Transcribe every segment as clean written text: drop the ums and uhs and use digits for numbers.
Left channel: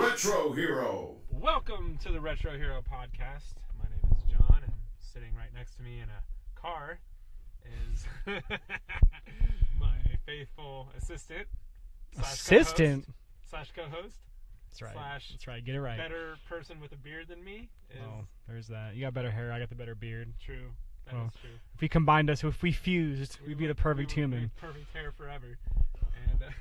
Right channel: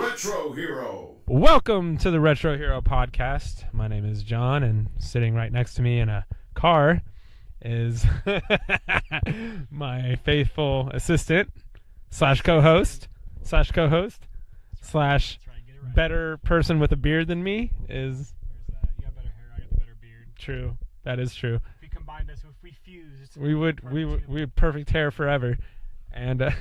Retro Hero. Welcome to the Retro Hero podcast. My name is John, and sitting right next to me in a car is my faithful assistant slash co-host That's right. slash That's right. Get it right. better person with a beard than me is There's that. You got better hair. I got the better beard. true. That is true. If we combined us, if we fused, We would perfect human. we would perfect hair forever, and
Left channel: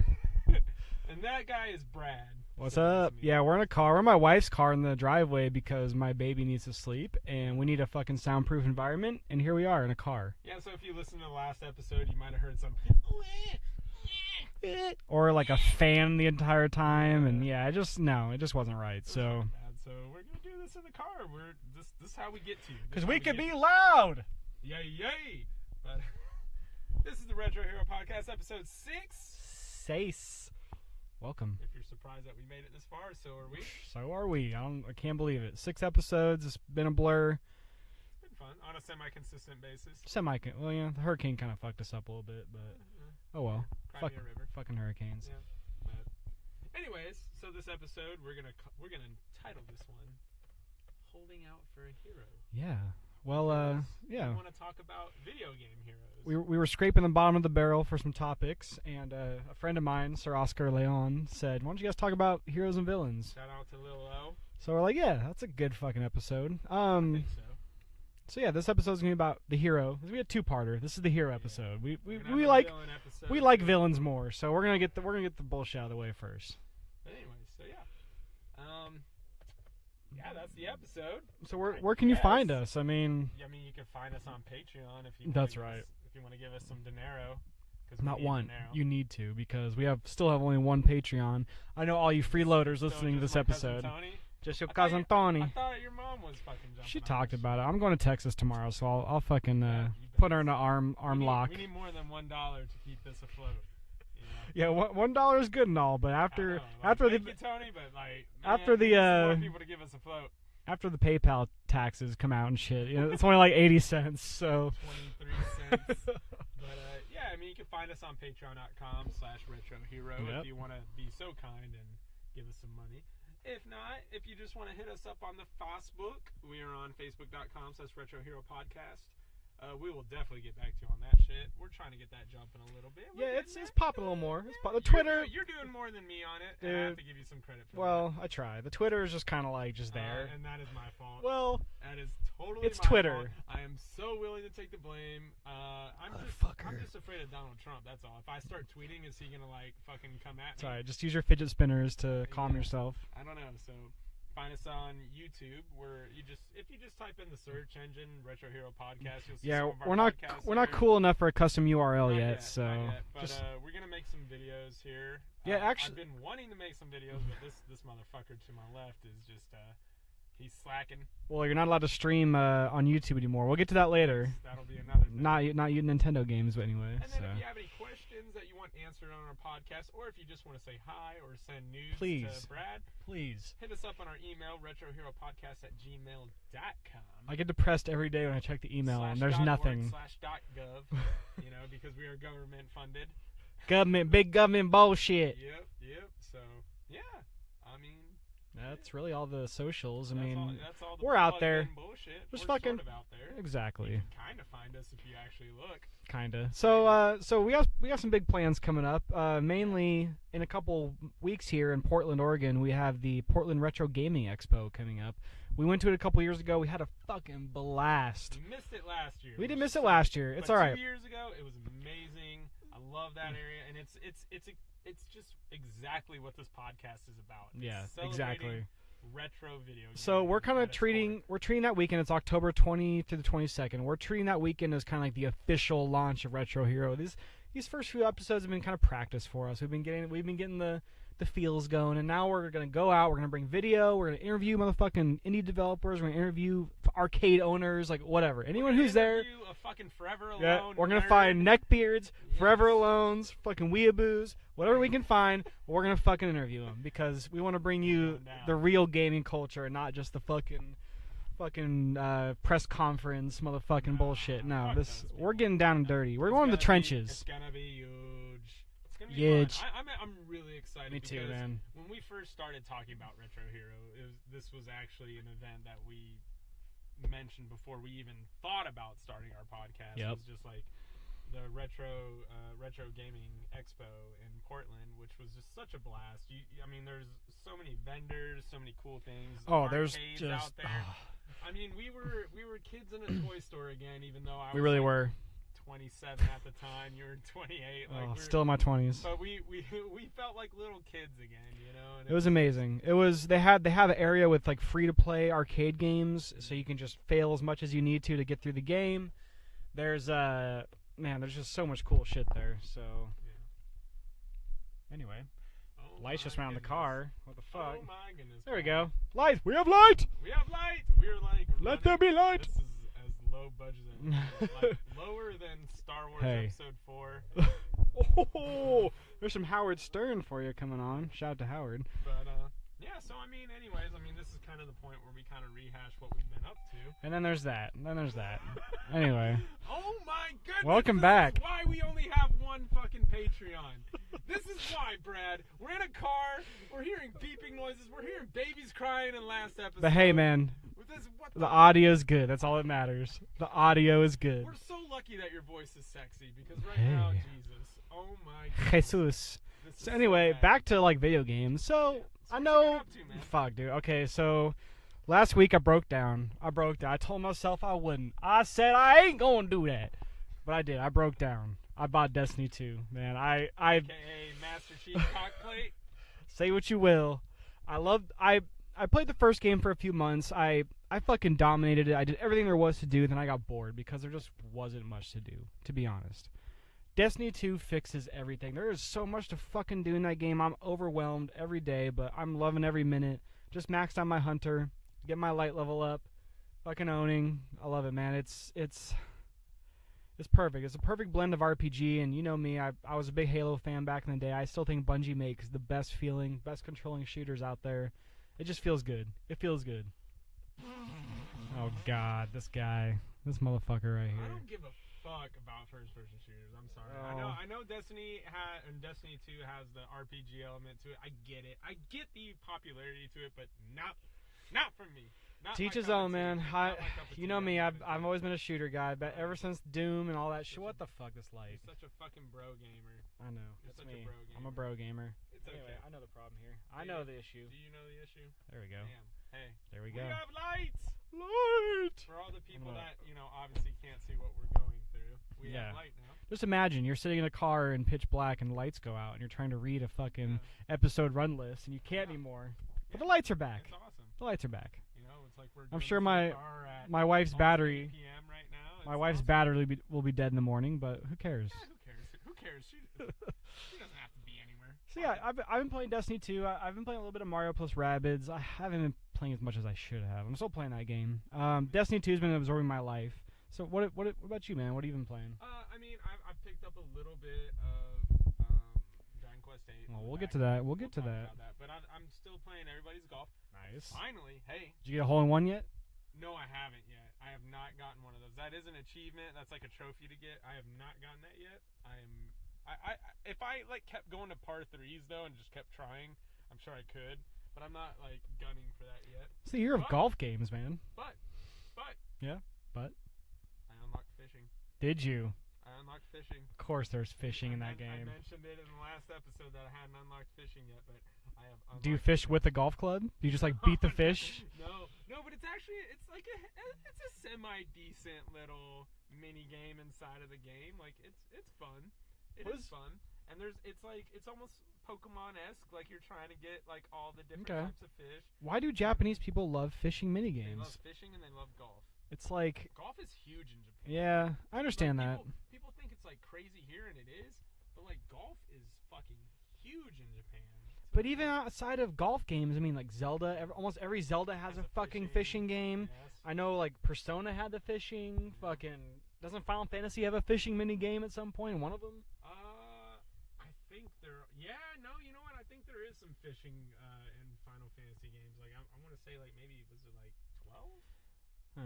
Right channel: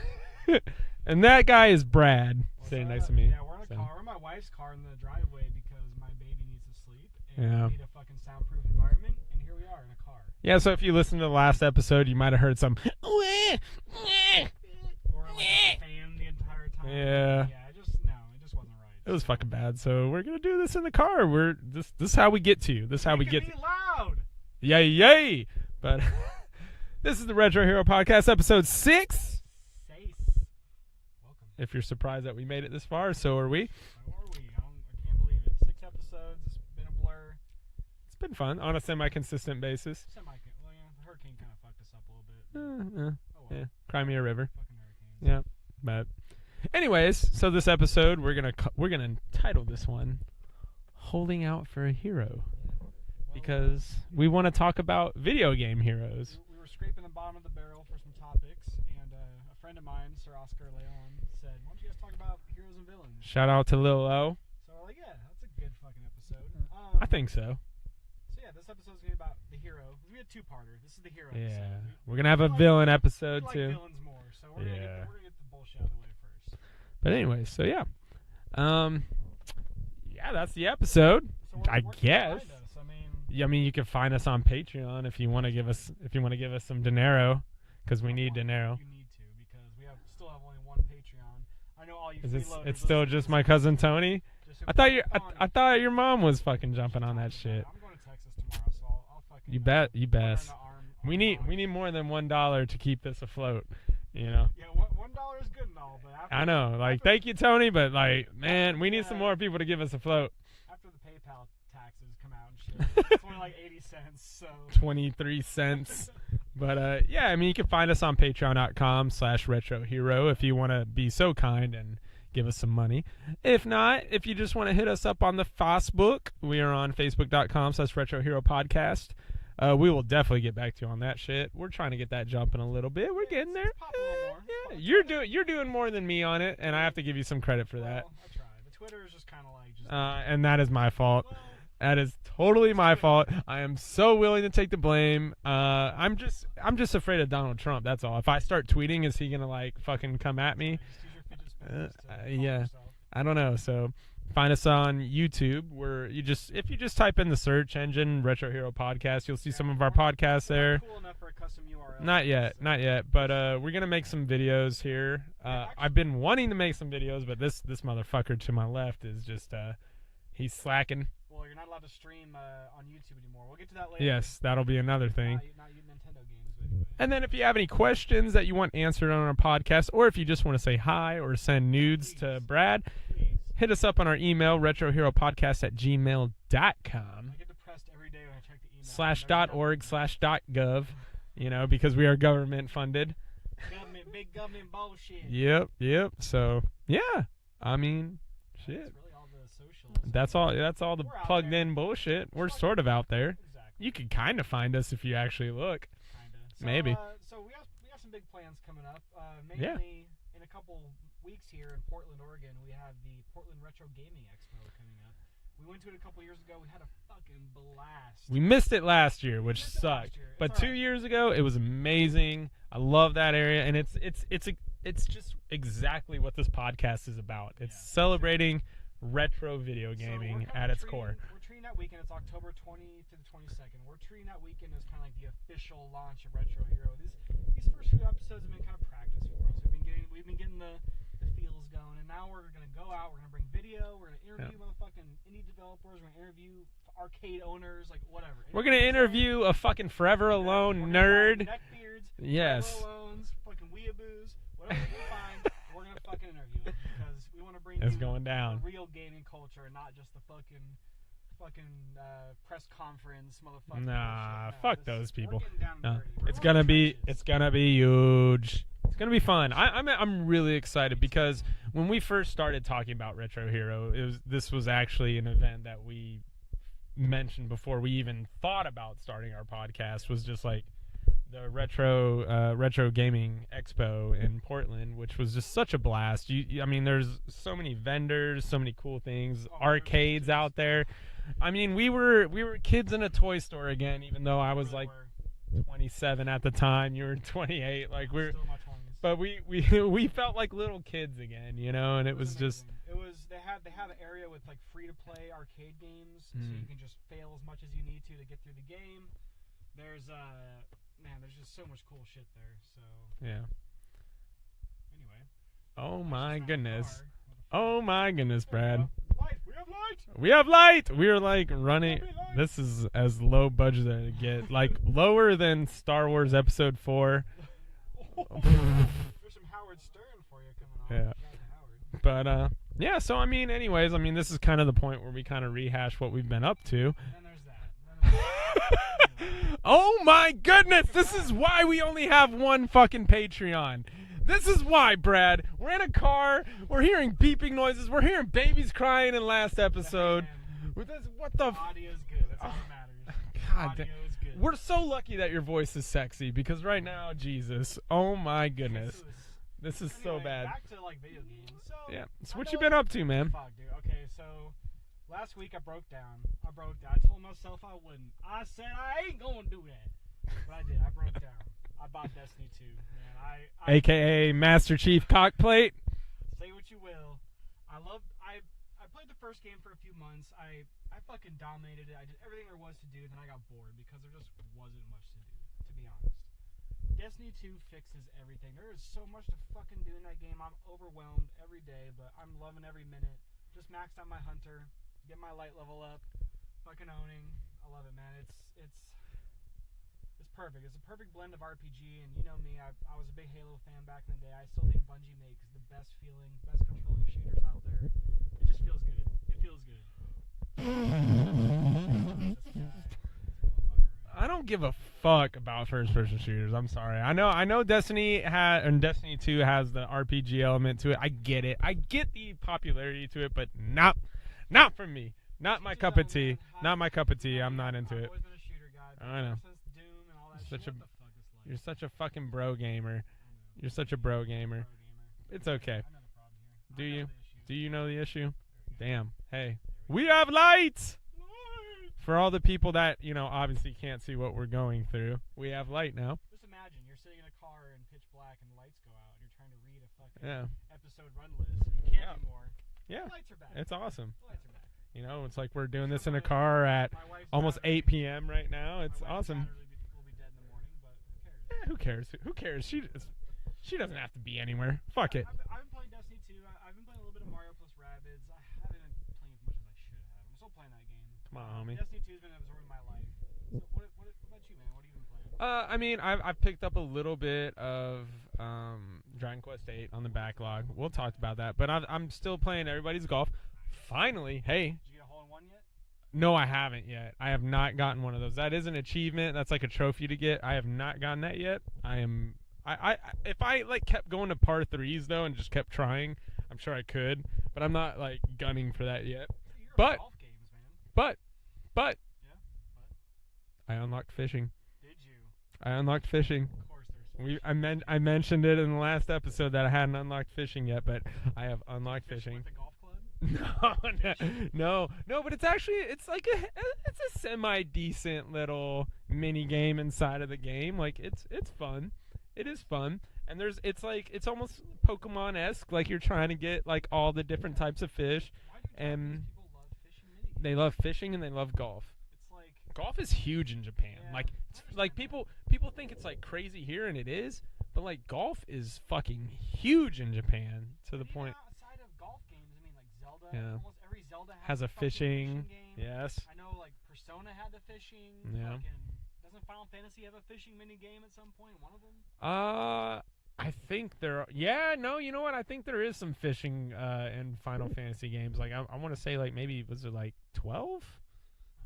and that guy is Brad. What's sitting next up? to me. Yeah, we're in a car. We're in my wife's car in the driveway because my baby needs to sleep, and Yeah. we need a fucking soundproof environment. And here we are in a car. Yeah, so if you listen to the last episode, you might have heard some Or like a fan the entire time. Yeah. And it just wasn't right. It was so. fucking bad. So we're gonna do this in the car. This is how we get to you. This is how we can get. be loud. Yay! But this is the Retro Hero podcast, episode 6. Welcome. If you're surprised that we made it this far, so are we. So are we. I can't believe it. 6 episodes. It's been a blur. It's been fun on a semi-consistent basis. Well, yeah, the hurricane kind of fucked us up a little bit. But oh well. Yeah. Crimea River. Fucking hurricanes. Yeah. But anyways, so this episode we're gonna title this one "Holding Out for a Hero." Yeah. Well, because we want to talk about video game heroes. We were scraping the bottom of the barrel for some topics, and a friend of mine, Sir Oscar Leon, said, "Why don't you guys talk about heroes and villains?" Shout out to Lil O. So we're like, "Yeah, that's a good fucking episode." I think so. So yeah, this episode's gonna be about the hero. We had a two-parter. This is the hero episode. We're gonna have a villain episode. We like too. villains more, so we're gonna get Yeah. the bullshit out of the way first. But anyways, so yeah, that's the episode. So where can you find us? I mean, you can find us on Patreon if you want to give us some dinero, because we not need one. dinero. You need to, because we still have only one Patreon. I know all you freeloaders. It's still listening to just this my cousin episode. Tony. Just your I thought cousin Tony. I thought your mom was fucking jumping She on talked that about shit. it. I'm going to Texas tomorrow, so I'll fucking You bet. put her in an arm we need lock. we need more than $1 to keep this afloat. You know. Yeah, $1 is good and all, but after I know. Like, thank you, Tony, but like, man, we need some more people to give us a float. After the PayPal taxes come out and shit, it's only like 80 cents. So 23 cents. But yeah, you can find us on patreon.com/retrohero if you want to be so kind and give us some money. If not, if you just want to hit us up on the Facebook, we are on facebook.com/retroheropodcast. We will definitely get back to you on that shit. We're trying to get that jumping a little bit. We're getting there. It's popping a little more. You're doing more than me on it, and I have to give you some credit for that. Well, I try. The Twitter is just kind of like just there. And that is my fault. Well, that is totally my Twitter. fault. I am so willing to take the blame. I'm just afraid of Donald Trump. That's all. If I start tweeting, is he gonna like fucking come at me? Sorry, just use your fidget spinners to calm yourself. I don't know. So find us on YouTube, where if you just type in the search engine Retro Hero Podcast, you'll see some of our podcasts there. We're not cool enough for a custom URL not yet. Not yet. But we're gonna make some videos here. Actually, I've been wanting to make some videos, but this motherfucker to my left is just he's slacking. Well, you're not allowed to stream on YouTube anymore. We'll get to that later. Yes, that'll be another thing. Not you Nintendo games, but anyway. And then if you have any questions that you want answered on our podcast, or if you just want to say hi or send nudes to Brad, please hit us up on our email, retroheropodcast@gmail.com. I get depressed every day when I check the email. /.org/.gov, because we are government funded. Big government bullshit. Yep. So, yeah. That's really all the socials. That's all the plugged in bullshit. We're sort of out there. Exactly. You can kind of find us if you actually look. Kinda. So so we have some big plans coming up. Mainly in a couple weeks here in Portland, Oregon, we have the Portland Retro Gaming Expo coming up. We went to it a couple years ago. We had a fucking blast. We missed it last year. We didn't miss sucked. it last year. It's but all right. 2 years ago, it was amazing. I love that area, and it's just exactly what this podcast is about. It's celebrating retro video gaming. So we're kind of treating that weekend. It's October 20th to the 22nd. We're treating that weekend as kind of like the official launch of Retro Hero. These first few episodes have been kind of practice for us. We've been getting the feels going, and now we're gonna go out. We're gonna bring video. We're gonna interview motherfucking indie developers. We're gonna interview arcade owners, like whatever. We're gonna interview a fucking Forever Alone We're nerd. gonna find neckbeards, Forever Alones, fucking weeaboos, whatever we can find. We're gonna fucking interview them because we want to bring you the real gaming culture, and not just the fucking press conference motherfucking bullshit. No, fuck those people. We're getting down and dirty. We're going to to the trenches. It's gonna be huge. It's gonna be fun. I'm really excited Me too, because man. when we first started talking about Retro Hero, this was actually an event that we mentioned before we even thought about starting our podcast. Yep. Was just like the retro gaming expo in Portland, which was just such a blast. I mean, there's so many vendors, so many cool things, arcades out there. I mean, we were kids in a toy store again, even though I was really were 27 at the time. You were 28. Like we're still in my 20s. But we felt like little kids again, you know. And it was amazing. It was they have an area with like free to play arcade games, so you can just fail as much as you need to get through the game. There's there's just so much cool shit there. So yeah. Anyway. Oh Lights my goodness. What the fuck? Oh my goodness, there Brad. we go. Light. We have light. We have light. We are like running. Let there be light. This is as low budget as it get. Like lower than Star Wars Episode 4. Oh, there's some Howard Stern for you coming on. Yeah. Shout out to Howard. But yeah. So I mean, anyways, this is kind of the point where we kind of rehash what we've been up to. And then there's that. Anyway. Oh my goodness! Welcome back. This is why we only have one fucking Patreon. This is why, Brad. We're in a car. We're hearing beeping noises. We're hearing babies crying in last episode. But hey, man. The audio's good. That's all that matters. The audio is good. We're so lucky that your voice is sexy because right now, Jesus. Oh my goodness. Jesus. This is so anyway, so bad. back to like video games. So what you been up to, man? Fuck, dude. Okay, so last week I broke down. I told myself I wouldn't. I said I ain't gonna do that, but I did. I broke down. I bought Destiny 2, man. I AKA Master Chief Cockplate. Say what you will. I played the first game for a few months. I fucking dominated it. I did everything there was to do. Then I got bored because there just wasn't much to do, to be honest. Destiny 2 fixes everything. There is so much to fucking do in that game. I'm overwhelmed every day, but I'm loving every minute. Just maxed out my hunter, get my light level up, fucking owning. I love it, man. It's perfect. It's a perfect blend of RPG, and you know me. I was a big Halo fan back in the day. I still think Bungie makes the best feeling, best controlling shooters out there. It just feels good. It feels good. Oh God, this motherfucker right here. I don't give a fuck about first-person shooters. I'm sorry. I know Destiny and Destiny 2 has the RPG element to it. I get it. I get the popularity to it, but not for me. Not my cup of tea. Not my cup of tea. You know I'm me, not into it. I've always been a shooter guy, but ever since Doom and all that shit. What the fuck is life? You're such a fucking bro gamer. I know. You're such a bro gamer. I'm a bro gamer. It's okay. I know the problem here. I know the issue. Do you know the issue? There we go. Damn. Hey. There We go. have lights! Lights! For all the people that, obviously can't see what we're going through, we have light now. Just imagine you're sitting in a car in pitch black and lights go out and you're trying to read a fucking episode run list and you can't anymore. Yeah. The lights are back. It's awesome. The lights are back. It's like we're doing this in a car at my wife's almost battery, 8 p.m. right now. My wife's battery will be dead in the morning, but who cares? Yeah, who cares? Who cares? She doesn't have to be anywhere. Fuck it. I've been playing Destiny 2. I've been playing a little bit of Mario plus Rabbids. I haven't been playing as much as I should have. I'm still playing that game. Destiny 2 has been absorbing my life. So what about you, man? What have you been playing? I've picked up a little bit of Dragon Quest 8 on the backlog. Get to that. We'll talk about that. But I'm still playing Everybody's Golf. Nice. Finally, hey. Did you get a hole in one yet? No, I haven't yet. I have not gotten one of those. That is an achievement. That's like a trophy to get. I have not gotten that yet. If I kept going to par 3s though and just kept trying, I'm sure I could. But I'm not gunning for that yet. See, you're of golf games, man. But. Yeah. But. I unlocked fishing. Did you? I unlocked fishing. Of course there's fishing. I mentioned it in the last episode that I hadn't unlocked fishing yet, but I have unlocked. Do you fish fishing. with a golf club? You just beat the fish? No, but it's like a semi decent little mini game inside of the game. It's fun. It is fun. And it's almost Pokemon-esque. Like you're trying to get all the different types of fish. Why do Japanese people love fishing mini games? They love fishing and they love golf. It's like golf is huge in Japan. Yeah, I understand that. People think it's crazy here, and it is. But golf is fucking huge in Japan. But even outside of golf games, Zelda. Yeah. Almost every Zelda has a fucking fishing game. Yes. I know Persona had the fishing. Yeah. Fucking doesn't Final Fantasy have a fishing mini game at some point? One of them. I think there. Yeah, no, you know what? I think there is some fishing in Final Fantasy games. I want to say maybe was it 12?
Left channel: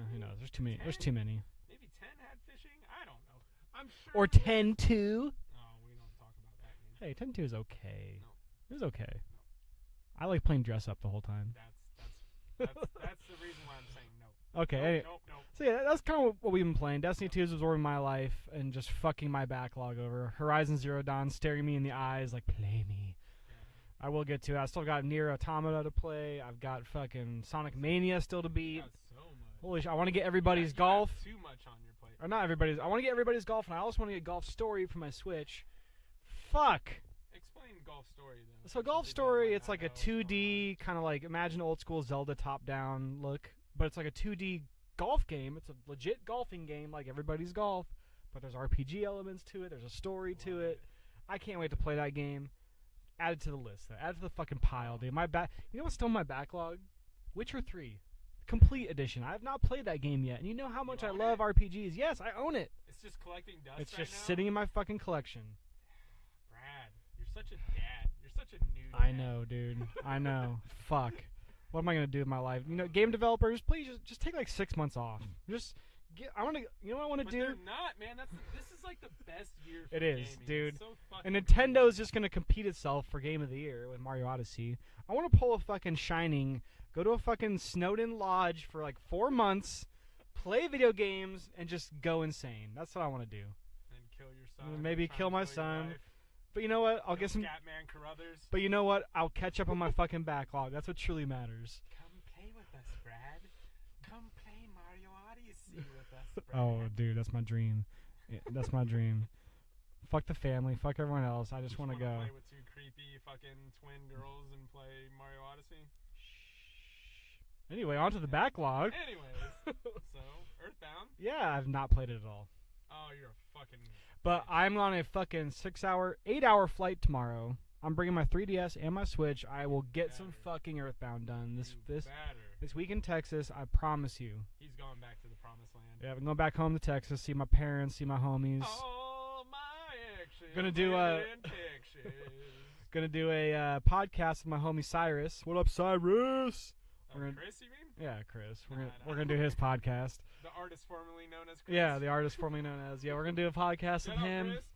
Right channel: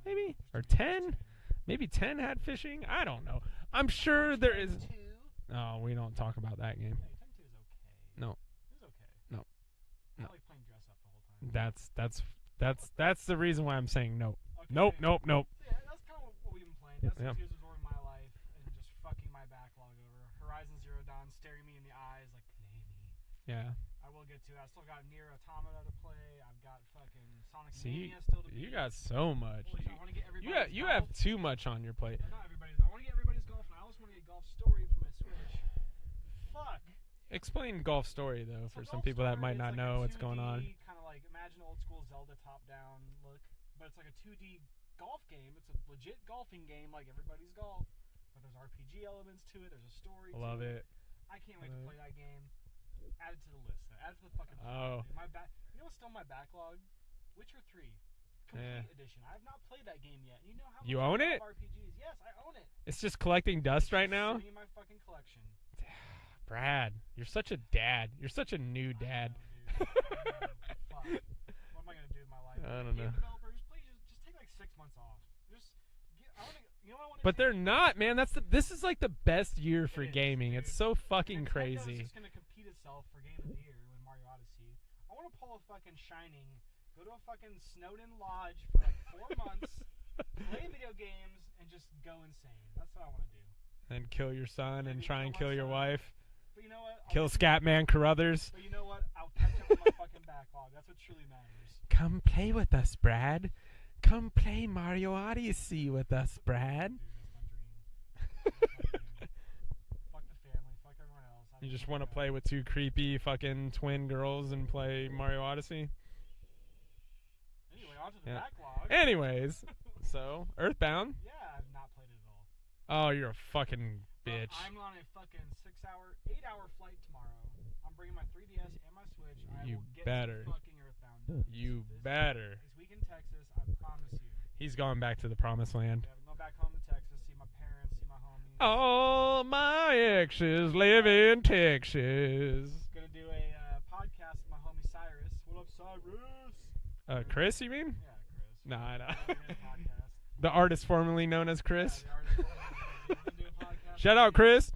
Maybe no, or 10. There's too many. Maybe 10 had fishing. I don't know. I'm sure Or there's... 10-2. No, we don't talk about that game. Hey, 10-2 is okay. No. It was okay. No. I like playing dress up the whole time. That's the reason why I'm saying no. Okay. Nope. So yeah, that's kind of what we've been playing. Destiny Yep. 2 was ruining my life and just fucking my backlog over. Horizon Zero Dawn staring me in the eyes like, play me. Yeah. I will get to it. I still got Nier Automata to play. I've got fucking Sonic Mania still to beat. You got so much. Holy shit, I want to get everybody's you golf. have too much on your plate. Or not everybody's. I want to get everybody's golf, and I also want to get Golf Story for my Switch. Fuck. Explain Golf Story, though. So for some Golf people that Story, might it's not like know a what's going 2D kind of like, imagine old school Zelda top-down look, but it's like a 2D golf game. It's a legit golfing game, like everybody's golf, but there's RPG elements to it. There's a story on. to Love it. I can't wait to play that game. Add it to the list. Add it to the fucking pile, Oh. dude. You know what's still in my backlog? Witcher 3. Complete edition. I have not played that game yet, and you know how much You I own love it? RPGs. Yes, I own it. It's just collecting dust It's right just now. sitting in my fucking collection. Brad, you're such a dad. You're such a new dad. I know, dude. I know. Fuck. What am I gonna do with my life? I don't Game know. developers, please just take like 6 months off. Just get. I want to. You know what I want to But do? they're not, man. This is like the best year for It is, gaming. dude. It's so fucking And Nintendo's crazy. just gonna compete itself for Game of the Year with Mario Odyssey. I want to pull a fucking Shining, go to a fucking Snowden lodge for like 4 months, play video games, and just go insane. That's what I want to do. And kill your son. Maybe and try kill and my kill your son. wife. But you know what? I'll Kill get some. Scatman Carruthers. But you know what? I'll catch up on my fucking backlog. That's what truly matters. Come play with us, Brad. Come play Mario Odyssey with us, Brad. Oh, dude, that's my dream. Yeah, that's my dream. Fuck the family. Fuck everyone else. I You just want to play with two creepy fucking twin girls and play Mario Odyssey? Anyway, on to the Yeah. backlog. Anyways, so Earthbound. Yeah, I've not played it at all. Oh, you're a fucking But bitch. I'm on a fucking 8-hour flight tomorrow. I'm bringing my 3DS and my Switch. I You will get better. some fucking Earthbound done. You this better. This week in Texas, I promise you. He's going back to the promised land. Yeah, I'm going back home to Texas, see my parents, see my homies. All my exes Gonna do, live in Texas. Gonna do a podcast with my homie Cyrus. What up, Cyrus? Chris, you mean? Yeah, Chris. Nah, We're gonna do his podcast. The artist formerly known as Chris. Yeah, the artist formerly known as. Yeah, we're gonna do a podcast. Shout with out, him. Chris.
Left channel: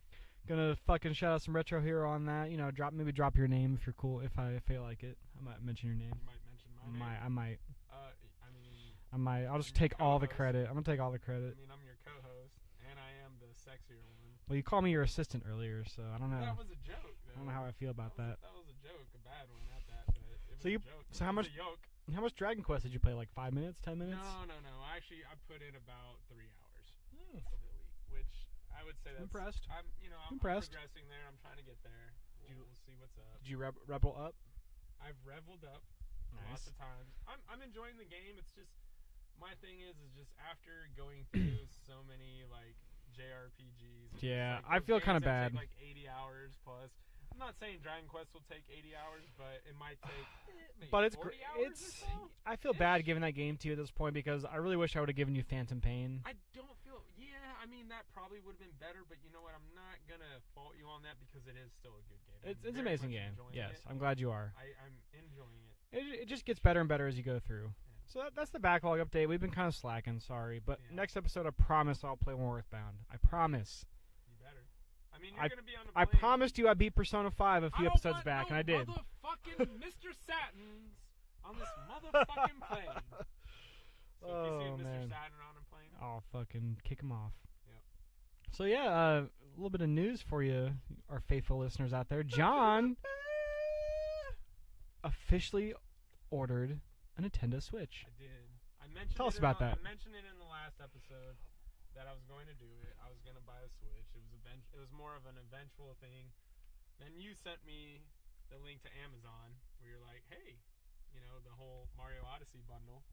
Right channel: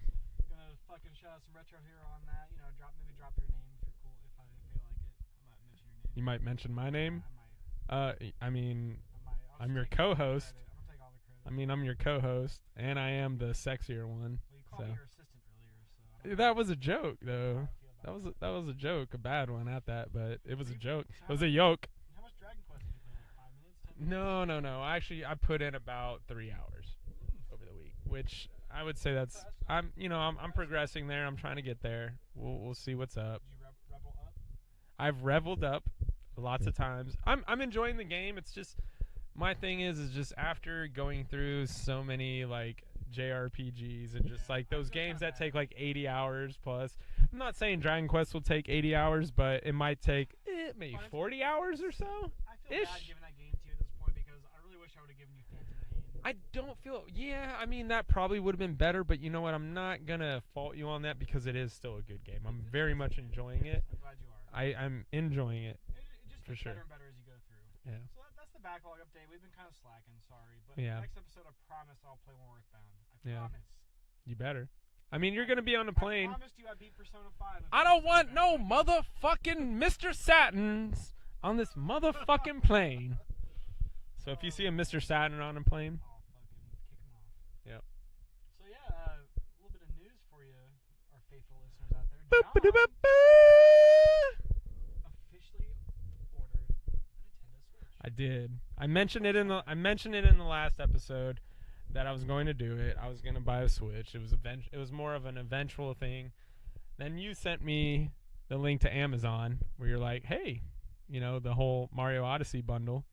Gonna fucking shout out some Retro Hero on that. You know, drop your name if you're cool. If I feel like it, I might mention your name. You might mention my name. I might. I mean, I'll just I'm your take all the co-host. credit. I'm gonna take all the credit. I'm your co-host, and I am the sexier one. Well, you called me so. your assistant earlier, so I don't know. That was a joke, I don't know though. how I feel about that. That was a joke, a bad one at that, but it was So a you- joke. so It how was much- a yoke. How much Dragon Quest did you play? Like 5 minutes, 10 minutes? No. Actually, I put in about 3 hours over the week, which I would say that's. Impressed. I'm Impressed. progressing there. I'm trying to get there. We'll see what's up. Did you rebel up? I've reveled up lots Nice. of times. I'm enjoying the game. It's just my thing is just after going through so many like JRPGs and Yeah, just like I those feel games kinda that bad. take like 80 hours plus. I'm not saying Dragon Quest will take 80 hours, but it might take maybe But it's 40 hours or it's- so. I feel Ish. bad giving that game to you at this point because I really wish I would have given you Phantom Pain. I don't feel. Yeah, I mean that probably would have been better, but you know what? I'm not gonna fault you on that because it is still a good game. I'm It's an very amazing much game. enjoying Yes, it. I'm glad you are. I'm enjoying it. It just For gets sure. better and better as you go through. Yeah. So that's the backlog update. We've been kind of slacking, sorry. But Yeah. next episode, I promise I'll play more Earthbound. I Yeah. promise. You better. I mean, you're I- gonna be on a I plane. promised you I beat Persona 5 a few I don't episodes want back, no and I did. motherfucking Mr. Satins on this motherfucking plane. So if you see a Oh, Mr. man. Satin on a plane, I'll fucking kick him off. Yep. So yeah, a little bit of news for you, our faithful listeners out there. John officially ordered a Nintendo Switch. I did. I mentioned Tell it us in about that. I mentioned it in the last episode that I was going to do it. I was going to buy a Switch. It was more of an eventual thing. Then you sent me the link to Amazon where you're like, "Hey, you know, the whole Mario Odyssey bundle."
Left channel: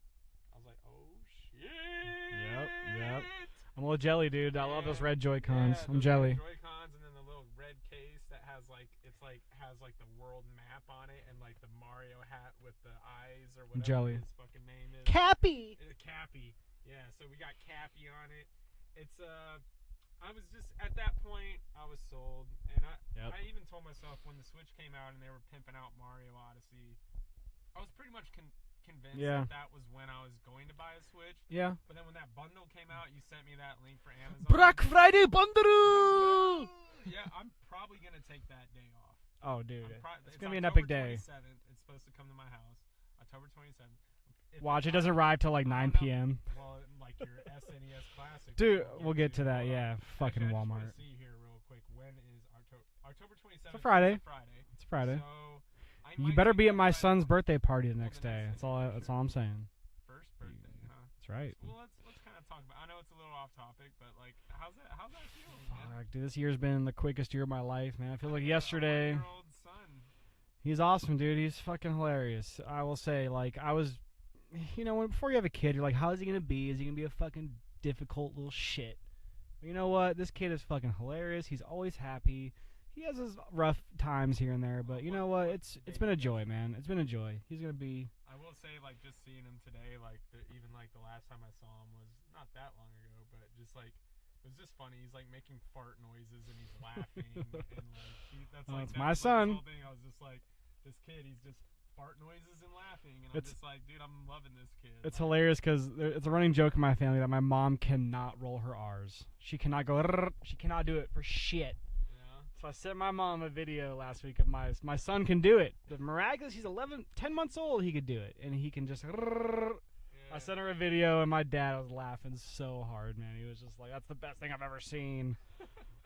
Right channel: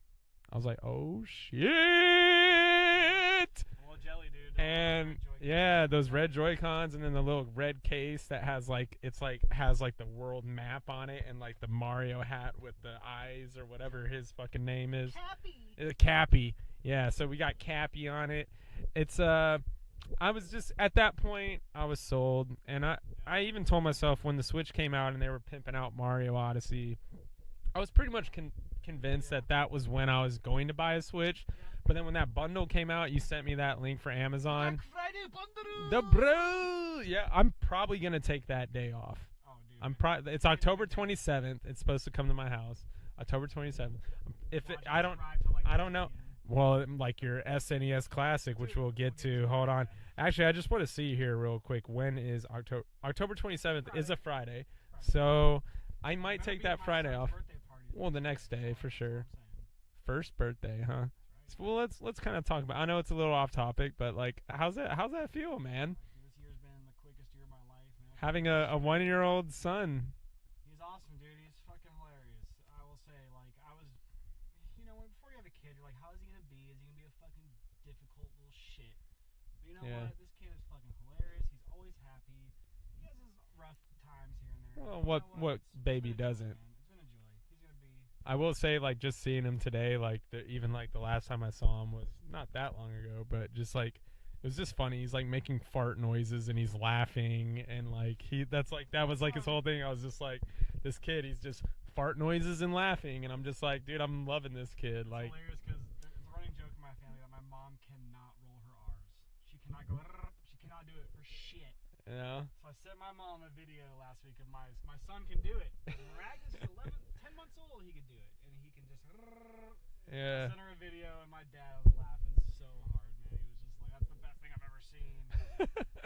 I was like, "Oh shit." Yep. I'm a little jelly, dude. I love those And red Joy-Cons. Yeah, I'm those jelly. red Joy-Cons, and then the little red case that has has the world map on it, and like the Mario hat with the eyes or whatever jelly. his fucking name is. Cappy. Cappy. Yeah, so we got Cappy on it. It's I was just at that point I was sold, and I even told myself when the Switch came out and they were pimping out Mario Odyssey, I was pretty much convinced Yeah. that was when I was going to buy a Switch. Yeah. But then when that bundle came out, you sent me that link for Amazon. Black Friday bundle. The bro. Yeah, I'm probably gonna take that day off. Oh, dude. It's gonna be an October epic day. 27th. It's supposed to come to my house. October 27th. Watch, it doesn't arrive till like 9 p.m. Well, like your SNES Classic, Dude, which we'll get to. that. Hold on. Yeah, Actually, I just want Walmart. to see here real quick. When is October 27th? Friday. It's a Friday. It's Friday. So I might. You better take be that at my Friday son's off. birthday party the Well, next the next day, for That's sure. all I'm saying. First birthday, huh? That's right. Well, let's kind of talk about. I know it's a little off topic, but like, how's that feel, man? Dude, this year's been the quickest year of my life, man. I feel Having like a yesterday, 1-year-old son. He's awesome, dude. He's fucking hilarious. I will say, like, I was, before you have a kid, you're like, how is he gonna be? Is he gonna be a fucking difficult little shit? But you know what? This kid is fucking hilarious. He's always happy. He has his rough times here and there, but you know what? It's been a joy, doesn't? man. It's been a joy. He's gonna be. I will say, like, just seeing him today, like, even like the last time I saw him was not that long ago, but just like. It was just funny. He's like making fart noises and he's laughing and like that was like his whole thing. I was just like, this kid, he's just fart noises and laughing, and I'm just like, dude, I'm loving this kid. It's like, hilarious because it's a running joke in my family that my mom cannot roll her R's. She cannot go. She cannot do it for shit. Yeah. So I sent my mom a video last week of my son can do it. But miraculous, he's 10 months old. He could do it, and he can just. Yeah. I sent her a video, and my dad was laughing so hard, man. He was just like, "That's the best thing I've ever seen."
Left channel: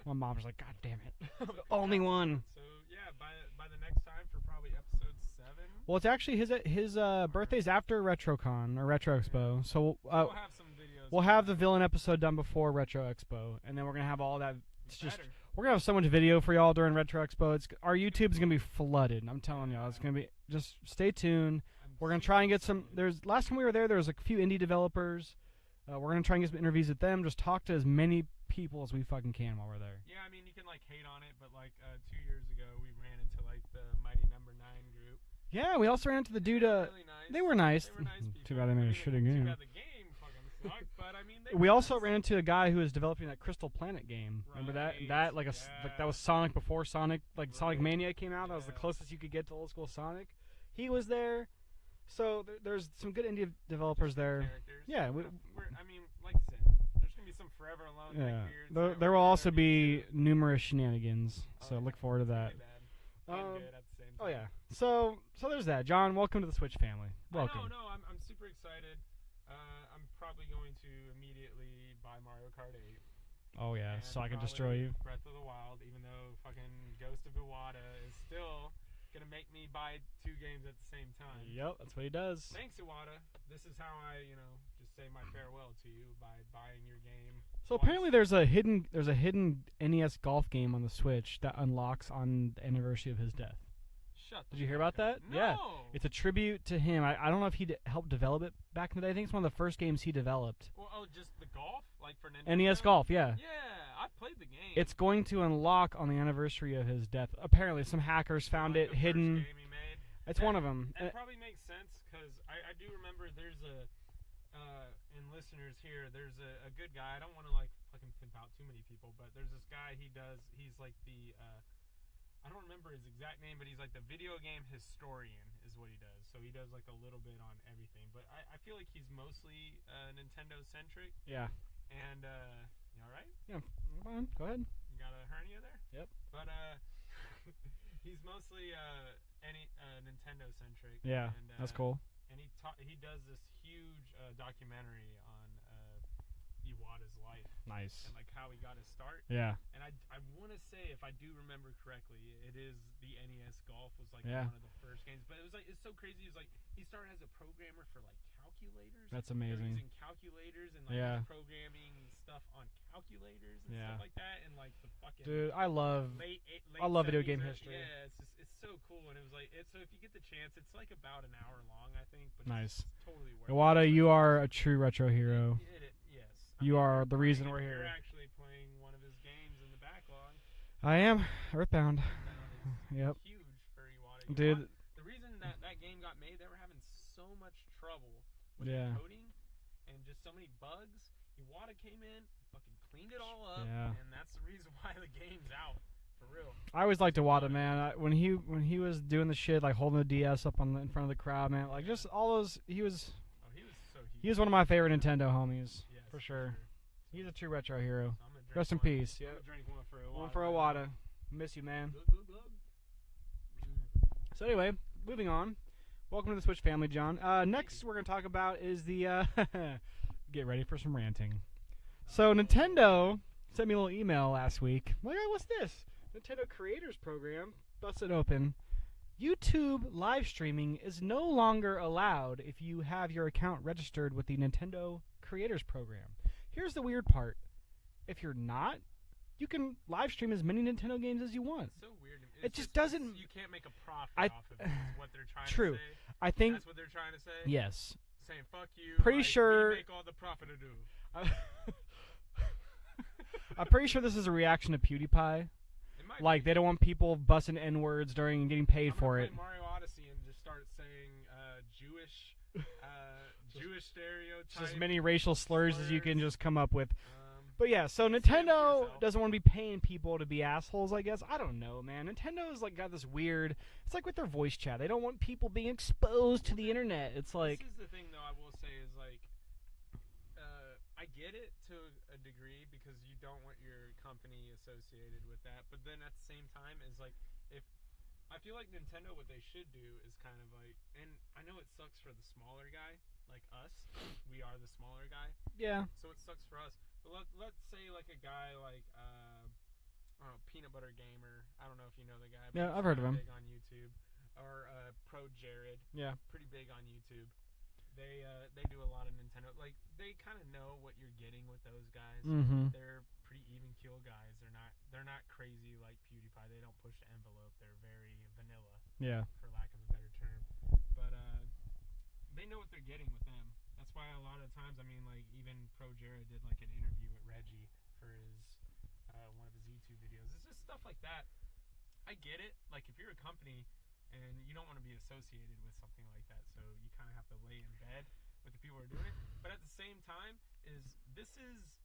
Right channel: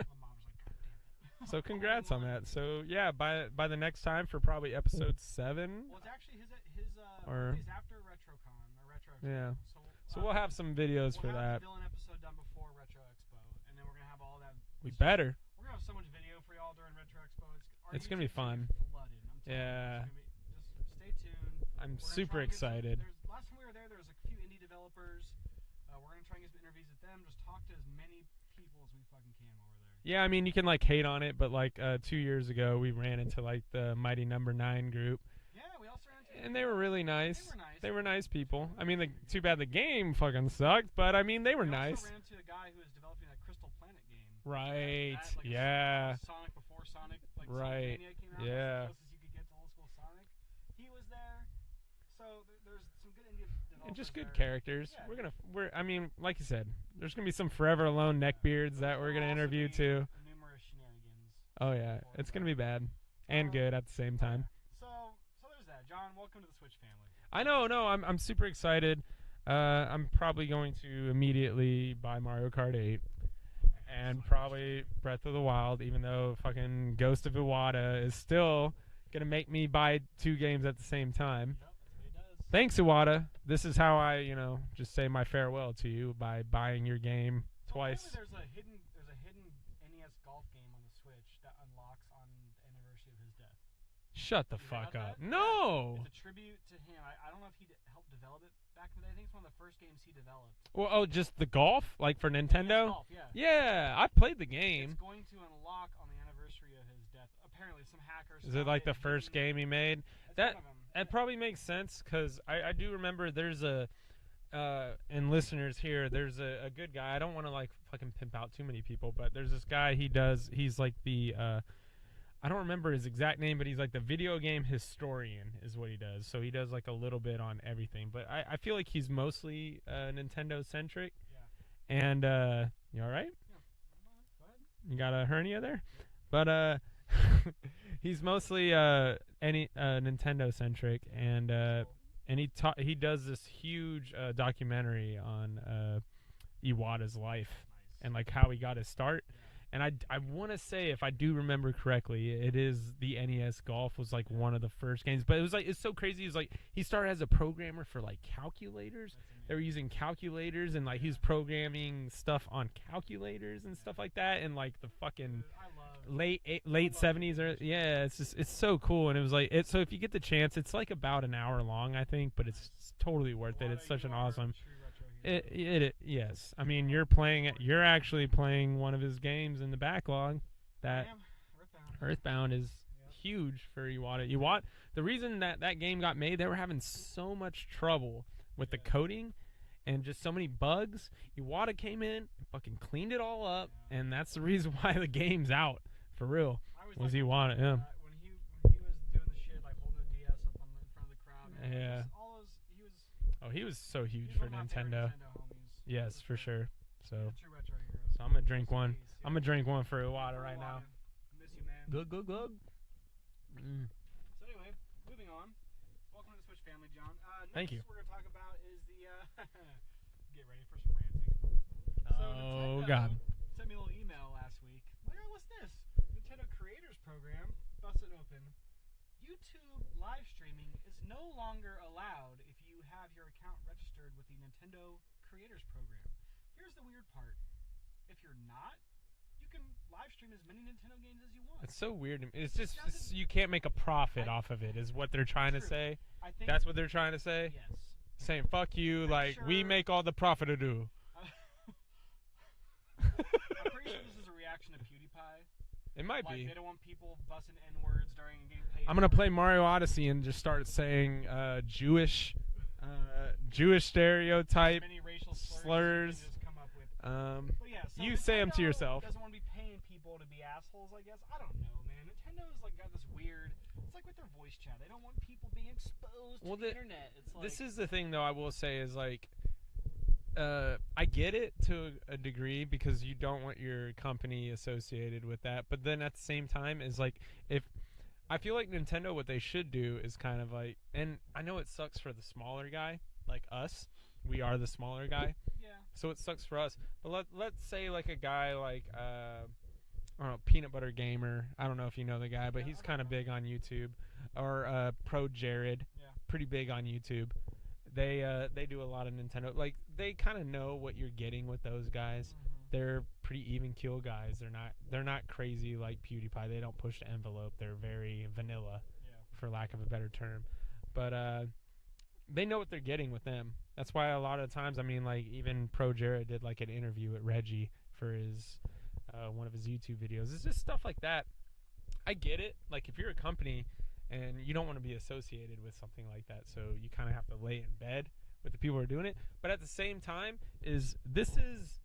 My mom was like, "God damn it!" So congrats Only one. on that. So yeah, by the next time for probably episode 7. Well, it's actually his birthday's after RetroCon or Retro Expo, Yeah. so we'll have some videos. we'll for have the that. villain episode done before Retro Expo, and then we're gonna have all that. We better. We're gonna have so much video for y'all during Retro Expo. Our It's YouTube's gonna be flooded. I'm telling you, it's Yeah. gonna be. Just stay tuned. We're gonna super try and get excited. some. Last time we were there was a few indie developers. We're gonna try and get some interviews with them. Just talk to as many people as we fucking can while we're there. Yeah, I mean, you can like hate on it, but like 2 years ago, we ran into like the Mighty Number 9 group. Yeah, we also ran into the And dude. they were really nice. They were nice. They were nice people. Too bad I mean, too bad the game fucking sucked, but I mean, they were We nice. also ran into a guy who was developing that Crystal Planet game. Right. That like that was Sonic before Sonic, Sonic Right. Mania came out. That was Yeah. the closest you could get to old school Sonic. He was there. So there's some good indie developers Just good there. characters. Yeah, I mean, like you said, there's gonna be some forever alone neckbeards. There that will we're gonna also be interview too. numerous shenanigans. Oh so yeah, look forward it's to that. gonna be bad and good at the same Oh, time. yeah. So there's that. John, welcome to the Switch family. I know, Welcome. no, I'm super excited. I'm probably going to immediately buy Mario Kart 8 Oh yeah, and so I can just probably Breath of the Wild, even though fucking Ghost of Iwata is still gonna make me buy 2 games at the same time. Yep, that's what he does. Thanks, Iwata. This is how I, just say my farewell to you by buying your game. So twice. apparently there's a hidden NES golf game on the Switch that unlocks on the anniversary of his death. Shut the Did you hear fuck about up. that? No. It's a tribute to him. I don't know if he helped develop it back in the day. I think it's one of the first games he developed. Well, just the golf, like for Nintendo. NES Golf, yeah. Yeah, I played the game. It's going to unlock on the anniversary of his death. Apparently, some hackers Is found it like the hidden. first game he made? It's one of them. That probably makes sense because I do remember there's and listeners here, there's a good guy. I don't want to like fucking pimp out too many people, but there's this guy. He's like the I don't remember his exact name, but he's like the video game historian is what he does. So he does like a little bit on everything, but I feel like he's mostly Nintendo centric. Yeah. And you all right? Yeah. Come on, go ahead. You got a hernia there? Yep. But he's mostly Nintendo centric. Yeah. And that's cool. and he does this huge documentary on Iwata's life. Nice. And like how he got his start. Yeah. And I want to say, if I do remember correctly, it is the NES Golf was like one of the first games. But it was like, it's so crazy. It's like he started as a programmer for like calculators. That's amazing. They were using calculators and like he's programming stuff on calculators and stuff like that. And like the fucking Dude, I love late I love video 70s. game history. Yeah, it's so cool. And it was like so if you get the chance, it's like about an hour long, I think, but it's totally worth it. Iwata, It's such you an are awesome- a true retro hero. Yes. I You mean, are you're the playing. reason we're You're here. actually playing one of his games in the backlog. I am. Earthbound. Earthbound is Yep. huge for Iwata. Dude. The reason that game got made, they were having so much trouble with the coding and just so many bugs. Iwata came in and fucking cleaned it all up, and that's the reason why the game's out For real. I always liked Iwata, man. When he was doing the shit, like holding the DS up in front of the crowd, man. Like just all those. He was. Oh, he was so huge. He was one of my favorite Nintendo homies. Yes, for sure. So he's a true retro hero. So I'm gonna drink Rest one. in peace. I'm gonna drink one for Iwata. One for Iwata. Miss you, man. Good. So anyway, moving on. Welcome to the Switch family, John. Next, we're gonna talk about is the. Get ready for some ranting. So Nintendo sent me a little email last week. I'm like, oh, what's this? Nintendo Creators Program. Bust it open. YouTube live streaming is no longer allowed if you have your account registered with the Nintendo Creators Program. Here's the weird part. If you're not, you can live stream as many Nintendo games as you want. It's so weird. It just doesn't... You can't make a profit off of it is what they're trying to say. I think... That's what they're trying to say? Yes. Saying, fuck you, pretty sure, we make all the profit to do. I'm pretty sure this is a reaction to PewDiePie. It might be. They don't want people busting N-words during getting paid for it. I'm going to play Mario Odyssey and just start saying Jewish stereotype. As many racial slurs as you can just come up with. But yeah, so Nintendo doesn't want to be paying people to be assholes, I guess. I don't know, man. Nintendo's like got this weird... It's like with their voice chat. They don't want people being exposed to the internet. It's like... This is the thing, though, I will say, is like... I get it to a degree because you don't want your company associated with that, but then at the same time is like if I feel like Nintendo, what they should do is kind of like, and I know it sucks for the smaller guy like us, we are the smaller guy, yeah, so it sucks for us, but let's say like a guy like I don't know, Peanut Butter Gamer, I don't know if you know the guy, but he's kind of big on YouTube, or Pro Jared, yeah, pretty big on YouTube. They do a lot of Nintendo. Like they kind of know what you're getting with those guys. Mm-hmm. They're pretty even keel guys. They're not crazy like PewDiePie. They don't push the envelope. They're very vanilla. Yeah, for lack of a better term. But they know what they're getting with them. That's why a lot of times, I mean, like even Pro Jared did like an interview with Reggie for his one of his YouTube videos. It's just stuff like that. I get it. Like if you're a company and you don't want to be associated with something like that, so you kind of have to lay in bed with the people who are doing it. But at the same time, this is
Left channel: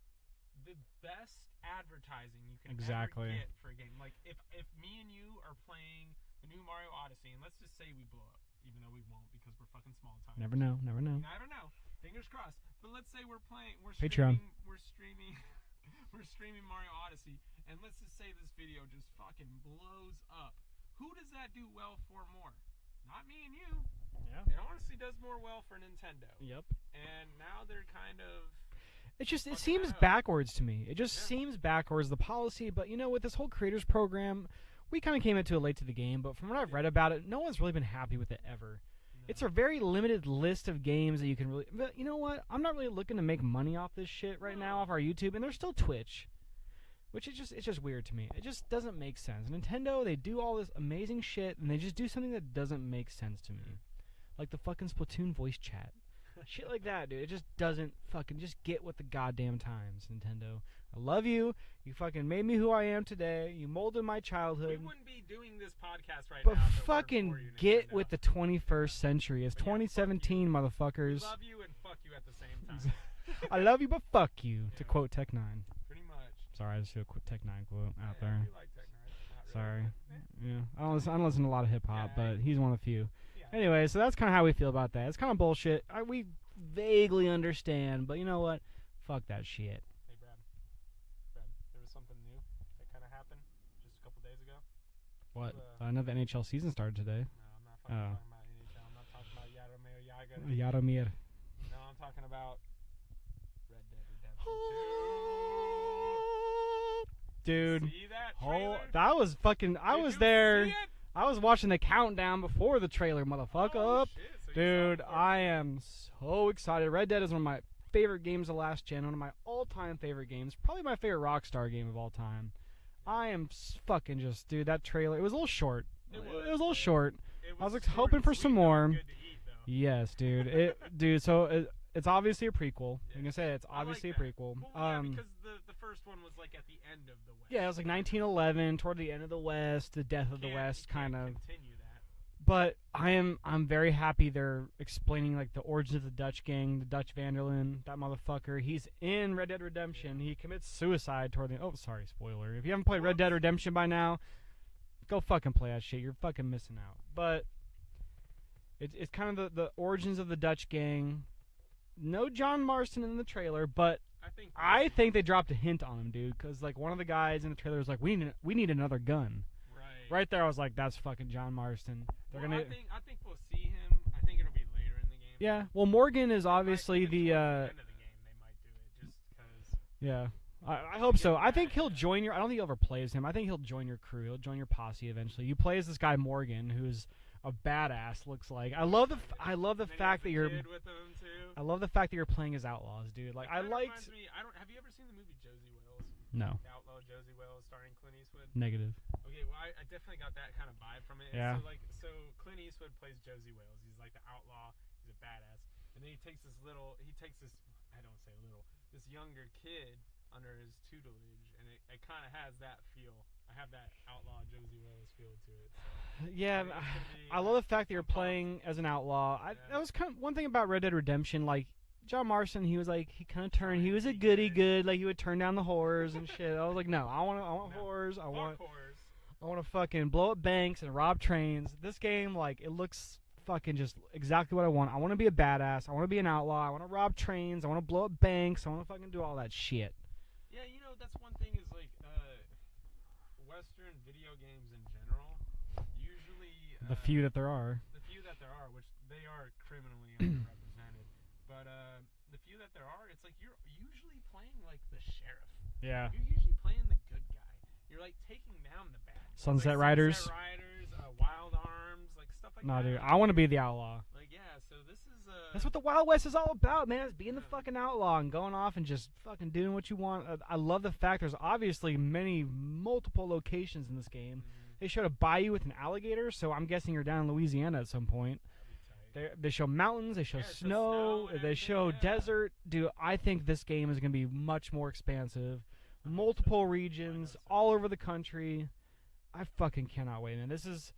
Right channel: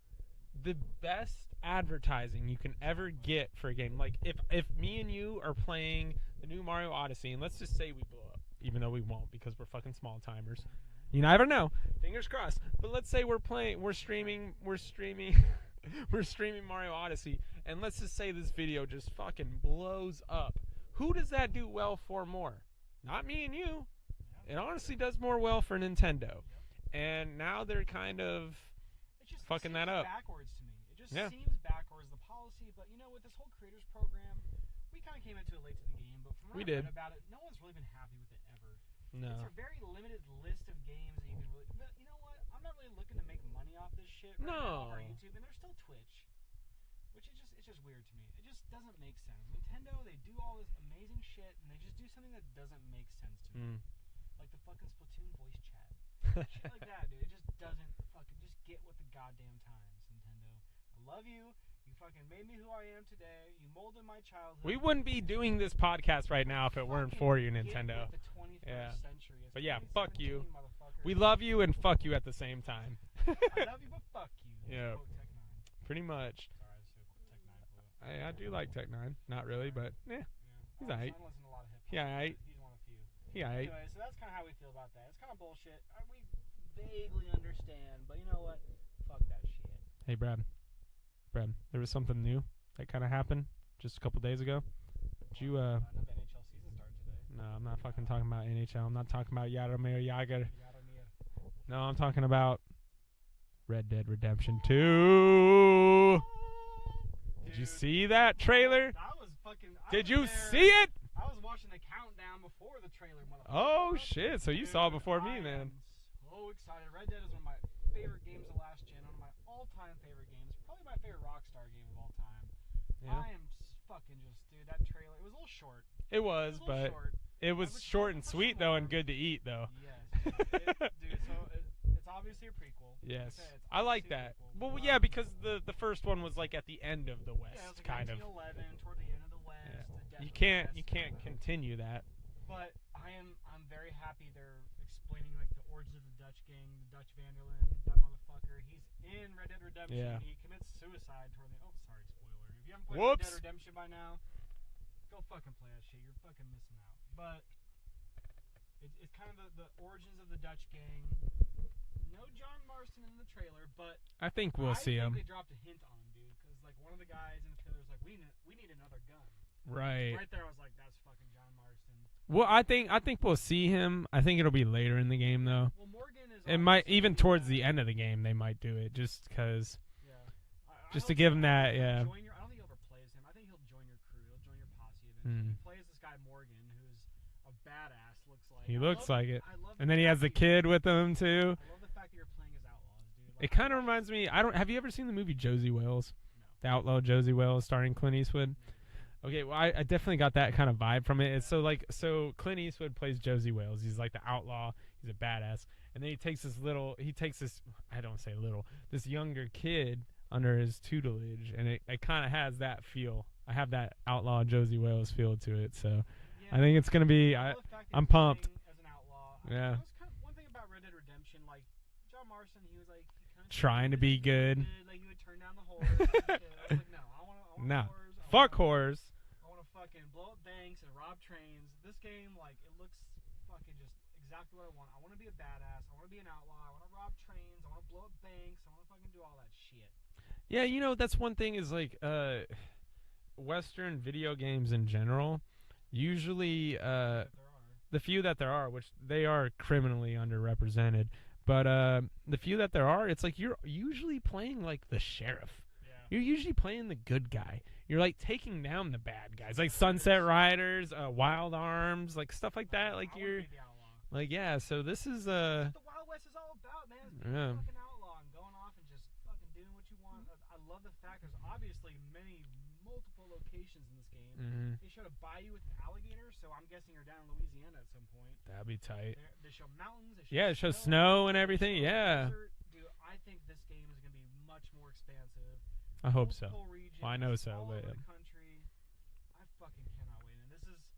the best advertising you can ever get for a game. Like if me and you are playing the new Mario Odyssey, and let's just say we blow up, even though we won't because we're fucking small timers. Never know. You never know. Fingers crossed. But let's say we're streaming Mario Odyssey, and let's just say this video just fucking blows up. Who does that do well for more? Not me and you. Yeah. It honestly does more well for Nintendo. Yep. And now they're kind of... It seems backwards to me. It just seems backwards, the policy. But, you know, with this whole creators program, we kind of came into it late to the game. But from what I've read about it, no one's really been happy with it ever. No. It's a very limited list of games that you can really... But you know what? I'm not really looking to make money off this shit right now off our YouTube. And there's still Twitch. Which it's just weird to me. It just doesn't make sense. Nintendo, they do all this amazing shit, and they just do something that doesn't make sense to me. Like the fucking Splatoon voice chat. Shit like that, dude. It just doesn't fucking just get with the goddamn times, Nintendo. I love you. You fucking made me who I am today. You molded my childhood. We wouldn't be doing this podcast right now if it weren't for you, Nintendo. Get with the 21st century. It's 2017, motherfuckers. We love you and fuck you at the same time. I love you, but fuck you, to quote Tech 9. Pretty much. Sorry, I just threw a Tech 9 quote out there. I do like Tech 9. Not really, but yeah. I don't listen to a lot of hip-hop, but he's one of the few. Yeah. Anyway, so that's kind of how we feel about that. It's kind of bullshit. We vaguely understand, but you know what? Fuck that shit. Hey, Brad, there was something new that kind of happened just a couple days ago. I know the NHL season started today. No, I'm not fucking talking about NHL. I'm not talking about Jaromir Jagr. Jaromir. No, I'm talking about Red Dead Redemption 2. Dude, did you see that trailer? That was fucking... Did you see it? I was watching the countdown before the trailer, motherfucker. Oh, shit. So you saw it before me. I am so excited. Red Dead is one of my favorite games of last gen. One of my all-time favorite games. Probably my favorite Rockstar game of all time. Yeah. I am fucking just... Dude, that trailer... It was a little short. It was a little short. It was I was short hoping and for sweet, some more. And good to eat, though. Yes, dude. Dude, so it's obviously a prequel. Yes. I'm going to say it's obviously a prequel. Well, yeah, because the first one was like at the end of the West. Yeah, it was like 1911, toward the end of the West, the death of the West, kind of. You can't continue that. But I'm very happy they're explaining like the origins of the Dutch gang, the Dutch Vanderlyn, that motherfucker. He's in Red Dead Redemption. Yeah. He commits suicide toward the. Oh, sorry, spoiler. If you haven't played Red Whoops. Dead Redemption by now, go fucking play that shit. You're fucking missing out. But it's kind of the origins of the Dutch gang. No John Marston in the trailer, but I think they dropped a hint on him, dude. Because like one of the guys in the trailer was like, "We need another gun." Right there, I was like, "That's fucking John Marston." Well, I think we'll see him. I think it'll be later in the game. Yeah. Though. Well, Morgan is It obviously might, even towards the end of the game, they might do it just because. Yeah. I Just to hope give so. him I think that, he'll yeah. join your. I don't think he'll ever play as him. I think he'll join your crew. He'll join your posse eventually. Mhm. You play as this guy Morgan, who's a badass. Looks like. He I looks love. like it. I love the And then fact he has that a you're- kid with him too. I love the fact that you're playing as outlaws, dude. Like It kind of reminds me. Have you ever seen the movie Josie Wales? No. The outlaw Josie Wales, starring Clint Eastwood. Negative. Okay, well, I definitely got that kind of vibe from it. It's Yeah. so Clint Eastwood plays Josie Wales. He's like the outlaw. He's a badass, and then he takes this I don't say little, this younger kid under his tutelage, and it kind of has that feel. I have that outlaw Josie Wales feel to it, so Yeah. I think it's gonna be. I love the fact that you're I'm pumped. playing as an outlaw. Yeah. That was kind of one thing about Red Dead Redemption. Like John Marston, he was like he kind of Trying he to was be a goody good. Like he would turn down the whores and shit. I was like, no, I want No. whores. Fuck whores. I want to fucking blow up banks and rob trains. This game, like, it looks fucking just exactly what I want. I want to be a badass. I want to be an outlaw. I want to rob trains. I want to blow up banks. I want to fucking do all that shit. Yeah, that's one thing is like Western video games in general. Usually, The few that there are. which they are criminally underrepresented, but the few that there are, it's like you're usually playing like the sheriff. Yeah. You're usually playing the good guy. You're like taking down the bad guys, Sunset like Riders. Sunset Riders, Wild Arms, like stuff like No, that. dude, Like I want to you're- be the outlaw. like yeah. So this is That's what the Wild West is all about, man. It's being Yeah. a fucking outlaw and going off and just fucking doing what you want. I love the fact there's obviously multiple locations in this game. Mhm. They showed a bayou with an alligator, so I'm guessing you're down in Louisiana at some point. That'd be tight. They show mountains, they show Yeah, it shows snow, snow and everything, They show yeah. desert. Dude, I think this game is going to be much more expansive. I hope so. Multiple regions, I know so, all yeah. over the country. I fucking cannot wait, man. This is,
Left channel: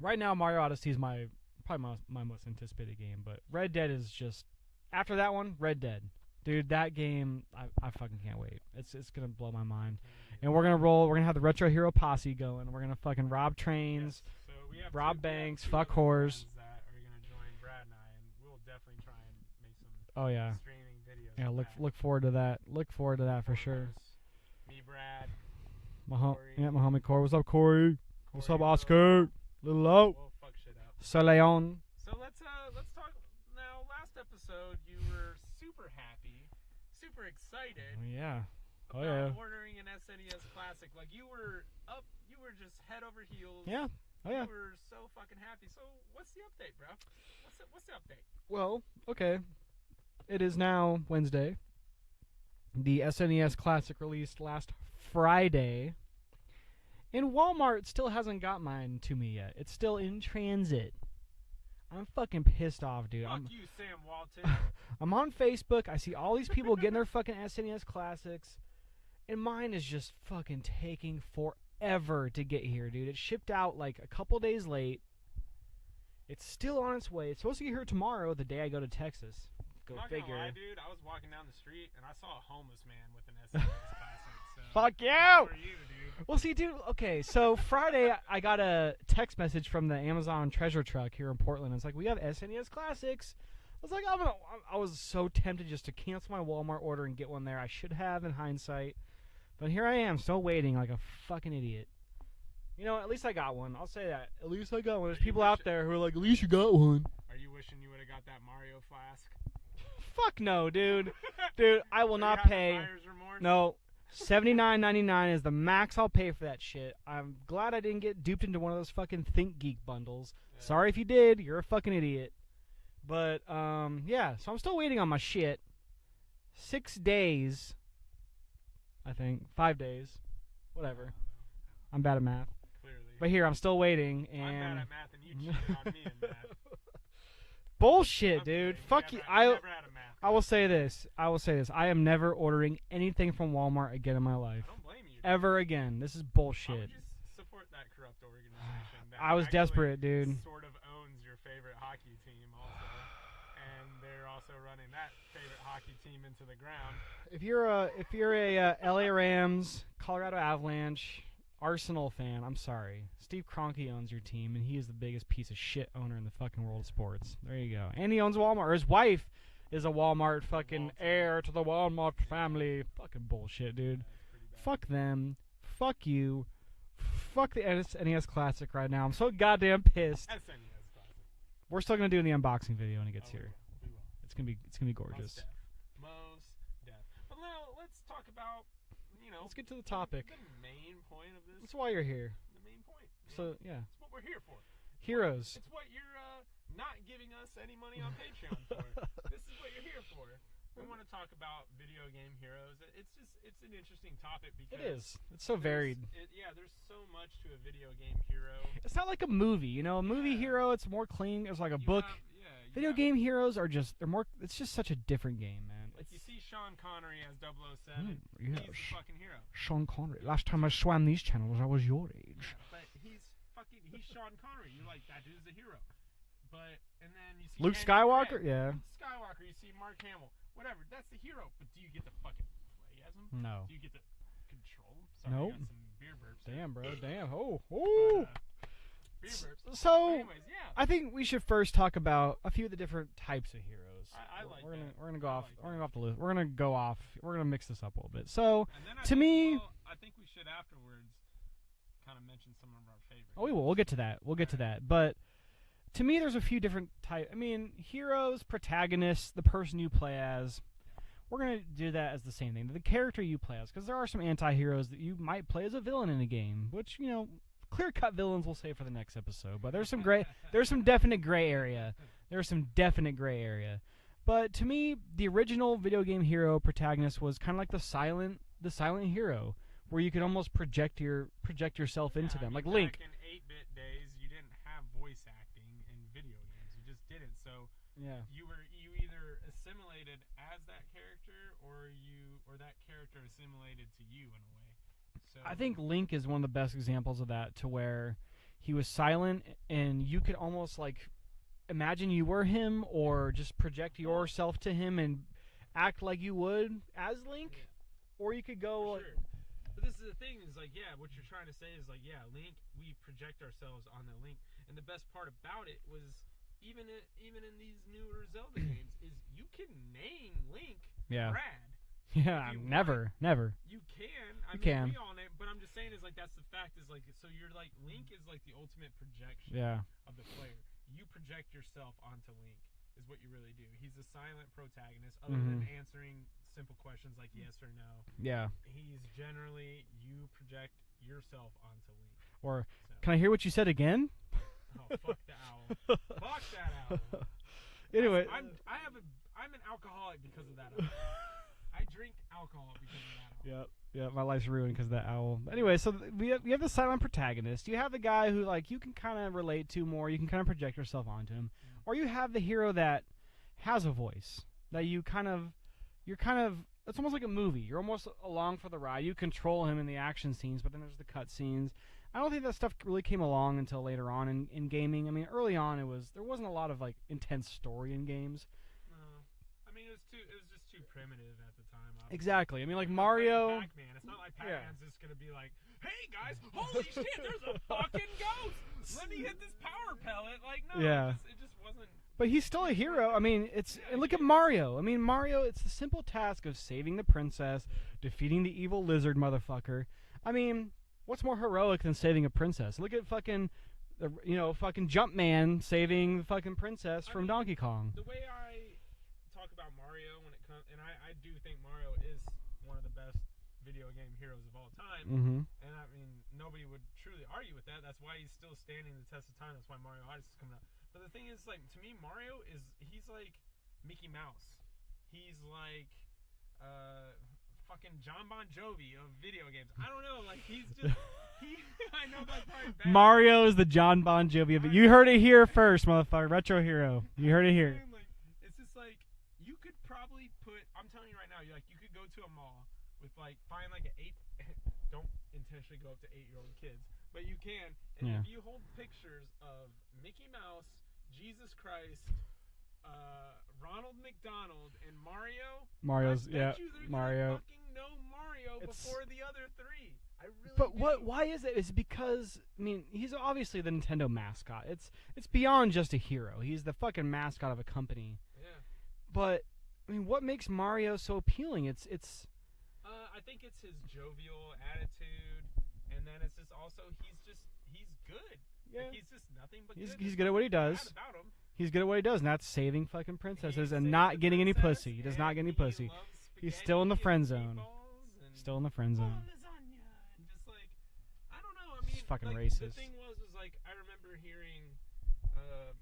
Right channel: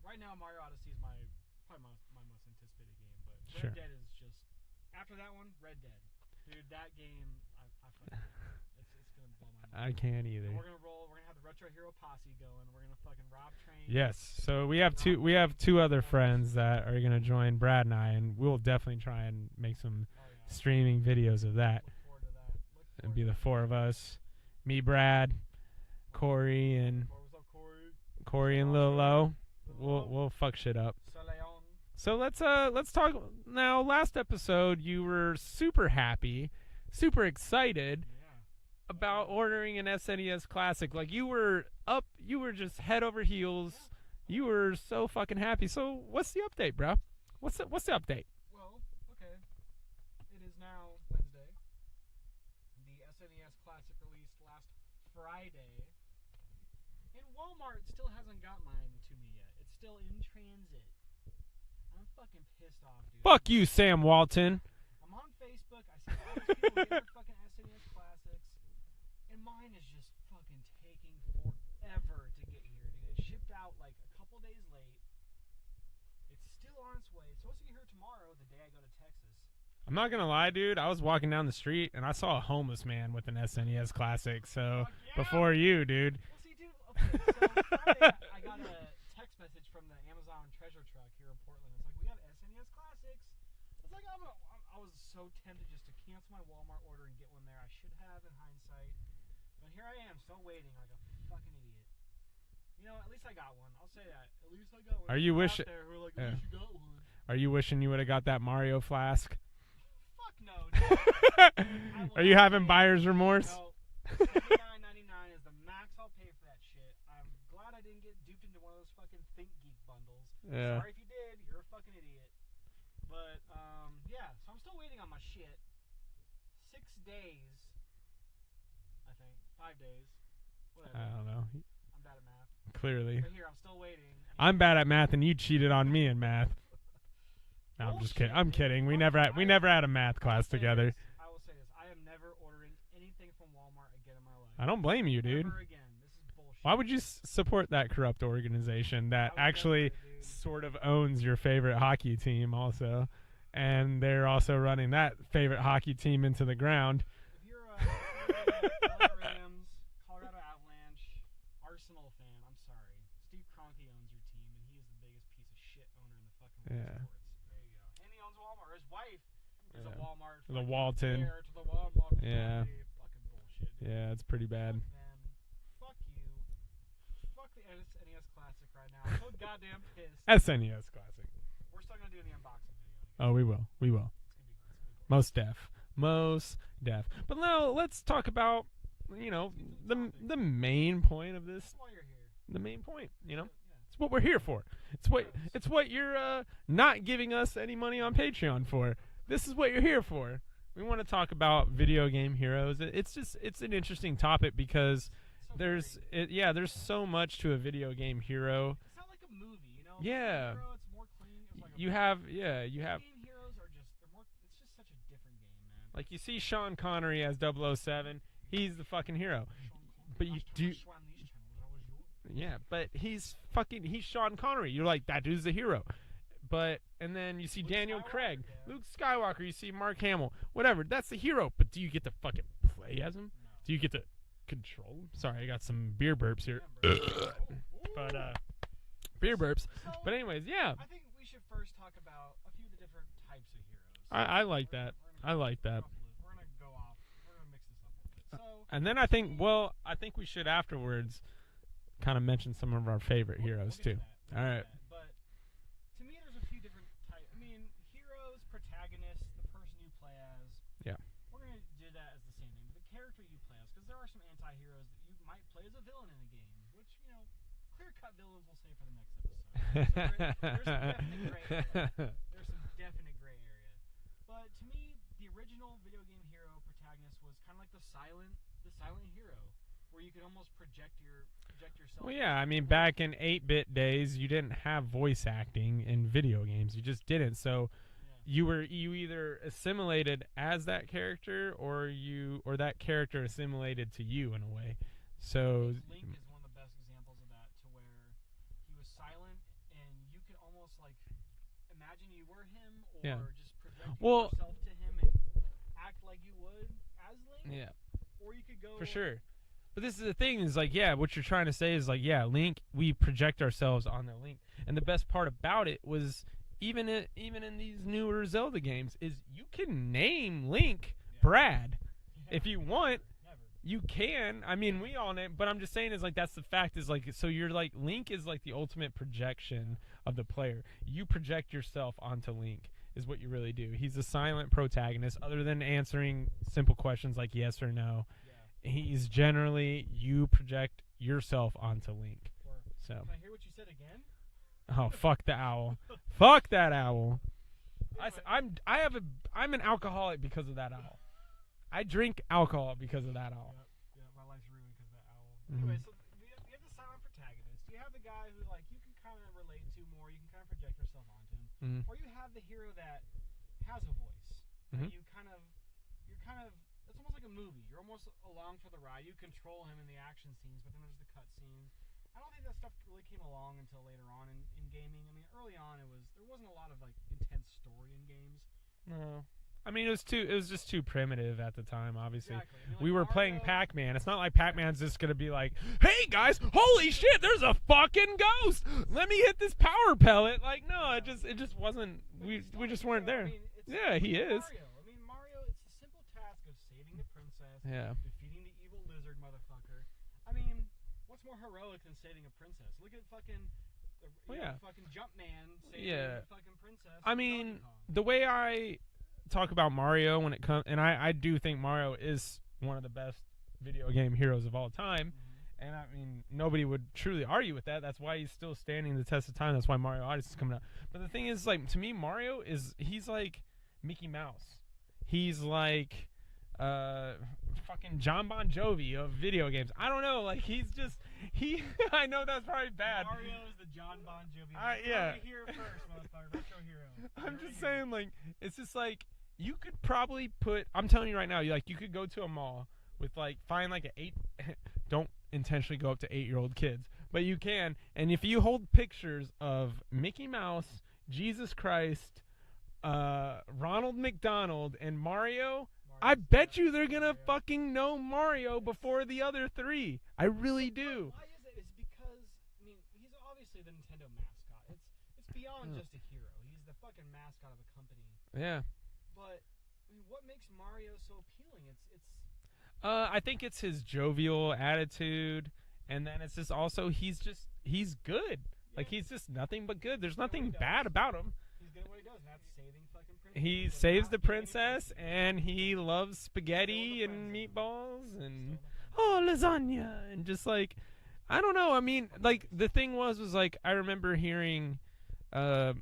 right now Mario Odyssey is probably my most anticipated game, but Sure. Red Dead is just after that one. Red Dead, dude, that game I fucking can't wait. It's gonna blow my mind. I can't either. And we're gonna have the Retro Hero posse going. We're gonna fucking rob trains. Yes. So we have rob two. We have banks, two fuck other whores. friends that are gonna join Brad and I, and we'll definitely try and make some Oh yeah. streaming videos Yeah, of that. Look forward to that. Look forward to It'll be that the four for of sure. us. Me, Brad, Corey, Yeah, my homie and- Corey. What's up, Corey? Corey, What's up, and Oscar? Lilo. Lilo. We'll fuck shit up. Soleon. So let's talk now. Last episode, you were super happy, super excited Yeah. about yeah. ordering an SNES Classic. Like you were just head over heels. Yeah. Oh, You yeah. were so fucking happy. So what's the update, bro? What's the update? Well, okay. It is now Wednesday. The SNES Classic released last Friday. And Walmart still hasn't got mine to me yet. It's still in transit. I'm fucking pissed off, dude. Fuck you, Sam Walton. I'm on Facebook. I see all these people getting their fucking SNES Classics. And mine is just fucking taking forever to get here, dude. It shipped out like a couple days late. It's still on its way. It's supposed to get here tomorrow, the day I go to Texas. I'm not gonna lie, dude. I was walking down the street and I saw a homeless man with an SNES Classic. So Fuck yeah! before you, dude. Well, see, dude. Okay, so Friday I got a text message from the Amazon treasure truck here in Portland. It's like, we have SNES Classics. I was like, I was so tempted just to cancel my Walmart order and get one there. I should have in hindsight, but here I am, still waiting like a fucking idiot. You know, at least I got one. I'll say that. At least I got one. Are There's you people out wish- there who are like, at least you got one. Are you wishing you would have got that Mario flask? Fuck no, dude. Dude, I will Are not you having pay. buyer's remorse? No. $79.99 is the max I'll pay for that shit. I'm glad I didn't get duped into one of those fucking Think Geek bundles. Yeah. Sorry if you did. You're a fucking idiot. But, yeah. So I'm still waiting on my shit. 6 days. I think. 5 days. Whatever. I don't know. I'm bad at math. Clearly. But here, I'm still waiting. I'm bad at math and you cheated on me in math. Bullshit, I'm dude. kidding. We Fuck never you. we never had a math class I will say together. this. I will say this. I am never ordering anything from Walmart again in my life. I don't blame you, dude. Ever again. This is bullshit. Why would you support that corrupt organization that I was actually desperate, dude. sort of owns your favorite hockey team also? And they're also running that favorite hockey team into the ground. If you're a LA Rams, Colorado Avalanche, Arsenal fan, I'm sorry. Steve Kroenke owns your team, and he is the biggest piece of shit owner in the fucking world of sports. There you go. And he owns Walmart. Or his wife is a Walmart fucking Walton. heir to the Walmart family. Fucking bullshit, dude. Yeah, it's pretty bad. Fuck them. Fuck you. Fuck the NES Classic right now. I'm so goddamn pissed. SNES Classic. We're still gonna do the unboxing video when it gets. Oh, here. we will. It's gonna be gorgeous. Most deaf. But now let's talk about, Let's get to the topic. The main point of this. That's why you're here. The main point. Yeah. It's what we're here for. Heroes. It's what you're not giving us any money on Patreon for. This is what you're here for. We want to talk about video game heroes. It's an interesting topic because it's so varied. There's so much to a video game hero. It's not like a movie, A movie hero, it's more clean. It's like a book. Video game heroes are they're more. It's just such a different game, man. Like you see Sean Connery as 007. He's the fucking hero. Sean Connery. But Last time I swam these channels, I was your age. Yeah, but he's Sean Connery. You're like, that dude's the hero. And then you see Luke Daniel Skywalker. Craig. Yeah. Luke Skywalker. You see Mark Hamill. Whatever. That's the hero. But do you get to fucking play as him? No. Do you get to control him? Sorry, Nope. I got some beer burps here. Damn, bro. Beer burps. So, but anyways, yeah. I think we should first talk about a few of the different types of heroes. I like that. We're gonna go I off, like we're gonna that. go off the list. We're gonna go off. We're gonna mix this up a little bit. So, and then I to think me, I think we should afterwards kind of mention some of our favorite heroes. We'll get too. to that. We'll get to that. But to me, there's a few different types. I mean, heroes, protagonists, the person you play as. Yeah. We're going to do that as the same thing. The character you play as. Because there are some anti-heroes that you might play as a villain in a game. Which, clear-cut villains we'll save for the next episode. But there's some there's some definite gray area. There's some definite gray area. But to me, the original video game hero protagonist was kind of like the silent hero. Where you could almost project yourself into them. I mean, like back Link. in 8-bit days, you didn't have voice acting in video games. You just didn't. So you either assimilated as that character or that character assimilated to you in a way. So I think Link is one of the best examples of that, to where he was silent and you could almost like imagine you were him or just project yourself to him and act like you would as Link. Yeah. Or you could go for sure. But this is the thing, is like, what you're trying to say is like, Link, we project ourselves on the Link. And the best part about it was, even in these newer Zelda games, is you can name Link Brad. Yeah, if you want. Never. You can. I mean, we own it, but I'm just saying is like, that's the fact, is like, so you're like, Link is like the ultimate projection of the player. You project yourself onto Link. Is what you really do. He's a silent protagonist, other than answering simple questions like yes or no. Yeah. He's generally, you project yourself onto Link. Or, can I hear what you said again? Oh, fuck the owl. Fuck that owl. Anyway, I'm an alcoholic because of that owl. I drink alcohol because of that owl. Yep. Yeah, my life's ruined because of that owl. Anyway, so we have the silent protagonist. You have the guy who like you can kind of relate to more. You can kind of project yourself onto him, or you have the hero that has a voice that you're kind of. It's almost like a movie. You're almost along for the ride. You control him in the action scenes, but then there's the cut scenes. I don't think that stuff really came along until later on in gaming. I mean, early on there wasn't a lot of like intense story in games. No. I mean, it was just too primitive at the time, obviously. Exactly. I mean, like we were Mario, playing Pac-Man. It's not like Pac-Man's just gonna be like, "Hey guys, holy shit, there's a fucking ghost! Let me hit this power pellet." Like, no, it just wasn't. But he's still a hero. I mean, look at Mario. I mean, Mario. It's the simple task of saving the princess, defeating the evil lizard motherfucker. I mean, what's more heroic than saving a princess? Look at fucking. Fucking Jumpman saving the fucking princess from Donkey Kong. The way I talk about Mario when it comes, and I do think Mario is one of the best video game heroes of all time, and I mean nobody would truly argue with that. That's why he's still standing the test of time. That's why Mario Odyssey is coming out. But the thing is, like, to me, Mario he's like Mickey Mouse. He's like fucking John Bon Jovi of video games. I don't know, like he's I know that's probably bad. Mario is the John Bon Jovi, but you heard it here first, motherfucker. Retro hero. You heard it here. Saying, like, it's just like you could probably put. I'm telling you right now, you could go to a mall with find like an 8. Don't intentionally go up to 8-year-old kids, but you can. And if you hold pictures of Mickey Mouse, Jesus Christ, Ronald McDonald, and Mario, I bet you they're gonna fucking know Mario before the other 3. I really do. Why is it? It's because he's obviously the Nintendo mascot. It's beyond just a hero. He's the fucking mascot of a company. Yeah. But what makes Mario so appealing? It's. I think it's his jovial attitude, and then it's just also he's good. Yeah. He's just nothing but good. There's nothing bad about him. He's good at what he does, and that's saving fucking princesses and not getting any pussy. He does not get any pussy. He loves spaghetti. He's still in the friend zone. Meatballs and still in the friend zone. Oh, lasagna, and just I don't know. I mean, racist. The thing was I remember hearing an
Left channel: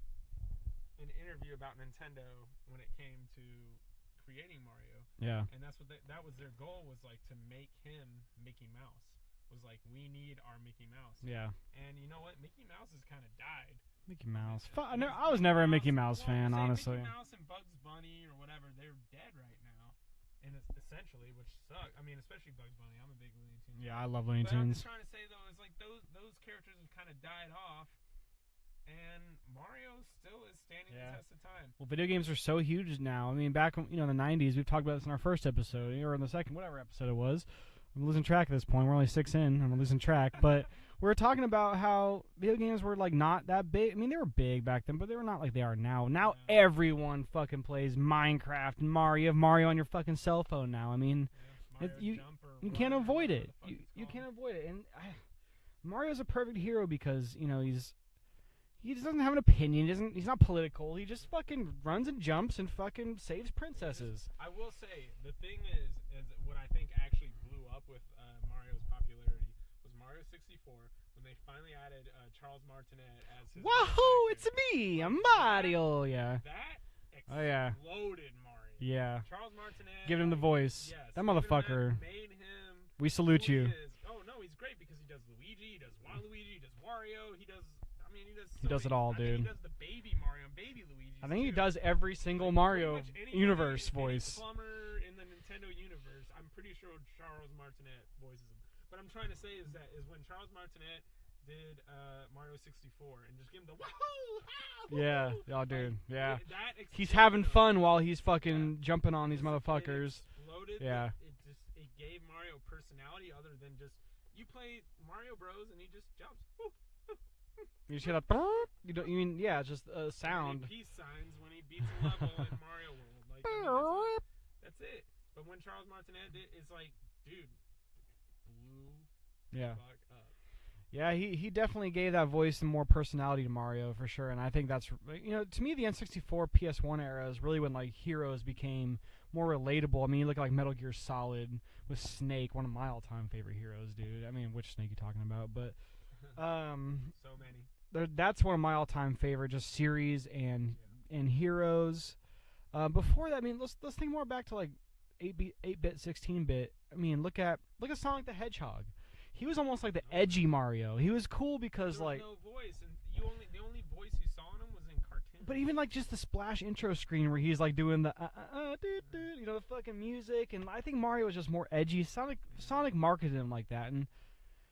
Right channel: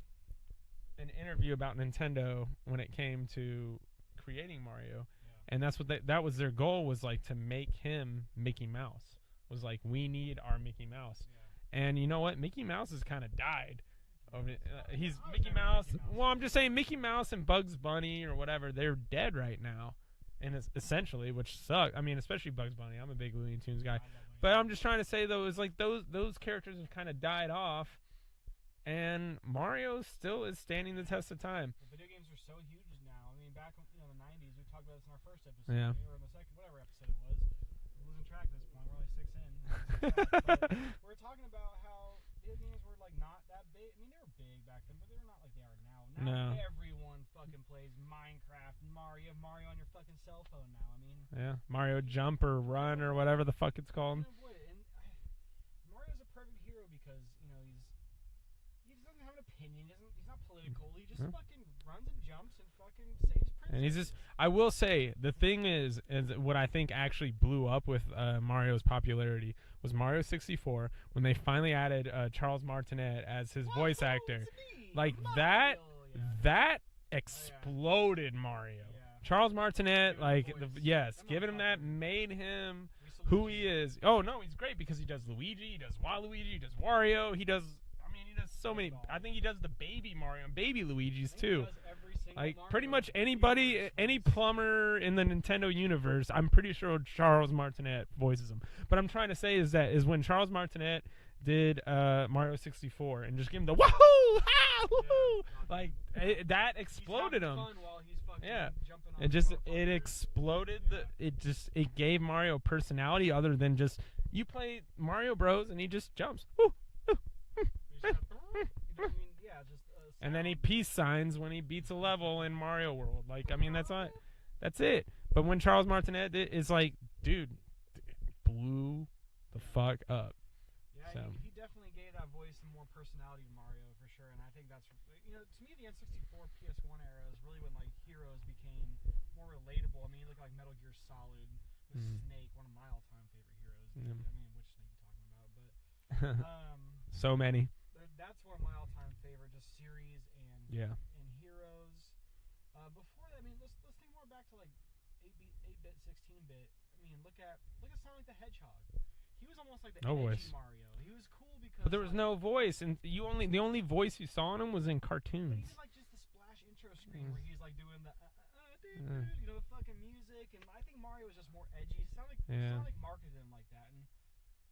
interview about Nintendo when it came to creating Mario. Yeah. And that's what that was their goal, was to make him Mickey Mouse. Was we need our Mickey Mouse. Yeah. And you know what? Mickey Mouse has kind of died. Mickey Mouse. I was never a Mickey Mouse fan. Well, I'm just saying honestly. Mickey Mouse and Bugs Bunny or whatever, they're dead right now. And it's essentially, which sucks. I mean, especially Bugs Bunny. I'm a big Looney Tunes guy. I love Looney Tunes. But I'm just trying to say, though, is those characters have kind of died off. And Mario still is standing the test of time. Well, video games are so huge now. I mean, back in the 90s, we've talked about this in our first episode, or in the second, whatever episode it was. I'm losing track at this point. We're only 6 in. I'm losing track. But we're talking about how video games were not that big. I mean, they were big back then, but they were not like they are now. Now everyone fucking plays Minecraft and Mario. You have Mario on your fucking cell phone now. I mean, Mario Jump or Run or whatever the fuck it's called. You can't avoid it. And Mario's a perfect hero because he just doesn't have an opinion. He's not political. He just fucking runs and jumps and fucking saves princesses. I will say, the thing is what I think actually blew up with Mario's popularity was Mario 64, when they finally added Charles Martinet as his voice actor. It's me, Mario. That exploded Mario. Yeah. Charles Martinet. Give him the voice. Yes. That motherfucker. That made him We salute who you. he is. Oh, no, he's great because he does Luigi, he does Waluigi, he does Wario, he does so many. It all, I think he does the baby Mario and baby Luigi's too. I think he does every single Mario. Pretty much anybody, any plumber in the Nintendo universe, I'm pretty sure Charles Martinet voices him. But I'm trying to say is when Charles Martinet did Mario 64 and just give him the wahoo, y'all did. That exploded. He's having fun while he's fucking jumping on these motherfuckers. It exploded. It gave Mario personality other than just you play Mario Bros and he just jumps. Woo. You just gotta, just a sound. And then he peace signs when he beats a level in Mario World. That's it. But when Charles Martinet it's dude, blew the fuck up. Yeah, so. he definitely gave that voice and more personality to Mario for sure. And I think that's to me the N64 PS1 era is really when heroes became more relatable. I mean, you look at Metal Gear Solid with Snake, one of my all-time favorite heroes, dude. I mean, which Snake you talking about? But so many. That's one of my all-time favorite just series and heroes. Before that, I mean, let's think more back to 8-bit, 16-bit. I mean, look at Sonic the Hedgehog. He was almost like the edgy Mario. He was cool because there was no voice, and the only voice you saw in him was in cartoons. But even just the splash intro screen where he's doing the the fucking music, and I think Mario was just more edgy. Sonic marketed him like that, and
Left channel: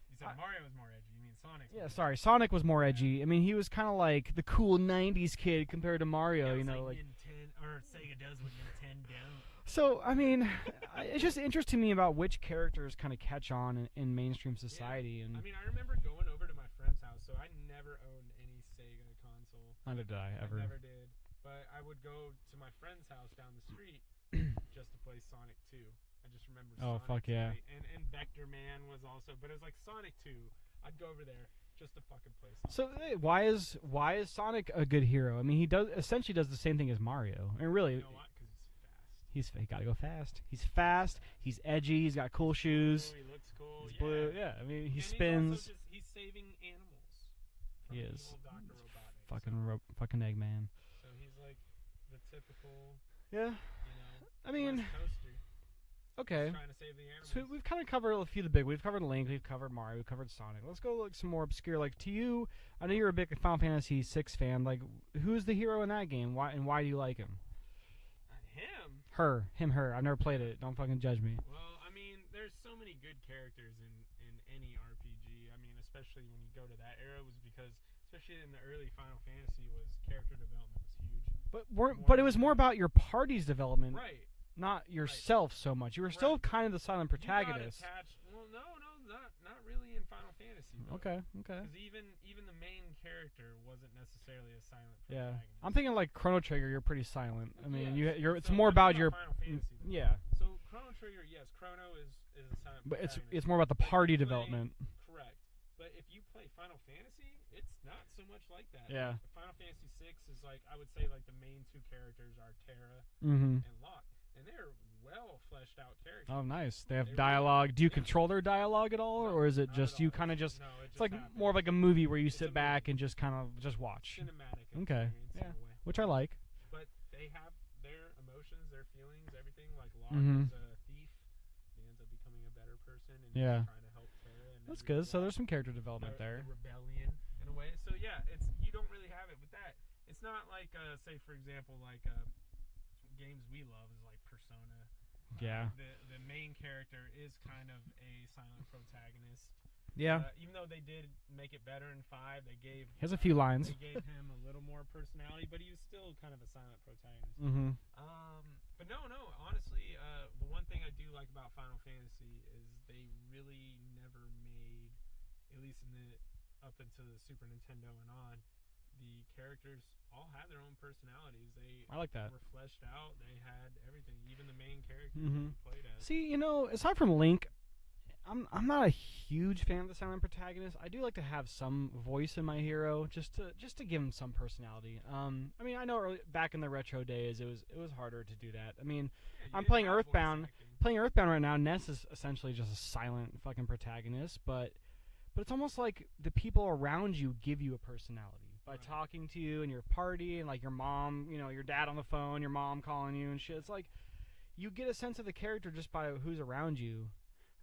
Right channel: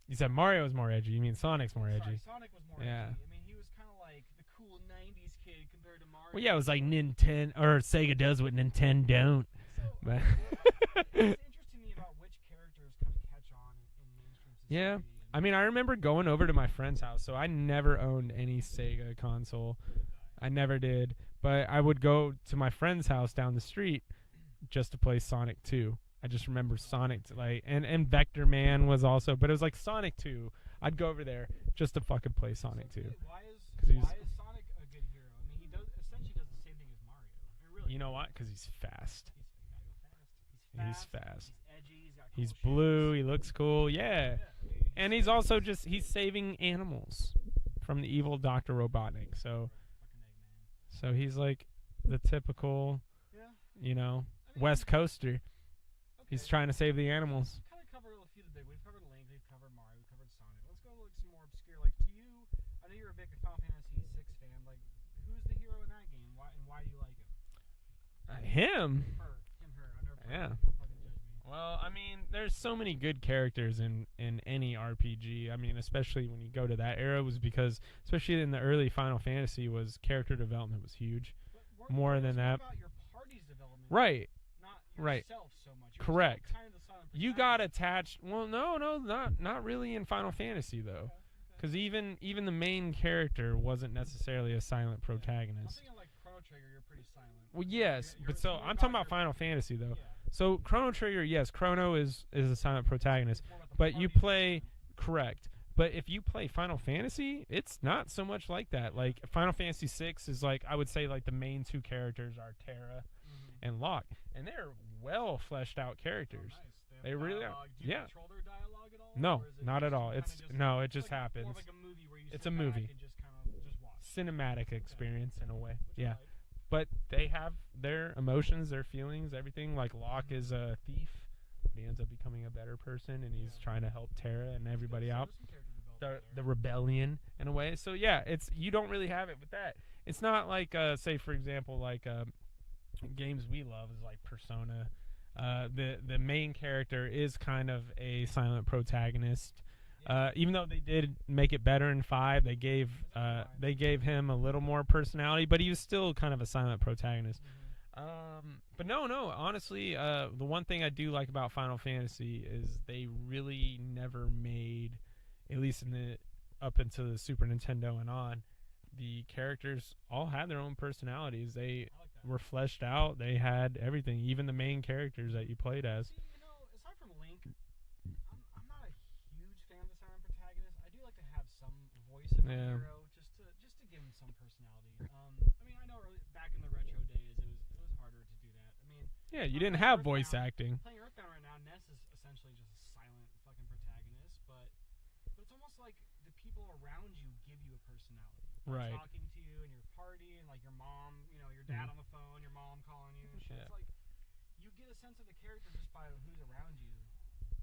you said Mario was more edgy. You mean Sonic's more edgy? Sorry, Sonic was more edgy. I mean, he was kind of like the cool '90s kid compared to Mario. Well, it was Nintendo or Sega does what Nintendo don't. So I mean, it's just interesting to me about which characters kind of catch on in mainstream society. I mean, I remember going over to my friend's house. So I never owned any Sega console. Neither did I. I never did. But I would go to my friend's house down the street just to play Sonic 2. I just remember Sonic, and Vector Man was also, but it was Sonic 2. I'd go over there just to fucking play Sonic 2. Why is Sonic a good hero? I mean, he essentially does the same thing as Mario. And really, you know what? Because he's fast. He gotta go fast. He's fast. He's edgy. He's got cool he's shoes. Blue, he looks cool. Yeah. I mean, he's also he's saving animals from the evil Dr. Robotnik. Fucking Eggman. So he's the typical, West Coaster. Okay. He's trying to save the So animals. we've kind of covered a few of the big. We've covered Link. We've covered Mario. We've covered Sonic. Let's go like some more obscure. Like to you, I know you're a big Final Fantasy VI fan. Like, who's the hero in that game? Why do you like him? Him. Her. I've never played Yeah. it. Don't fucking judge me. Well, I mean, there's so many good characters in any RPG. I mean, especially when you go to that era, was because, especially in the early Final Fantasy, was character development was huge. But More it was than more that. about your party's development, Right. not Right. yourself so much. You were still Correct. kind of the silent You protagonist. got attached. Well, no, not really in Final Fantasy though. Okay. Because even the main character wasn't necessarily a silent Yeah. protagonist. I'm thinking like Chrono Trigger. You're pretty silent. Well, I mean, yes. it's so more I'm about talking your. Final Fantasy though. Yeah. So Chrono Trigger, yes, Chrono is a silent protagonist. It's more about the But you party play- development. Correct. But if you play Final Fantasy, it's not so much like that. Yeah. Like Final Fantasy VI is like, I would say like the main two characters are Terra Mm-hmm. and Locke, and they're well fleshed out characters. Oh, nice. They have They really are. dialogue. Do you Yeah. control their dialogue at all, No, or is it not just at all. you kind of It's- just? no, it It's just like happens. more of like a movie where you It's sit a back movie. and just kind of just watch. cinematic experience in a way, Which I Yeah. like. But they have their emotions, their feelings, everything. Like Locke Mhm. is a thief, but he ends up becoming a better person, and Yeah. he's trying to help Terra and That's everybody good. So out. there's some character development there. The rebellion in a way. So yeah, it's you don't really have it with that. It's not like say for example like games we love is like Persona. Yeah. The main character is kind of a silent protagonist. Yeah. Even though they did make it better in 5, they gave He has a few lines. They gave him a little more personality, but he was still kind of a silent protagonist. Mm-hmm. But no, honestly, the one thing I do like about Final Fantasy is they really never made, at least in the up until the Super Nintendo and on, the characters all had their own personalities. They I like that. were fleshed out. They had everything, even the main characters that Mhm. you played as. See, aside from Link, I'm not a huge fan of the silent protagonist. I do like to have some voice in my Yeah. hero, just to give him some personality. I mean, I know back in the retro days, it was harder to do that. I mean, Yeah, you I'm didn't playing have voice Earthbound. acting. playing Earthbound right now, Ness is essentially just a silent fucking protagonist, but it's almost like the people around you give you a personality by Right. talking to you and your party and like your mom, your dad on the phone, your mom calling you and shit. Yeah. It's like you get a sense of the character just by who's around you.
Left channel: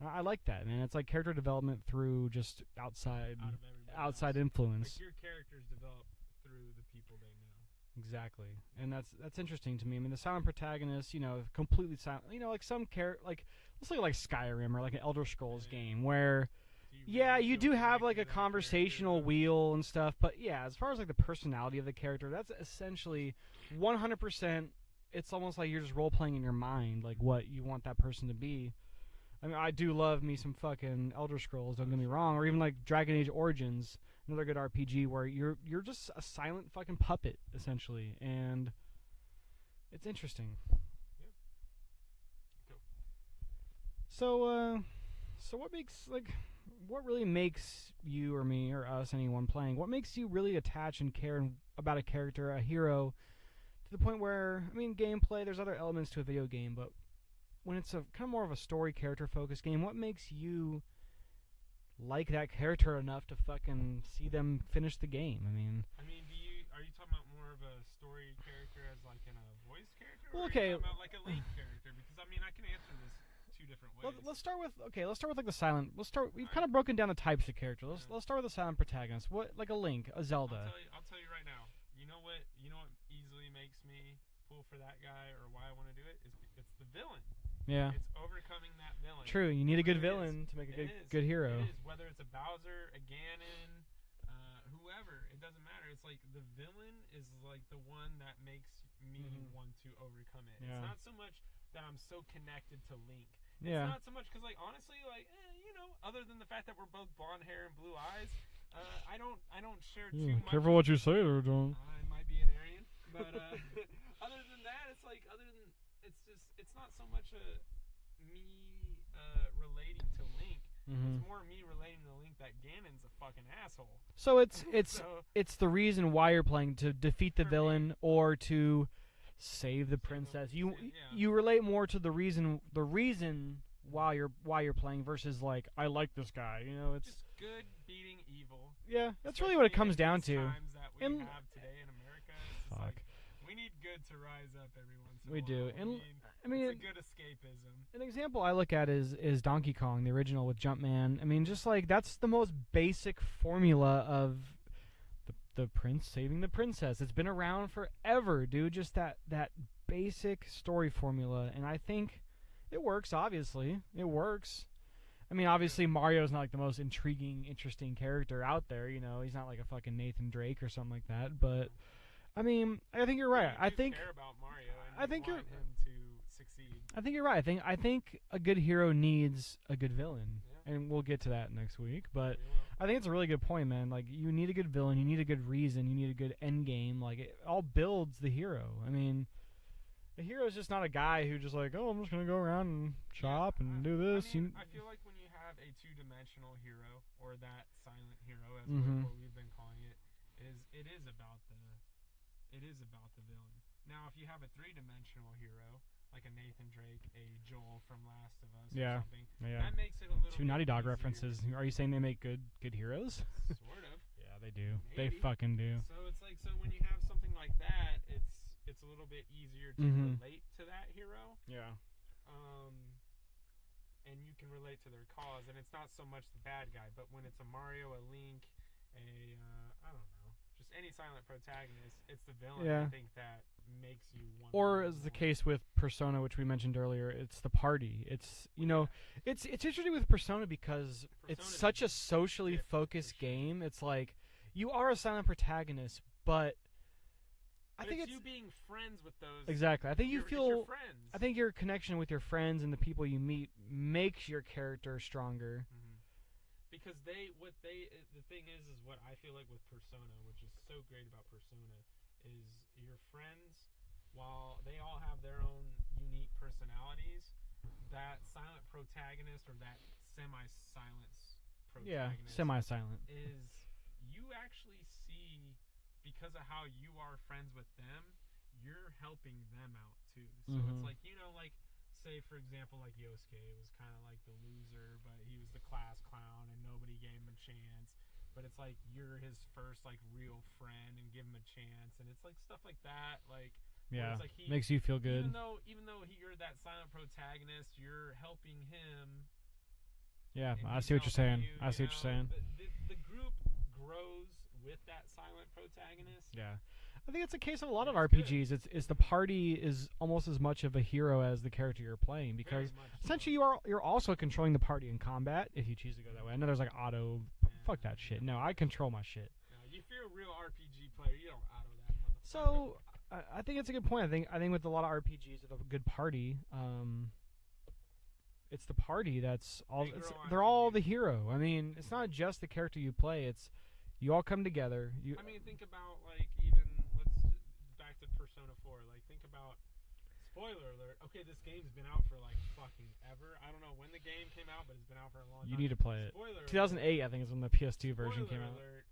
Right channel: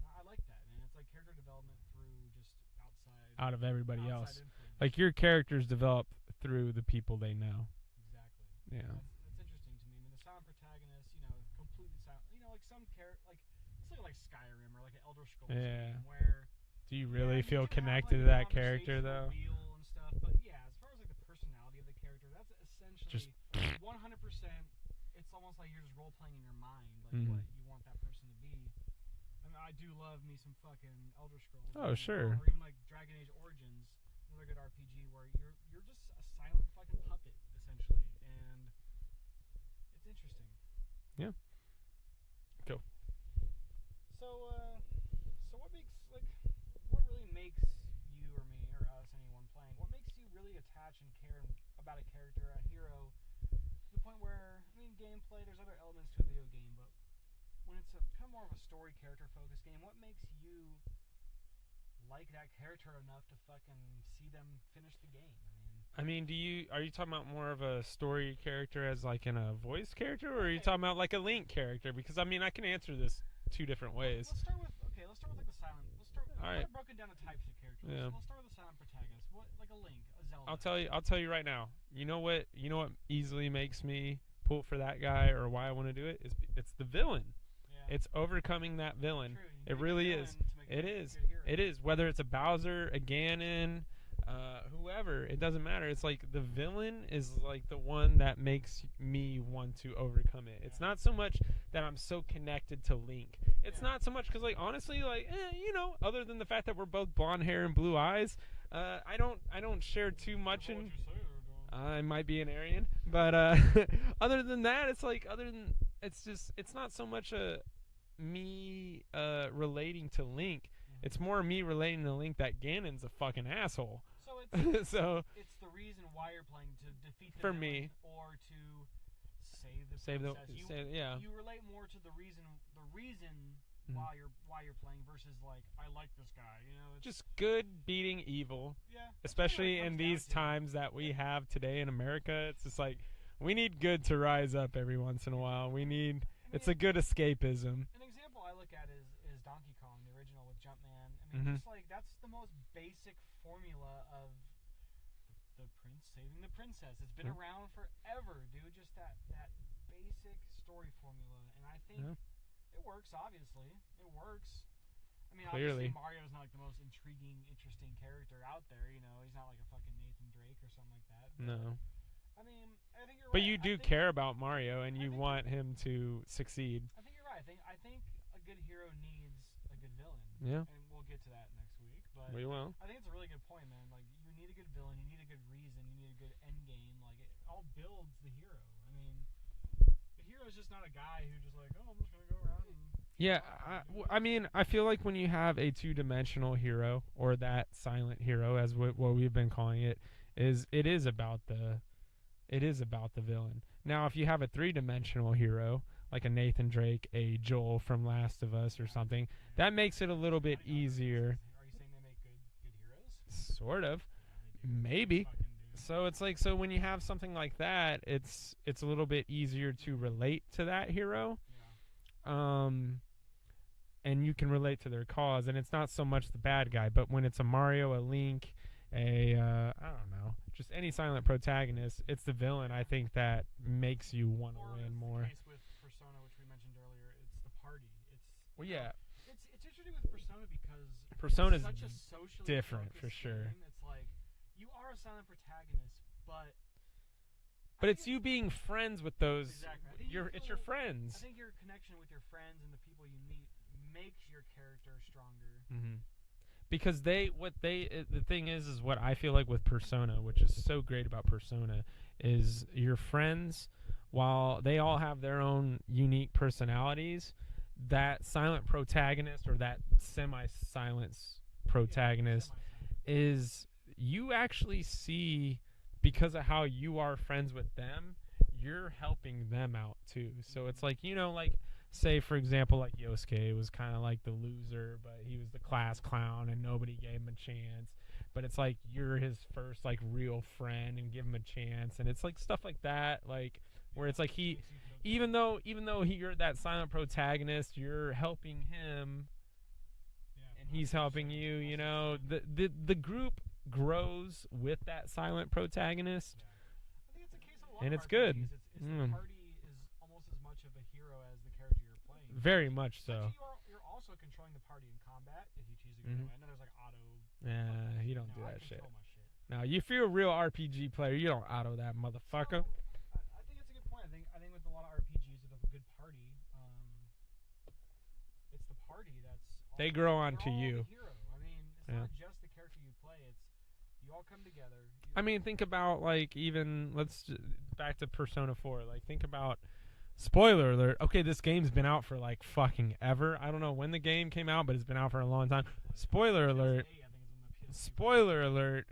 I like that, man. It's like character development through just outside Out of everybody outside else. influence. Like your characters develop through the people they know. Exactly, Yeah. and that's interesting to me. I mean, the silent protagonist, completely silent. Like some like let's look at like Skyrim or like an Elder Scrolls Yeah. game where Do you really yeah, you feel do have like connected a to that conversational character, though? wheel and stuff, but yeah, as far as like the personality of the character, that's essentially 100%. It's almost like you're just role playing in your mind, like Mhm. what you want that person to be. I mean, I do love me some fucking Elder Scrolls, don't Oh, get me sure. wrong, or even like Dragon Age Origins, another good RPG where you're just a silent fucking puppet essentially, and it's interesting. Yeah. Cool. So what really makes you or me or us, anyone playing, what makes you really attach and care about a character, a hero, to the point where, I mean, gameplay, there's other elements to a video game, but when it's a kind of more of a story character focused game, what makes you like that character enough to fucking see them finish the game? I mean, are you talking about more of a story character as like in a voice character, or are you Okay. talking about like a Link character? Because I mean, I can answer this two different ways. let's start with like the silent. We've Alright. kind of broken down the types of characters. Yeah. Let's start with the silent protagonist. What, like a Link, a Zelda? I'll tell you right now. You know what easily makes me pull for that guy, or why I want to do it? It's the villain. Yeah. It's overcoming that villain. True, you need It a good really villain is. to make a It good, is. good hero. It is, whether it's a Bowser, a Ganon, whoever. It doesn't matter. It's like the villain is like the one that makes me want to overcome it. It's Yeah. not so much that I'm so connected to Link. It's Yeah. not so much because, like, honestly, like, other than the fact that we're both blonde hair and blue eyes, I don't share too much. Careful what you say there, John. I might be an Aryan, but other than that, it's like it's not so much me relating to Link. It's more me relating to Link that Ganon's a fucking asshole. So it's So it's the reason why you're playing, to defeat the For villain me. or to save the Save the- princess. yeah. You relate more to the reason why you're playing versus like, I like this guy. It's just good beating evil. yeah. That's Especially really what it comes in down these to. times that we And- have today in America. It's just like We need good to rise up every once in a while. Do. We need. I mean, it's a good escapism. An example I look at is Donkey Kong, the original with Jumpman. I mean, just like that's the most basic formula of the prince saving the princess. It's been around forever, dude. Just that basic story formula, and I think it works. Obviously, it works. I mean, obviously, Mario's not like the most intriguing, interesting character out there. You know, he's not like a fucking Nathan Drake or something like that. But I mean, I think you're right. But you do care about Mario, and you want him to succeed. I think you're right. I think a good hero needs a good villain. Yeah. And we'll get to that next week. But we will. I think it's a really good point, man. Like, you need a good villain, you need a good reason, you need a good end game. Like, it all builds the hero. I mean, a hero is just not a guy who just like, oh, I'm just gonna go around and chop and do this. I mean, I feel like when you have a two-dimensional hero, or that silent hero, as what we've been calling it, it is about the villain. Now, if you have a three-dimensional hero, like a Nathan Drake, a Joel from Last of Us or something, that makes it a little bit Naughty Dog easier. References. Are you saying they make good heroes? Sort of. Yeah, they do. Maybe. They fucking do. So it's like, when you have something like that, it's a little bit easier to relate to that hero. Yeah. And you can relate to their cause, and it's not so much the bad guy, but when it's a Mario, a Link, I don't know, just any silent protagonist, it's the villain. I think that makes you want. Or as the case with Persona, which we mentioned earlier, it's the party. It's it's interesting with Persona because it's such a socially focused game. It's like you are a silent protagonist, but it's you being friends with those. Exactly. I think it's your friends. I think your connection with your friends and the people you meet makes your character stronger. Because the thing is what I feel like with Persona, which is so great about Persona, is your friends, while they all have their own unique personalities, that silent protagonist, or that semi-silent protagonist, is you actually see, because of how you are friends with them, you're helping them out too. So it's like, say, for example, like Yosuke was kind of like the loser, but he was the class clown and nobody gave him a chance. But it's like you're his first like real friend and give him a chance, and it's like stuff like that, like where it's like he makes you feel good. Even though you're that silent protagonist, you're helping him. Yeah, and he's helping you. You know, the group grows with that silent protagonist. Yeah. I think it's a case of a lot of RPGs. Good. It's the party is almost as much of a hero as the character you're playing. Very much so. Essentially, you're also controlling the party in combat if you choose to go that way. I know there's like auto. Fuck that shit. No, I control my shit. Now, if you're a real RPG player, you don't auto that motherfucker. So, I think it's a good point. I think with a lot of RPGs, with a good party, it's the party that's all. They grow on. They're all the hero. I mean, it's not just the character you play. It's you all come together. I mean, think about like even back to Persona 4. Like, think about, spoiler alert. Okay, this game's been out for like fucking ever. I don't know when the game came out, but it's been out for a long time. You need to play it. Spoiler alert. 2008, I think, is when the PS2 Spoiler alert.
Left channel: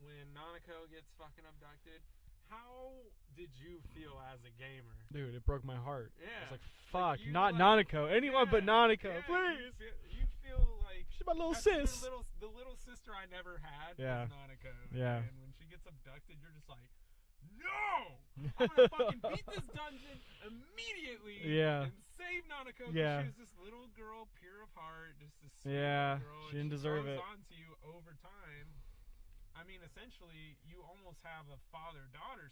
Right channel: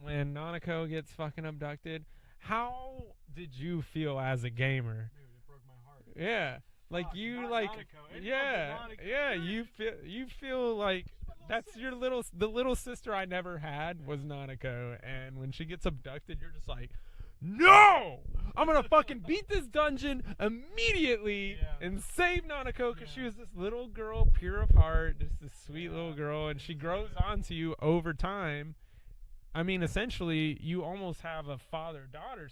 When Nanako gets fucking abducted, how did you feel as a gamer? Dude, it broke my heart. Yeah. Like you, not Nanako. Anyone but Nanako. Yeah, you feel like she's my little that's sis. The little sister I never had was Nanako. Yeah. And when she gets abducted, you're just like, no! I'm gonna fucking beat this dungeon immediately and save Nanako, because she was this little girl, pure of heart, just this sweet little girl, and she grows onto you over time. I mean, essentially, you almost have a father-daughter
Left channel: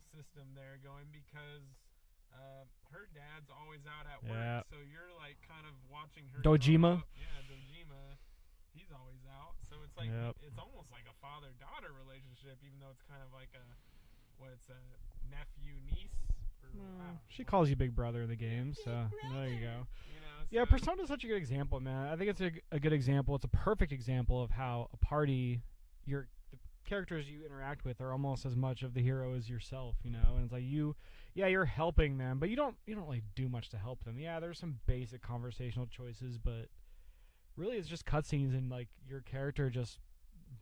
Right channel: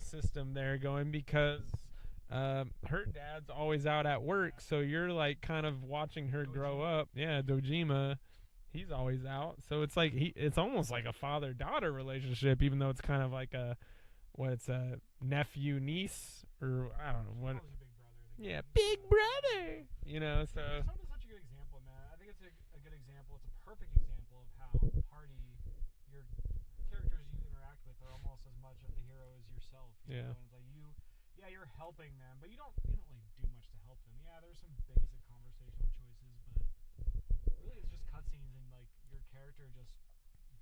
system there going, because her dad's always out at work, so you're like kind of watching her grow up. Yeah, Dojima, he's always out, so it's like it's almost like a father-daughter relationship, even though it's kind of like a nephew-niece, or I don't know. She calls you big brother in the game. Yeah, big brother. You know. So. Yeah, Persona's such a good example, man. I think it's a good example. It's a perfect example of how a party, the characters you interact with are almost as much of the hero as yourself. You know, and it's like you're helping them, but you don't like do much to help them. Yeah, there's some basic conversational choices, but really it's just cutscenes, and like your character just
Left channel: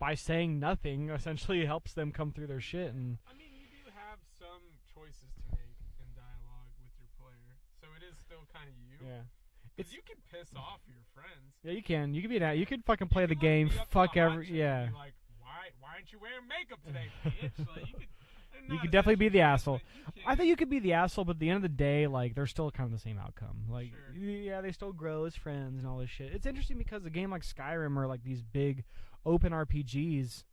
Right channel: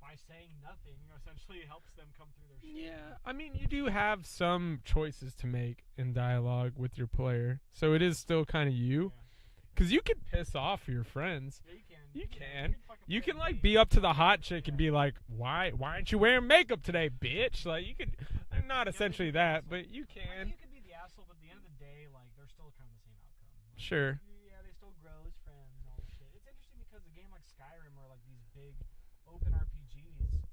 by saying nothing essentially helps them come through their shit. Yeah. And I mean, you do have some choices to make in dialogue with your player, so it is still kind of you. Yeah. Because you can piss off your friends. Yeah, you can. You can be that. You can fucking play the game. Be up to the hot chick and be like, "Why aren't you wearing makeup today, bitch?" Like you could. not could definitely be essentially the that, asshole. but you can. I think you could be the asshole, but at the end of the day, like they're still kind of the same outcome. Like, Sure. Yeah, they still grow as friends and all this shit. It's interesting because a game like Skyrim or like these big open RPGs,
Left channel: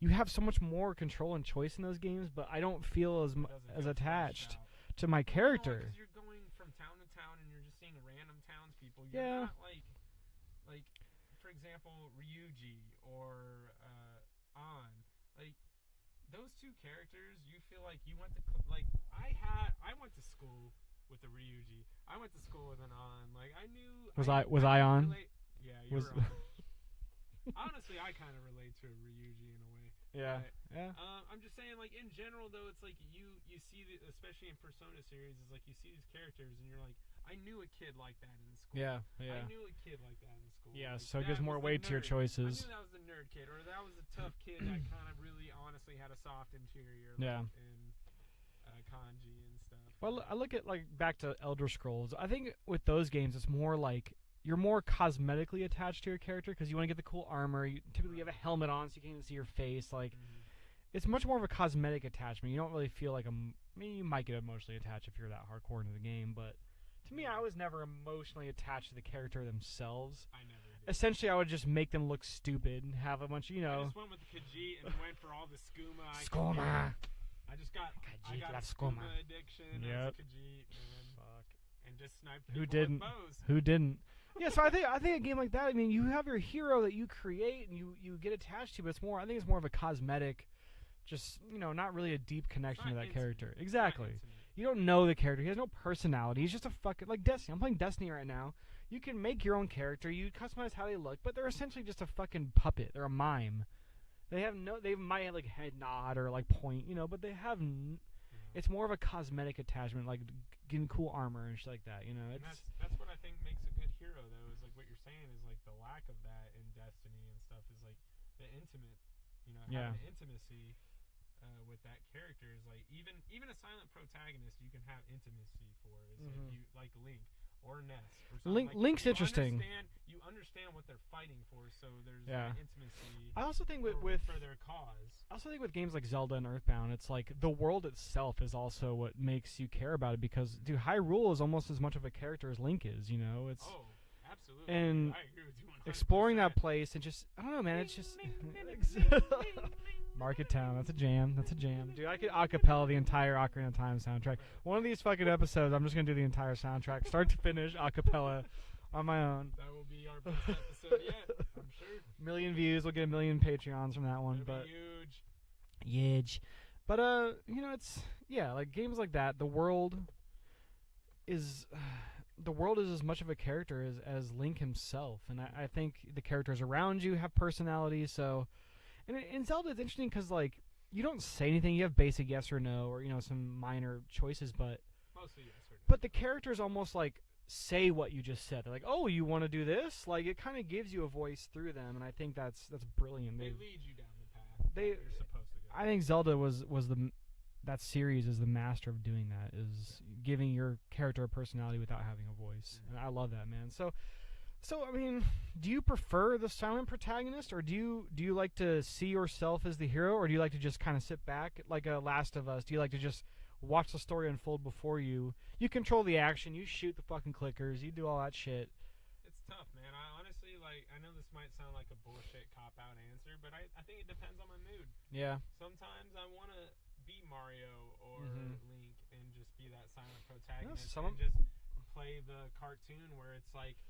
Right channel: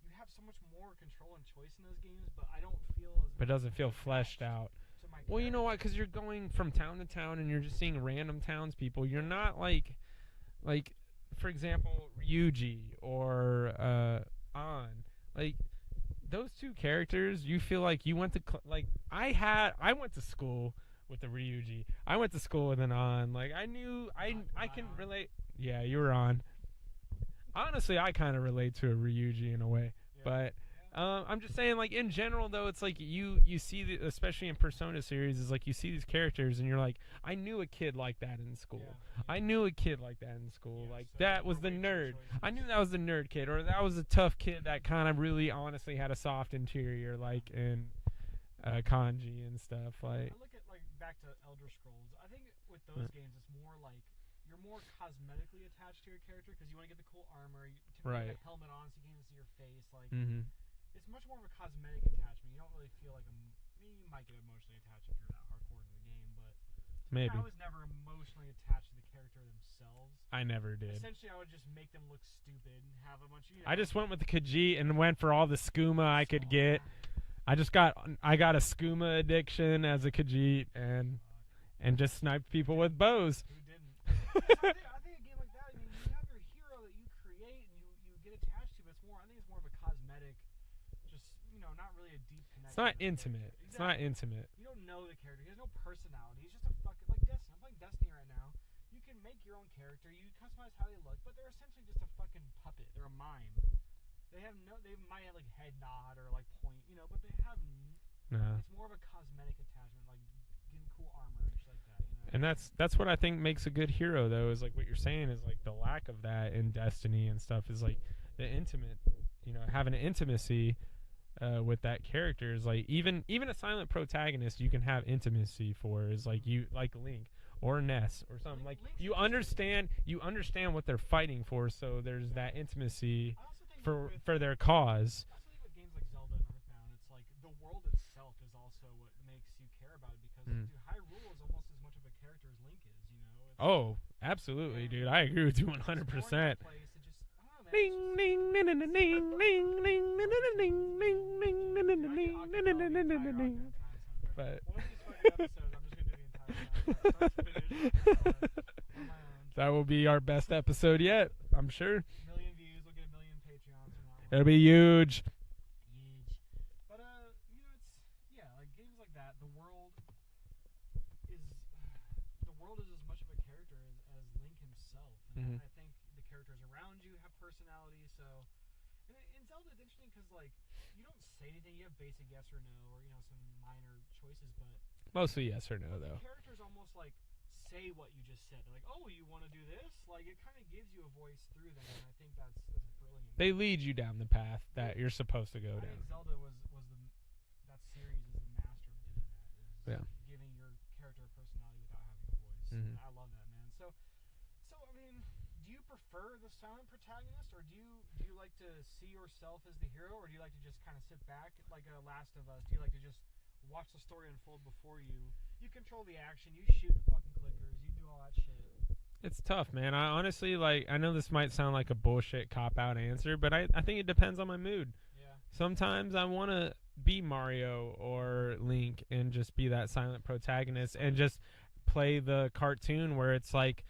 you have so much more control and choice in those games, but I don't feel as much. It doesn't feel attached fleshed out to my Well, character. you know what? Because you're going from town to town and you're just seeing random townspeople. You're Yeah. not like, for example, Ryuji or An. Like those two characters, you feel like you went to I went to school with the Ryuji. I went to school with an An. Like I knew. Was I could on? relate- Yeah, you were on. Honestly, I kind of relate to a Ryuji in a way. But I'm just saying, like in general, though, it's like you see, especially in Persona series, is like you see these characters and you're like, I knew a kid like that in school. Yeah. I knew a kid like that in school. Yeah, like so that there's more was the weight to your nerd. choices. I knew that was the nerd kid, or that was a tough kid that kind of really, honestly, had a soft interior, Yeah. like in kanji and stuff. Well, like, I look at like back to Elder Scrolls. I think with those games, it's more like you're more cosmetically attached to your character because you want to get the cool armor. You typically have Right. a helmet on, so you can't even see your face. Like Mm-hmm. it's much more of a cosmetic attachment. You don't really feel like I mean, you might get emotionally attached if you're that hardcore into the game, but to me, Maybe. I was never emotionally attached to the character themselves. I never did. Essentially, I would just make them look stupid and have a bunch of, I just went with the Khajiit and went for all the skooma I could get. Skooma. I got a skooma addiction as a Yep. Khajiit and just sniped Who people with didn't? bows. Who didn't? Yeah, so I think a game like that. I mean, you have your hero that you create and you get attached to, but it's more. I think it's more of a cosmetic, just not really a deep It's connection not to that intimate. character. It's Exactly. not intimate. You don't know the character. He has no personality. He's just a fucking like Destiny. I'm playing Destiny right now. You can make your own character. You customize how they look, but they're essentially just a fucking puppet. They're a mime. They might have like head nod or like point, but they have. It's more of a cosmetic attachment, like getting cool armor and shit like that, And that's what I think makes a good hero, though, is like what you're saying is like the lack of that in Destiny and stuff is like the intimate, having an intimacy with that character is like even a silent protagonist you can have intimacy for is like you like Link or Ness or something. Link's you interesting. You understand what they're fighting for, so there's that intimacy. I also think for their cause. I also think with games like Zelda and Earthbound, it's like the world itself is also what makes you care about it because dude, Hyrule is almost as much of a character as Link is. It's Absolutely, and dude. I agree with you 100%. exploring that place and just I don't know, man. It's just Market Town. That's a jam. Dude, I could acapella the entire Ocarina of Time soundtrack. One of these fucking episodes, I'm just gonna do the entire soundtrack, start to finish, acapella on my own. That will be our best episode yet, I'm sure. 1 million views. We'll get 1 million Patreons from that one. It'll be huge. Huge. But it's like games like that. The world is as much of a character as Link himself, and I think the characters around you have personalities. So, and in Zelda, it's interesting because like you don't say anything. You have basic yes or no, or some minor choices, but mostly yes or no. But the characters almost like say what you just said. They're like, "Oh, you want to do this?" Like it kind of gives you a voice through them, and I think that's brilliant. They lead you down the path that you're supposed to go. I think Zelda was that series is the master of doing that, is giving your character a personality without having a voice. And I love that, man. So I mean, do you prefer the silent protagonist, or do you like to see yourself as the hero, or do you like to just kind of sit back like a Last of Us? Do you like to just watch the story unfold before you? You control the action, you shoot the fucking clickers, you do all that shit. It's tough, man. I honestly, I know this might sound like a bullshit cop-out answer, but I think it depends on my mood. Yeah. Sometimes I want to be Mario or Link and just be that silent protagonist and just play the cartoon where it's like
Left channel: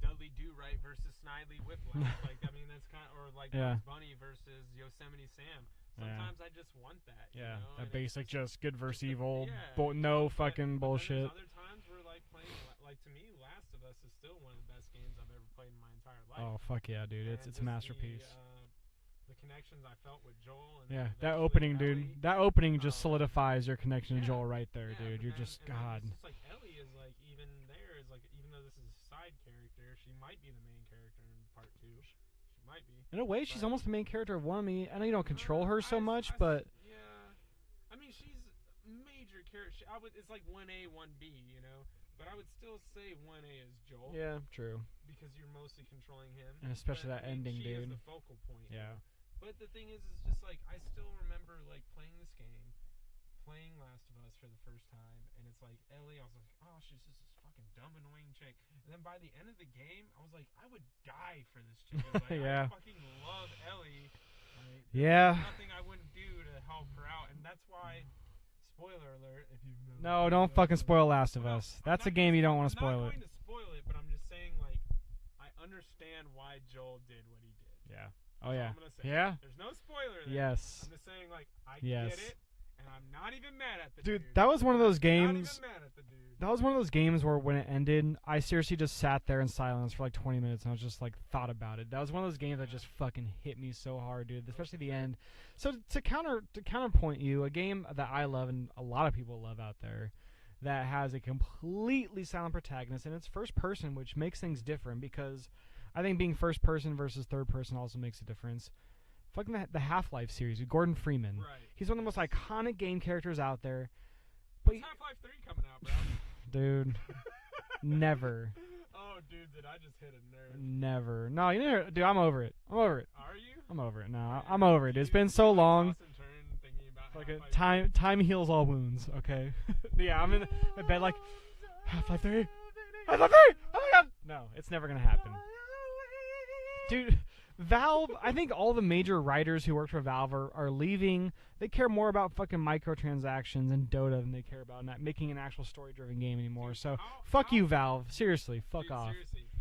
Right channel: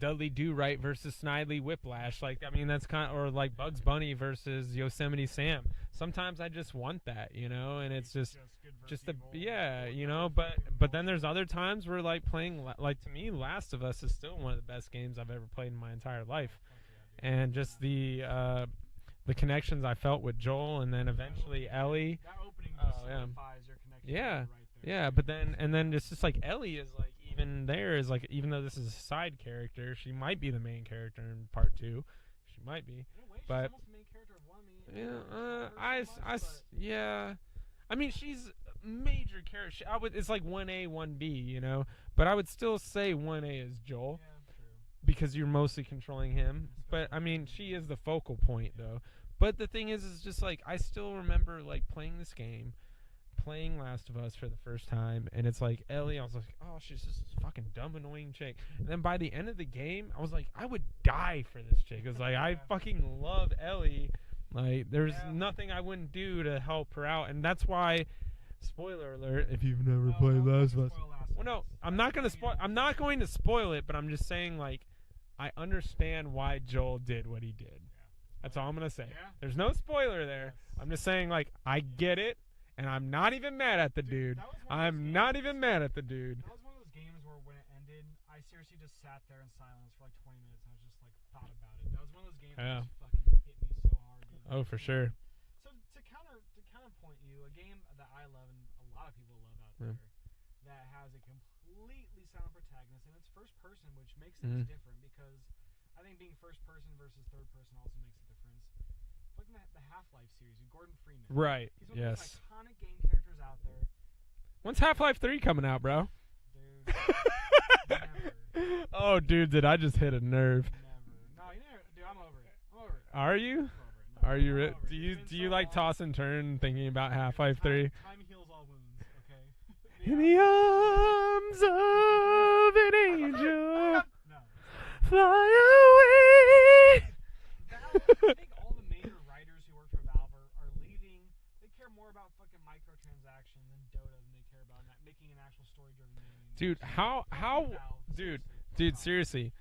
Dudley Do-Right versus Snidely Whiplash. That's kind of, or like Bugs Bunny versus Yosemite Sam. Sometimes I just want that, and it's just good versus just evil. Fucking bullshit. But then there's other times where playing, to me, Last of Us is still one of the best games I've ever played in my entire life. Oh fuck yeah, dude! And it's just the connections I felt with Joel, and then eventually that opening, Ellie. Dude, that opening just solidifies your connection to Joel right there. Yeah, dude. but then it's just like Ellie is like even though this is a side character, she might be the main character in part 2. She might be. In a way, she's almost the main character of one. I know you don't control her so much, but yeah, I mean she's a major character. It's like 1A, 1B, but I would still say 1A is Joel. Yeah, true. Because you're mostly controlling him. And especially but I mean, ending, she dude. is the focal point though. But the thing is just like I still remember like playing this game, playing Last of Us for the first time, and it's like Ellie. I was like, oh, she's just this fucking dumb, annoying chick. And then by the end of the game, I was like, I would die for this chick. It's like I fucking love Ellie. Like there's nothing I wouldn't do to help her out, and that's why. Spoiler alert! If you've never no, don't fucking spoil Last of Us. That's a game you don't want to spoil. I'm not going to spoil it, but I'm just saying like I understand why Joel did what he did. Yeah, that's all I'm gonna say. Yeah, there's no spoiler there. Yes, I'm just saying like I get it, and I'm not even mad at the dude. That was one of those games. I'm not even mad at the dude. That was one of those games where when it ended, I seriously just sat there in silence for like 20 minutes and I was just like thought about it. That was one of those games that just fucking hit me so hard, dude. For sure. End. So to counterpoint you, a game that I love and a lot of people love out there that has a completely silent protagonist and it's first person, which makes things different because I think being first person versus third person also makes a difference. Fucking the Half-Life series with Gordon Freeman. Right. He's one of the most iconic game characters out there. When's Half-Life 3 coming out, bro? Dude. Never. Oh, dude, did I just hit a nerve? Never. No, dude, I'm over it. Are you? I'm over it. No, Are you I'm over it. It's been so long. Toss and turn thinking about Half-Life 3? Time heals all wounds, okay? Yeah, I'm in bed like, Half-Life 3. No, it's never going to happen. Fly away. Dude, Valve, I think all the major writers who worked for Valve are leaving. They care more about fucking microtransactions and Dota than they care about not making an actual story-driven game anymore. Dude, so fuck you, Valve. Seriously, fuck off. Seriously.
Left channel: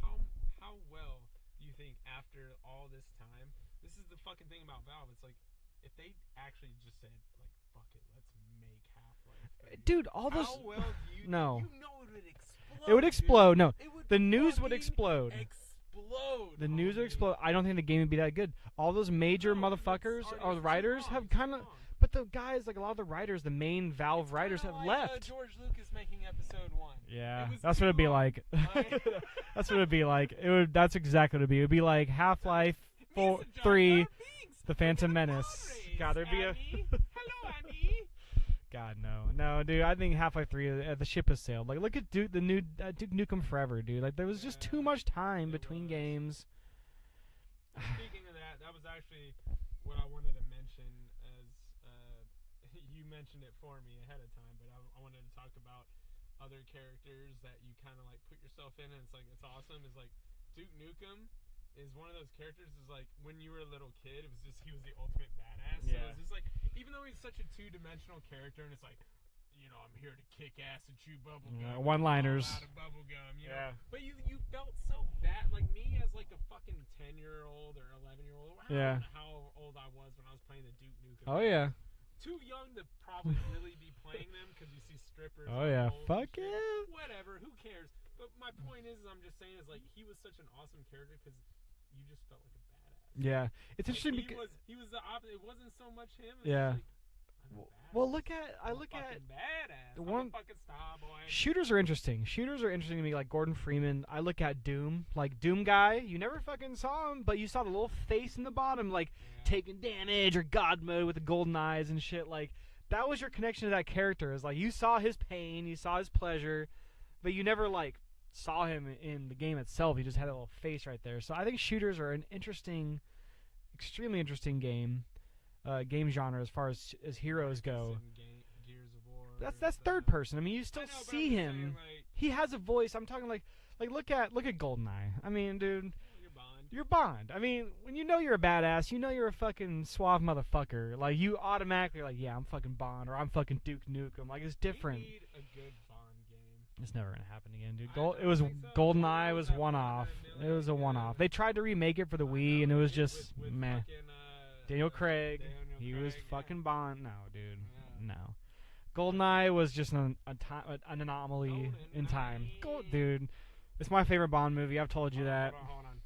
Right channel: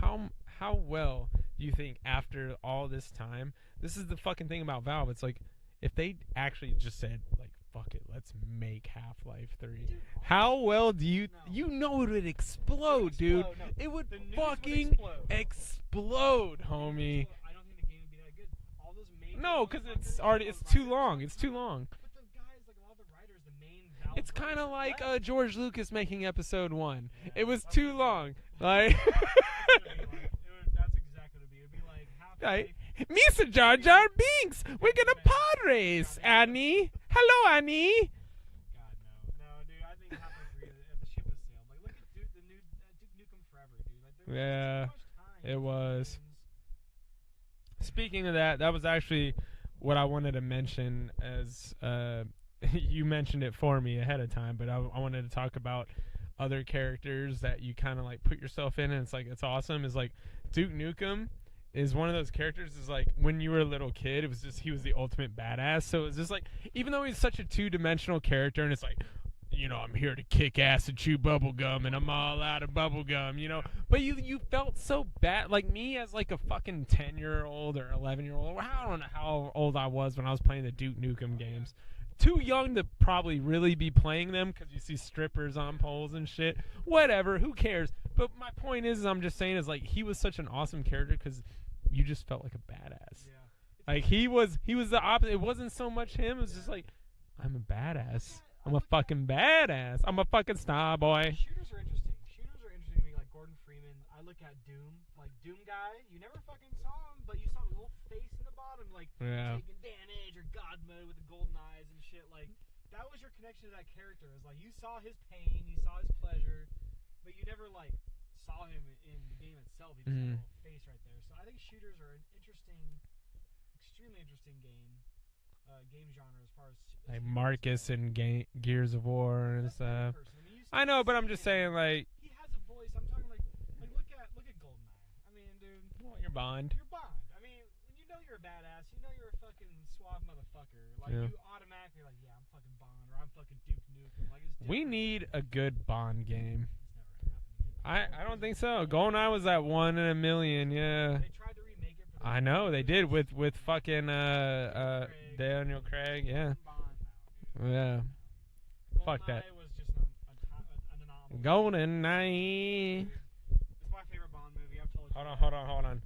How well do you think after all this time, this is the fucking thing about Valve, it's like, if they actually just said, like, fuck it, let's make Half-Life 3. Dude, how well do you know? You know it would explode. It would explode. Dude. No, the news would explode. The news would explode. I don't think the game would be that good. All those major motherfuckers, all the writers, it's too long. But the guys, like a lot of the writers, the main Valve writers, have left. It's kind of like George Lucas making Episode 1. Yeah, it was that's too what it'd be long. like. That's what it'd be like. That's exactly what it'd be. It'd be like Half-Life. Mr. Jar Jar Binks. We're gonna pod race, Annie. Hello, Annie. God, no, dude. I think Half-Life 3, the ship has sailed. Like, look at the new Duke Nukem Forever, dude. Like, there was just too much time between games. Speaking of that was actually what I wanted to mention as you mentioned it for me ahead of time, but I wanted to talk about other characters that you kind of like put yourself in, and it's like it's awesome. Is like Duke Nukem is one of those characters. Is like when you were a little kid, it was just he was the ultimate badass. So it's just like even though he's such a two-dimensional character, and it's like, you know, I'm here to kick ass and chew bubble gum, and I'm all out of bubble gum, you know. Yeah. But you felt so bad, like me as like a fucking 10-year-old or 11-year-old. I don't know how old I was when I was playing the Duke Nukem games. Yeah. Too young to probably really be playing them because you see strippers on poles and shit. Yeah. Whatever, who cares? But my point is I'm just saying is like he was such an awesome character because you just felt like a badass. Yeah, it's like he was the opposite. It wasn't so much him. It was just like, I'm a badass. Well, I'm a fucking badass. I'm a fucking star boy. Shooters are interesting. Shooters are interesting to me, like Gordon Freeman. I look at Doom, like Doom guy. You never fucking saw him, but you saw the little face in the bottom, like taking damage or God mode with the golden eyes and shit. Like that was your connection to that character. Is like you saw his pain, you saw his pleasure, but you never like saw him in the game itself. He just had a little face right there. So I think shooters are an interesting, extremely interesting game genre as far as like heroes Marcus go. And Gears of War. That's third person. I mean, you still I know, but I'm see just him. saying, like he has a voice. I'm talking like look at GoldenEye. I mean, dude, you're Bond. You're Bond. I mean, when you know you're a badass, you know you're a fucking suave motherfucker. Like you automatically like, yeah, I'm fucking Bond or I'm fucking Duke Nukem. Like it's different. We need a good Bond game. It's never gonna happen again, dude. I don't think so. GoldenEye was that one in a million. It was a one-off. They tried to remake it for the Wii. I know they did with meh. fucking Daniel Craig. Fucking Bond. No, dude. Yeah. No. GoldenEye was just an anomaly. GoldenEye, dude. It's my favorite Bond movie. I've told you that. Hold on.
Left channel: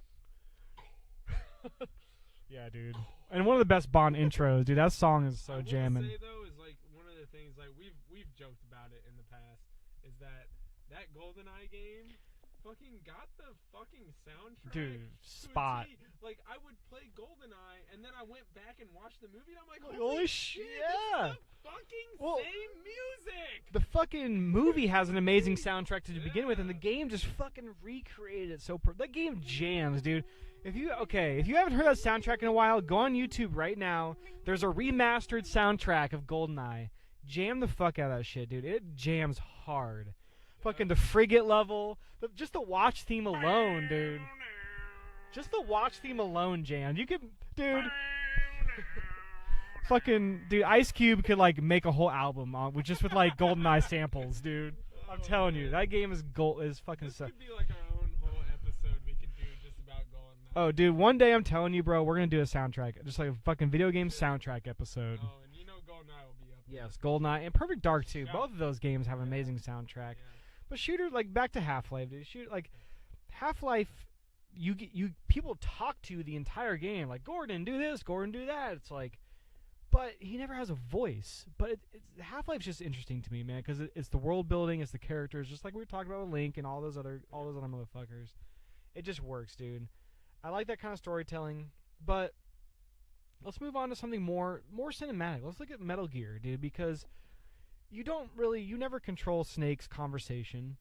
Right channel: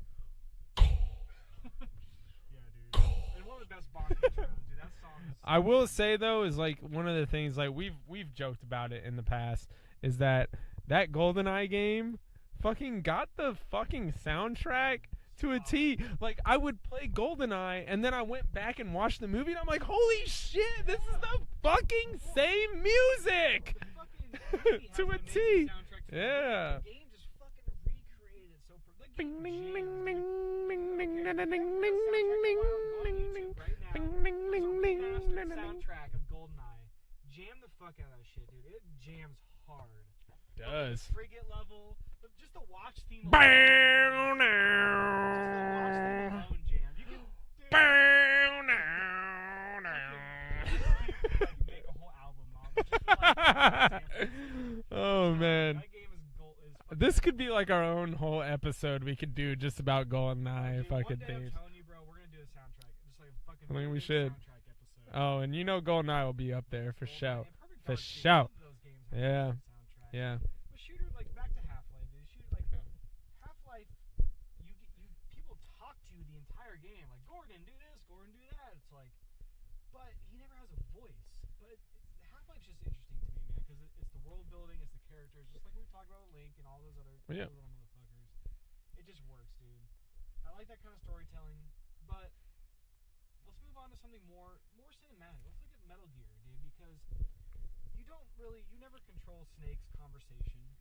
Yeah, dude. And one of the best Bond intros, dude. That song is. So I will jamming. say though, is like one of the things like we've joked about it in the past is that GoldenEye game fucking got the fucking soundtrack to a T. Like I would play GoldenEye and then I went back and watched the movie and I'm like, holy shit, this is the fucking same music. The fucking movie has an amazing soundtrack to begin with, and the Yeah. game just fucking recreated it so. That game jams, dude. If you haven't heard that soundtrack in a while, go on YouTube right now. There's a remastered soundtrack of GoldenEye. Jam the fuck out of that shit, dude. It jams hard. Fucking the frigate level, just the watch theme alone, dude. Just the watch theme alone, jam. You could, dude. Fucking dude, Ice Cube could like make a whole album with like GoldenEye samples, dude. Oh I'm telling man, you, that game is fucking. this could be like our own whole episode we could do just about GoldenEye. Oh, dude, one day I'm telling you, bro, we're gonna do a soundtrack, just like a fucking video game soundtrack episode. Oh, and you know GoldenEye will be up there. Yes, for GoldenEye sure. and Perfect Dark too. Both of those games have an amazing soundtrack. Yeah. But shooter, like back to Half-Life, dude. Half-Life, you people talk to the entire game like Gordon, do this, Gordon, do that. It's like. But he never has a voice. But Half-Life's just interesting to me, man, because it's the world building, it's the characters, just like we were talking about with Link and all those other motherfuckers. It just works, dude. I like that kind of storytelling. But let's move on to something more cinematic. Let's look at Metal Gear, dude, because you never control Snake's conversation.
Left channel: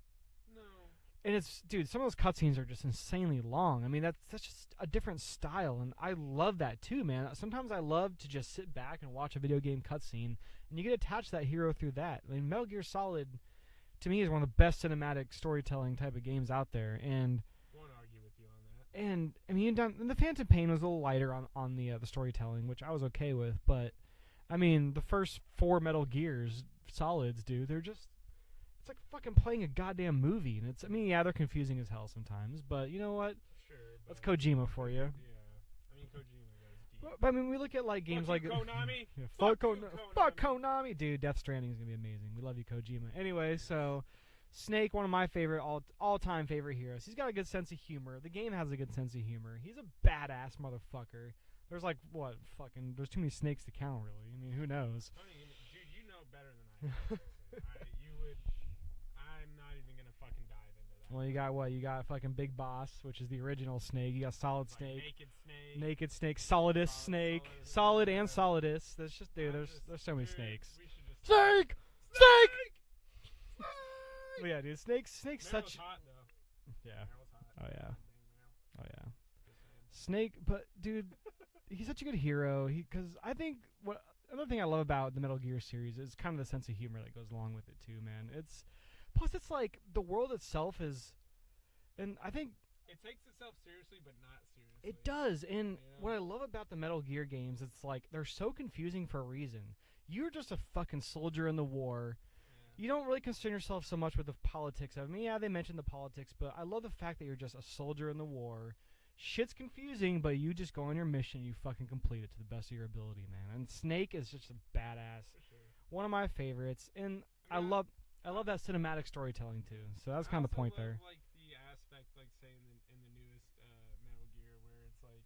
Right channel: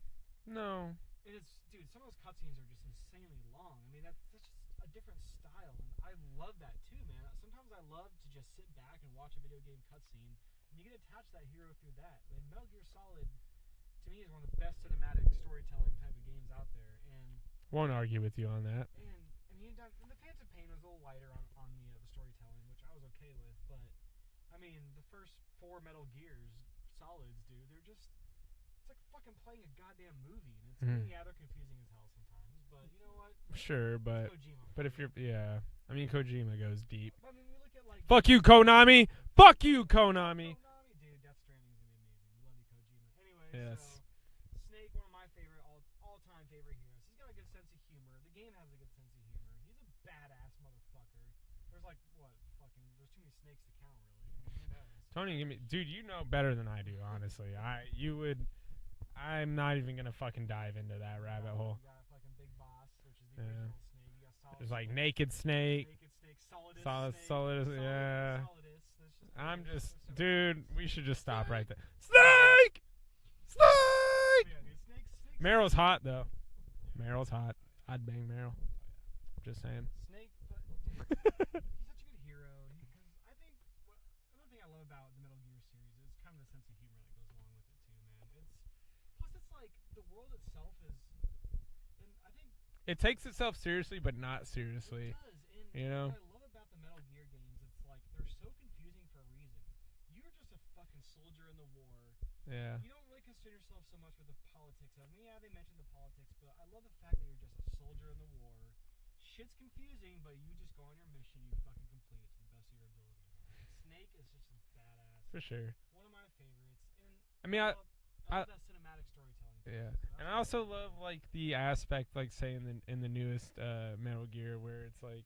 No. And dude, some of those cutscenes are just insanely long. I mean, that's just a different style, and I love that too, man. Sometimes I love to just sit back and watch a video game cutscene, and you get attached to that hero through that. I mean, Metal Gear Solid, to me, is one of the best cinematic storytelling type of games out there, and won't argue with you on that. And I mean, and the Phantom Pain was a little lighter on the storytelling, which I was okay with, but I mean, the first 4 Metal Gears Solids, dude, they're just. It's like fucking playing a goddamn movie, and I mean, yeah, they're confusing as hell sometimes, but you know what? Sure, but it's Kojima for you. Yeah, I mean, Kojima goes deep. But I mean, we look at like fuck you, Konami. Fuck you, Konami. Fuck Konami, dude. Death Stranding is gonna be amazing. We love you, Kojima. Anyway, so Snake, one of my favorite all-time favorite heroes. He's got a good sense of humor. The game has a good sense of humor. He's a badass motherfucker. There's like there's too many snakes to count, really. I mean, who knows? Tony, dude, you know better than I do, honestly. I'm not even gonna fucking dive into that. Well, you got what? You got fucking Big Boss, which is the original Snake. You got Solid Snake, like Naked Snake, Solidus Snake, Solid and Solidus. There's just there's so many snakes. Dude, we should just stop. Snake, Snake. But yeah, dude, Snake. Meryl's hot though. Yeah, Meryl's hot. Oh yeah, I'd bang Meryl. Oh yeah, just saying. Snake, but dude, he's such a good hero. Because I think another thing I love about the Metal Gear series is kind of the sense of humor that goes along with it too, man. Plus, it's like the world itself is, and I think it takes itself seriously, but not seriously. It does, and what I love about the Metal Gear games, it's like they're so confusing for a reason. You're just a fucking soldier in the war. Yeah. You don't really concern yourself so much with the politics of it. I mean, yeah, they mentioned the politics, but I love the fact that you're just a soldier in the war. Shit's confusing, but you just go on your mission, you fucking complete it to the best of your ability, man. And Snake is just a badass. For sure. One of my favorites, and I mean, I love that cinematic storytelling too. Yeah. So that's kind of the point there. I also love like the aspect, like say in the newest Metal Gear, where it's like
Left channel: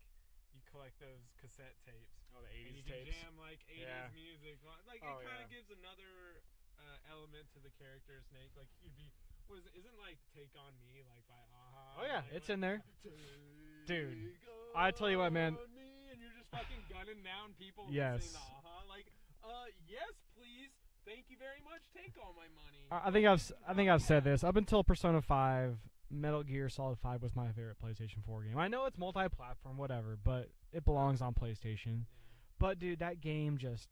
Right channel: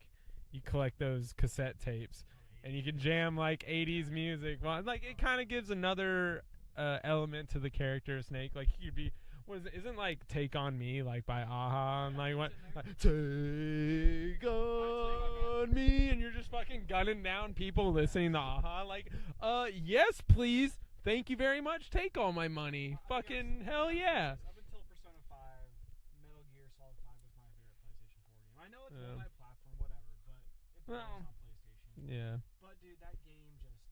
you collect those cassette tapes and you can jam like 80s music. Well, like it kind of gives another element to the character of Snake. Like he could be. Isn't like Take On Me like by Aha? Yeah, like, it's in there. Take on I tell you what, man. Me, and you're just fucking gunning down people listening to Aha. Like, yes, please. Thank you very much. Take all my money. I think I've said this up until Persona 5. Metal Gear Solid 5 was my favorite PlayStation 4 game. I know it's multi-platform, whatever, but it belongs on PlayStation. Yeah. But dude, that game just.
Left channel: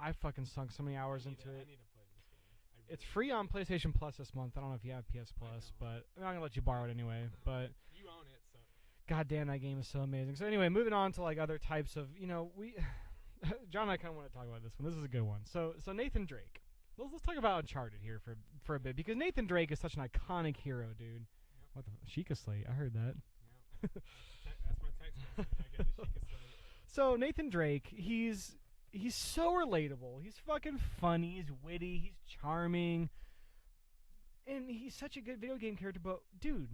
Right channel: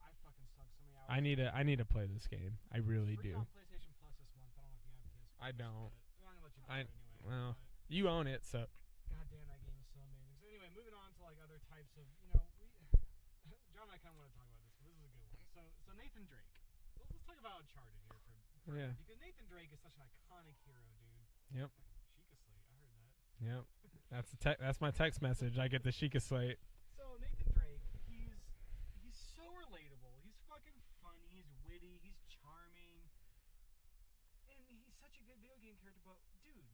I fucking sunk so many hours. I need to play this game. I really. It's free on PlayStation Plus this month. I don't know if you have PS Plus, but I'm gonna let you borrow it anyway. But you own it, so. God damn, that game is so amazing. So anyway, moving on to like other types of John and I kind of want to talk about this one. This is a good one. So Nathan Drake. Let's talk about Uncharted here for a bit, because Nathan Drake is such an iconic hero, dude. Yep. What the Sheikah Slate? I heard that. Yep. That's my text message. I get the Sheikah Slate. So Nathan Drake, he's so relatable. He's fucking funny. He's witty. He's charming. And he's such a good video game character. But, dude,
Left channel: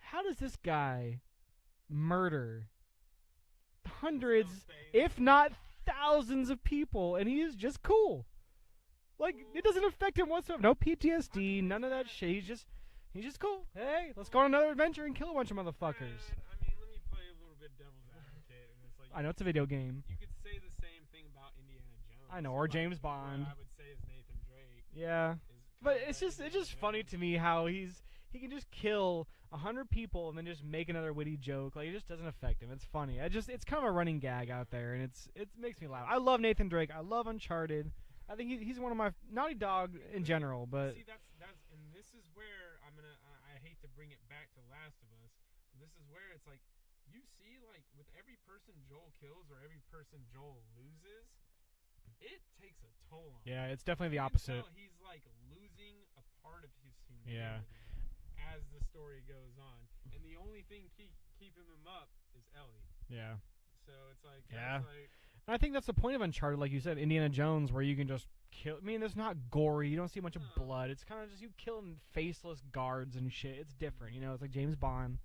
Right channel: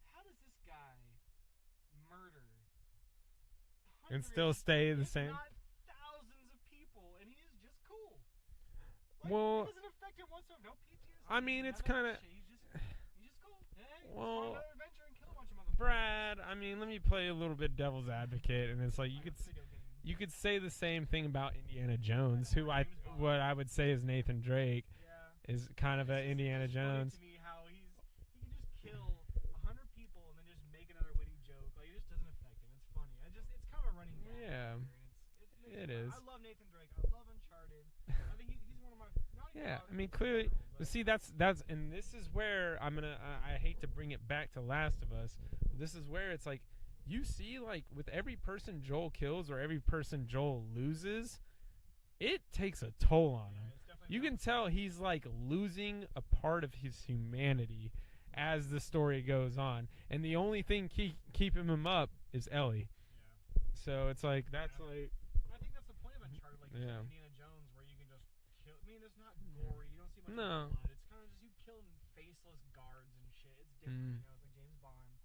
how does this guy murder hundreds, if not thousands of people, and he is just cool? Like, it doesn't affect him whatsoever. No PTSD, none of that shit. He's just... He's just cool. Hey, let's go on another adventure and kill a bunch of motherfuckers. Brad, I mean, let me play a little bit devil's advocate, and it's like I know it's a video game. You could say the same thing about Indiana Jones. I know, or James Bond. What I would say is Nathan Drake. Yeah, is kind of Indiana Jones. It's just funny to me how he can just kill 100 people and then just make another witty joke. Like, it just doesn't affect him. It's funny. It's kind of a running gag out there, and it makes me laugh. I love Nathan Drake. I love Uncharted. I think he's one of my Naughty Dog in general. But see, that's and this is where I hate to bring it back to Last of Us. This is where it's like you see, like, with every person Joel kills or every person Joel loses, it takes a toll on him. Yeah, it's definitely the opposite. You can tell he's like losing a part of his humanity. Yeah. As the story goes on, and the only thing keeping him up is Ellie. Yeah. So it's like that's like, I think that's the point of Uncharted, like you said, Indiana Jones, where you can just kill. I mean, it's not gory. You don't see much of blood. It's kind of just you killing faceless guards and shit. It's different, you know. It's like James Bond,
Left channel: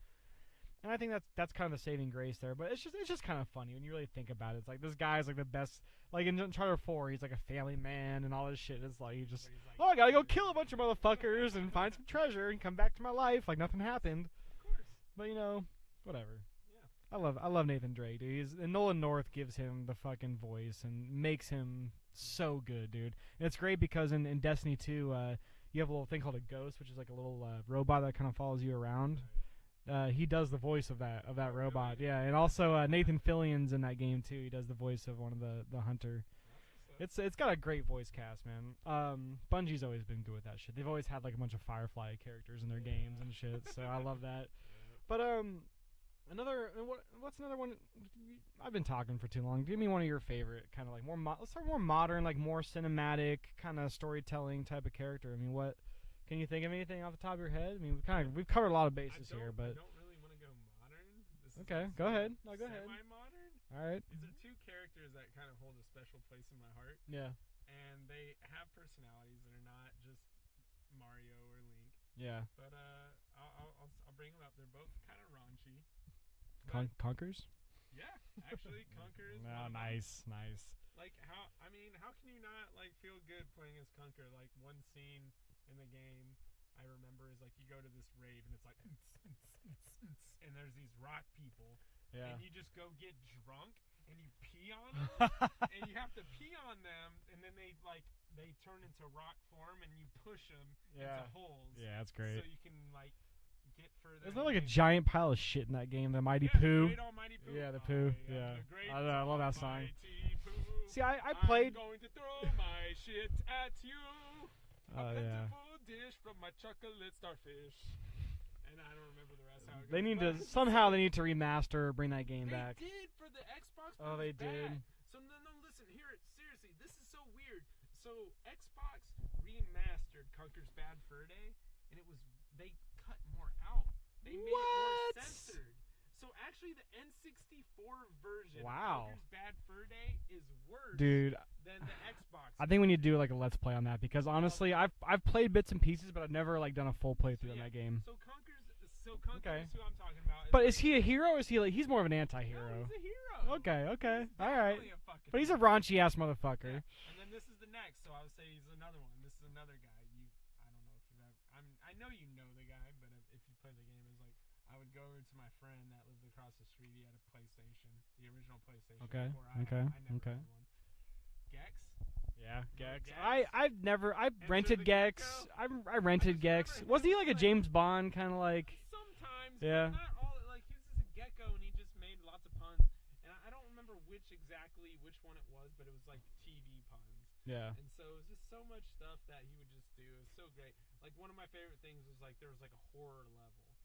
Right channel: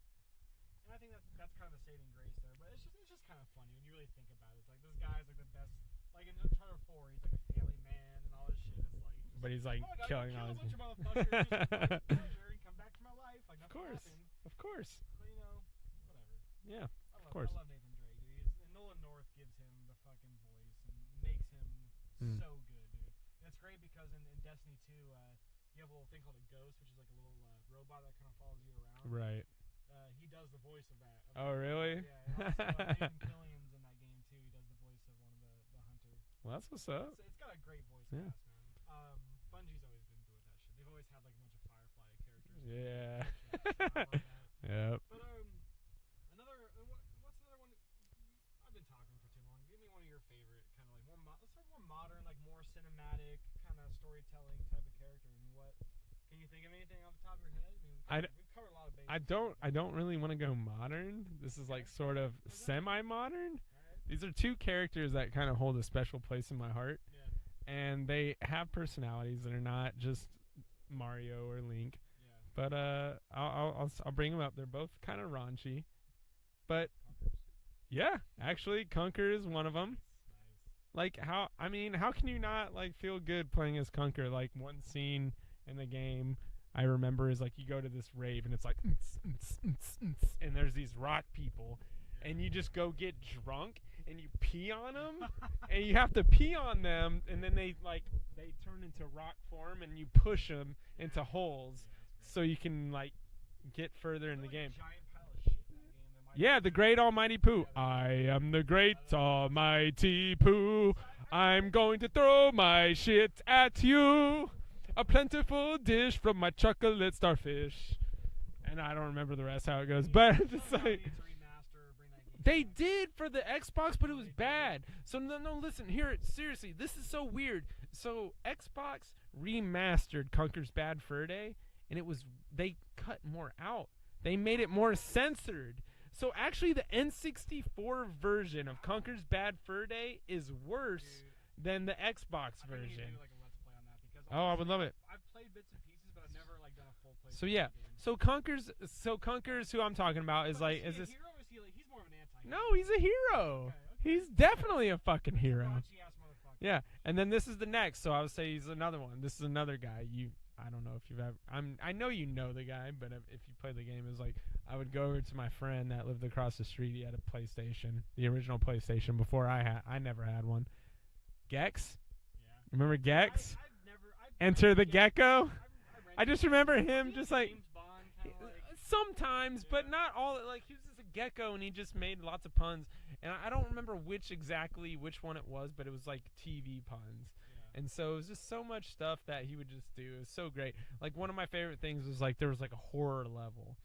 and I think that's kind of the saving grace there. But it's just kind of funny when you really think about it. It's like this guy's like the best. Like in Uncharted 4, he's like a family man and all this shit. It's like he's like, oh, I gotta go kill a bunch of motherfuckers and find some treasure and come back to my life like nothing happened. Of course. But you know, whatever. Yeah. I love Nathan Drake, dude. And Nolan North gives him the fucking voice and makes him so good, dude. And it's great because in Destiny 2, you have a little thing called a ghost, which is like a little robot that kind of follows you around. Right. He does the voice of that robot. Really? Yeah, and also Nathan Fillion's in that game too. He does the voice of one of the hunter. Well, that's what's up. It's got a great voice cast, man. Bungie's always been good with that shit. They've always had like a bunch of Firefly characters in their games and shit. So I love that. Yeah. But what's another one? I've been talking for too long. Give me one of your favorite kind of like let's start more modern, like more cinematic kind of storytelling type of character. I mean, what? Can you think of anything off the top of your head? I mean, we've covered a lot of bases. I don't really want to go modern. This is like sort of semi-modern. All right. These are two characters that kind of hold a special place in my heart. Yeah. And they have personalities that are not just Mario or Link. Yeah. But I'll bring them up. They're both kind of raunchy. But Conkers? Yeah, actually, Conker is one of them. Nice. Like how can you not like feel good playing as Conker? Like one scene in the game I remember is like you go to this rave and it's like and there's these rock people and you just go get drunk and you pee on them and you have to pee on them and then they turn into rock form and you push them into holes. Yeah, that's great. So you can like get further. There's not like a giant pile of shit in that game. The mighty poo. The great almighty poo. I am the great almighty poo. See, I'm going to throw my shit at you. A plentiful dish from my chocolate starfish. And I don't remember the rest how it goes. But somehow they need to remaster or bring that game back. They back. did for the Xbox, but it was bad. So no, listen, seriously, this is so weird. So Xbox remastered Conker's Bad Fur Day, and they cut more out. They made it more censored. So actually, the N64 version of Conker's Bad Fur Day is worse than the Xbox. I think we need to do like a let's play on that because honestly, I've played bits and pieces, but I've never like done a full playthrough of the game. So Conker's who I'm talking about. But is he a hero? Or is he like he's more of an anti-hero? No, he's a hero. Okay. He's definitely a fucking. But he's hero. a raunchy ass motherfucker. Yeah, and then this is the next. So I would say he's another one. This is another guy. I don't know if you've ever. I know you know the guy, but if you play the game, it's like I would go over to my friend that lived across the street. He had a PlayStation, the original PlayStation before I had. I never had one. Gex. Yeah. Remember Gex? I've Enter rented the Gex. Gecko. I rented. I just Gex. remember him. Was he like a James Bond kind of like? Sometimes, but not all. Like he was just a gecko, and he just made lots of puns. And I don't remember which one it was, but it was like TV puns. Yeah. And so it was just so much stuff that he would just do. It was so great. Like one of my favorite things was like there was like a horror level,